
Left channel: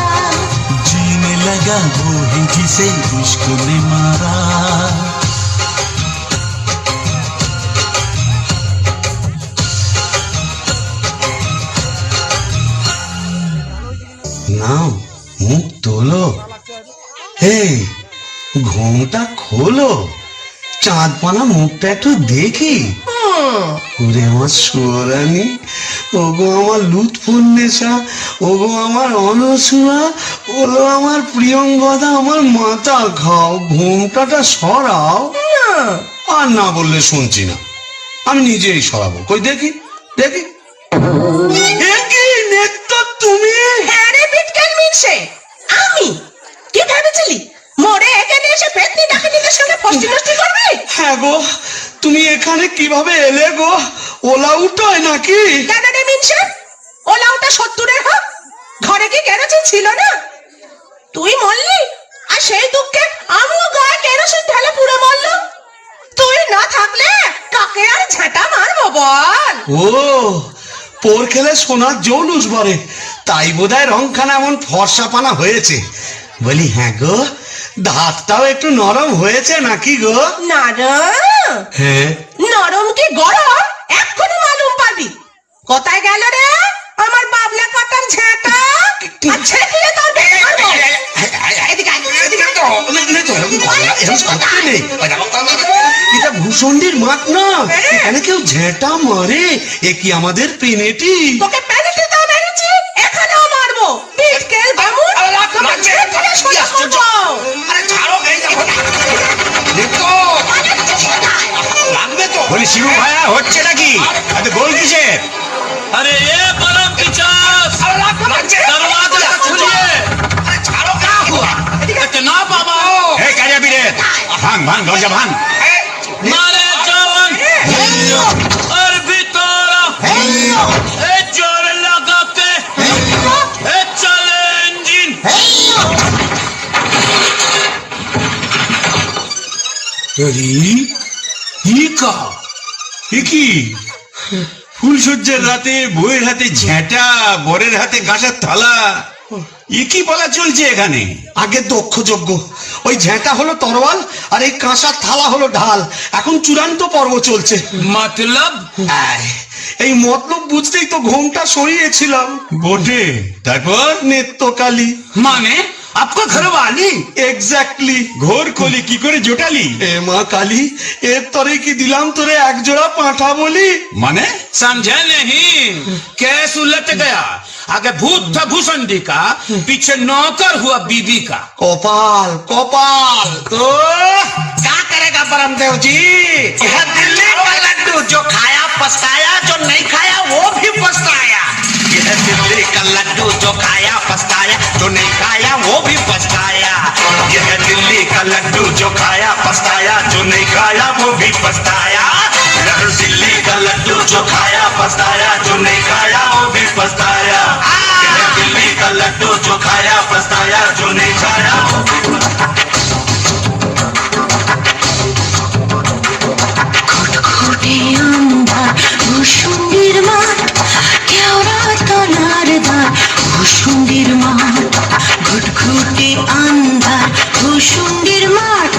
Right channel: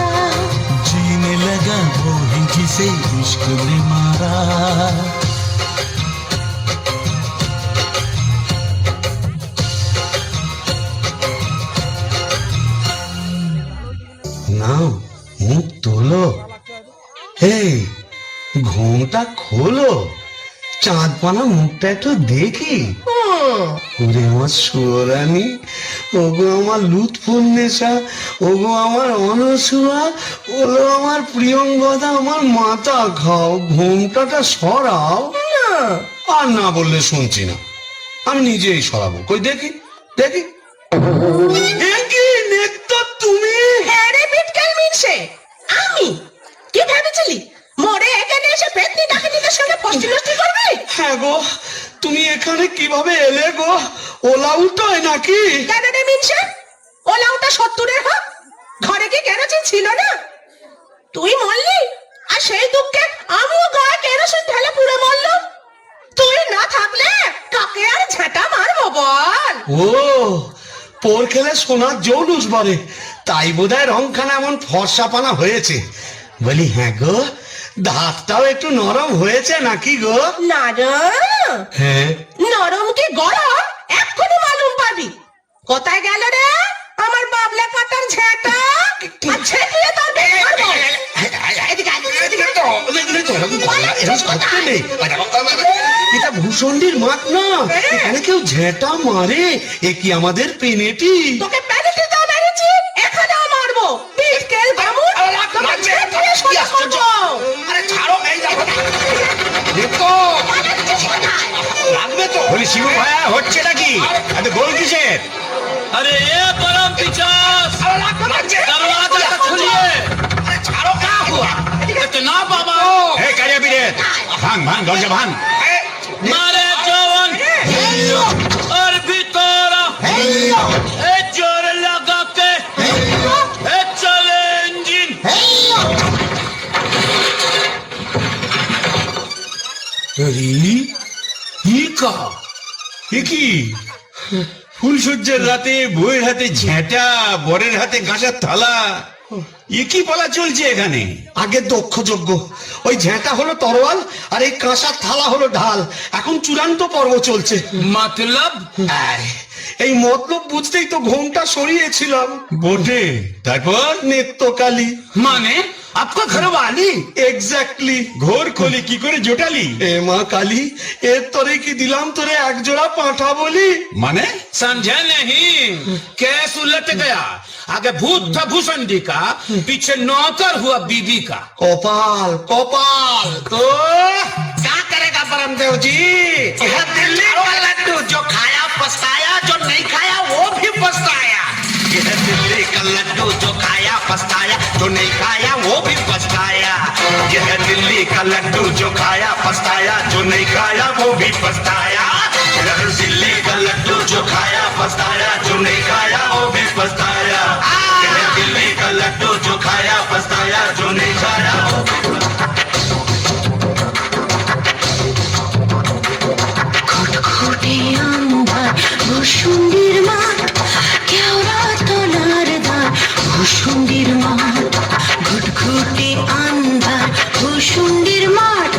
जीने लगा वो ही जिसे इश्क ने मारा। নাও, মুখ তোলো, হে ঘুমটা খোলো, চাঁদপানা মুখটা একটু দেখি। ওরে আমার সোরানি, ওগো আমার লুৎফুন্নেসা, ওগো আমার অনসুয়া, ওলো আমার প্রিয়ঙ্গদা, আমার মাথা খাও, ঘুমটাটা সরাও। আর না বললে শুনছি না, আমি নিজেই সরাবো। কই দেখি দেখি। এ কি নেত্য তুমি? হ্যাঁ রে বিটকেল মিনসে, আমি। কি ভেবেছিলি মোরে এখানে এসে পেতনি ডাকিনীদের সঙ্গে ফষ্টি নষ্টি করবি? হ্যাঁ গো, তুমি এখানে কিভাবে এলে গো? ওলা উঠোয় নাকি? কেন রে মিনসে, ওলাউটা 70-এর হোক, ঘরে কি কেরোসিন ছিল না? তুই মরলি, আর সেই দুঃখে আমিও গায়ে কেরোসিন ঢেলে পুড়ে মরলাম। তুই না থাকলে কাকে আর ঝাঁটা মারবো বল? ও, পোর খেলে সোনার জৌলুস বলে, তাই বোধহয় রংখানা এমন ফর্সাপানা হয়েছে। বলি হ্যাঁ গো, দাঁতটাও একটু নরম হয়েছে নাকি গো? নরম? হ্যাঁ। নরম কি গরম এক্ষুনি মালুম পাবি। কোথায় গেল রে আমার বাবলা কাটার ঝাঁটা? আর ছেঁকলে তোর বের করবো। এদিকে আয়, এদিকে আয়। এটা ভূষণ্ডির মাঠ না, এখানে কেউ ঝেঁটা মারে? এ কি আমাদের পেনেটি? তোকে পেনেটি দাও মেরেছি, এখানেও মারবো। বিটকেল বামুন, তোকে ছেঁকলে সোজা করবো। বলি শিবু ভাইয়া হচ্ছে নাকি? এত গোল কিসের? अरे ये परम पिचास, दरवाजा खोलिए। इतना बाबा হে কারিয়া বিরে, ভাঙ ভাঙ দরজা ভাঙ। मारे जवान और भितोरा, ए जोर लगा के, ए चले इंजिन। কি ফুলসজ্জার রাতে বউয়ের হাতে ঝেঁটা, বরের হাতে কাঁসার থালা, এ কি বলা চলছে এখানে? আগে দক্ষ যজ্ঞ, ওই ঝেঁটা হলো তরোয়াল আর এই কাঁসার থালা হলো ঢাল। এখন চূড়ান্ত পর্ব চলছে। मतलब এই মতলব বুঝতেই তো ঘোমটা সরিয়েছিলাম। বটে, তারপর নেত্যকালী माने आपका घर वाली? এক্স্যাক্টলি। ঘোর কলি কি করে জোটালি? এ মা কালী, এর তরে কি দিলাম তোরে এক জোড়া পাঁঠা বলি? মানে समझे नहीं? केस उलट गया, आगे भूत था भूषंडी का, पीछे नौकर हुआ बीबी का। কপাল কপাল। तो क्या करेगा परमदेव जी? यह दिल्ली का लड्डू जो खाया पछताया, जो नहीं खाया वो भी पछताया। यह दिल्ली का लड्डू जो खाया पछताया, जो नहीं खाया वो भी पछताया। यह दिल्ली का लड्डू जो खाया पछताया, जो नहीं खाया वो भी पछताया। यह दिल्ली का लड्डू जो खाया पछताया, जो नहीं खाया वो भी पछताया। यह दिल्ली का लड्डू जो खाया पछताया, जो नहीं खाया वो भी पछताया। ঘুটঘুটে আন্ধার ভূষুণ্ডির মাঠ, কেওড়া তলার দ্বার ভূষুণ্ডির মাঠ। ঘুটঘুটে আন্ধার ভূষুণ্ডির মাঠ,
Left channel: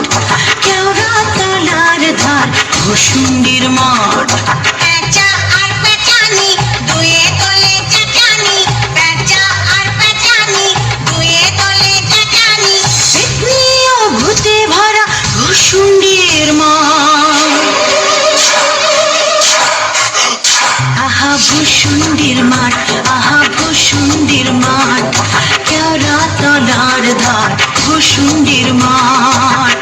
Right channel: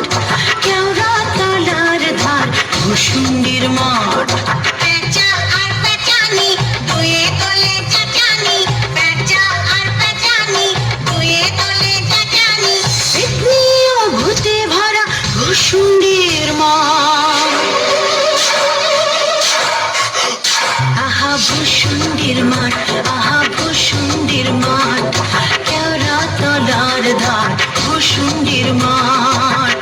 কেওড়া তলার ধার ভূষুণ্ডির মাঠ। পেঁচা আর পেঁচানি দুয়ে তলে চাচানি, পেঁচা আর পেঁচানি দুয়ে তলে তলার ধার ভুসুন্ডির মাঠ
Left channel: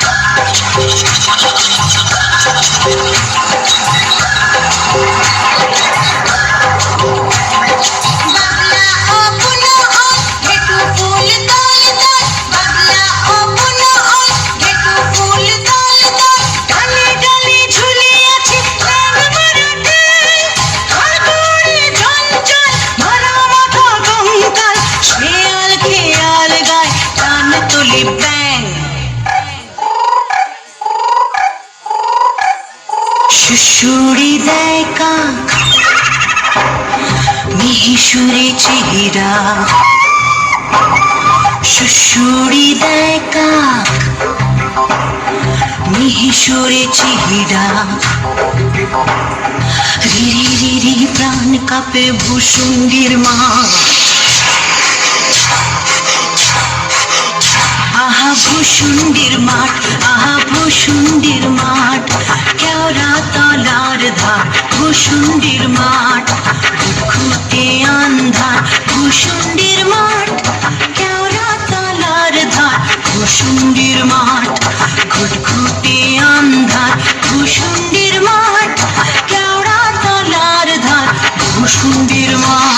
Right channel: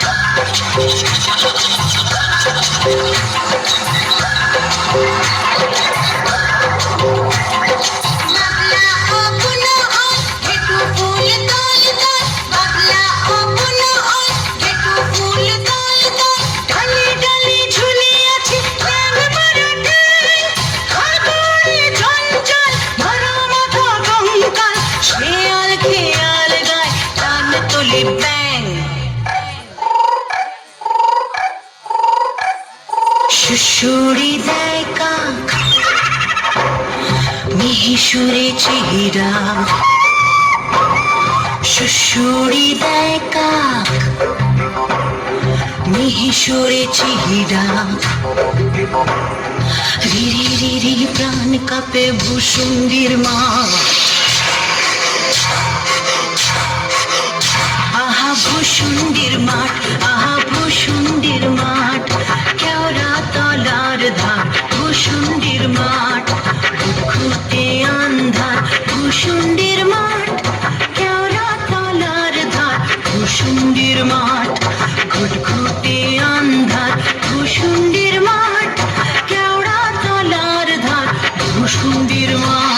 বাবলা ও বুনো ওই ঘেটু ফুল দল দল বাবলা ও বুনো ওই ঘেটু ফুল দল দল ডালে ডালে ঝুলে আছে রং মারা ট্যাং খড়খড়ে ঝঞ্ঝাল ভরা মাথা কঙ্কাল শেয়াল খেয়াল গায় কান তুলি ব্যাং শুশুড়ি দেয় কাক মিহিসুরে চেহারা শুশুড়ি দেয় কাক মিহিসুরে চেহারা রিরি রিরি প্রাণ কাঁপে ভুসুন্ডির মা আহা ভুসুন্ডির মাঠ আহা ভুসুন্ডির মাঠ কেওড়া তলার ধার ভুসুন্ডির মাঠ খুঁটে আন্ধার ভুসুন্ডির মাঠ কেওড়া তলার ধার ভুসুন্ডির মাঠ খুটখুটে আন্ধার ভুসুন্ডির মাঠ কেওড়া তলার ধার ভুসুন্ডির মাঠ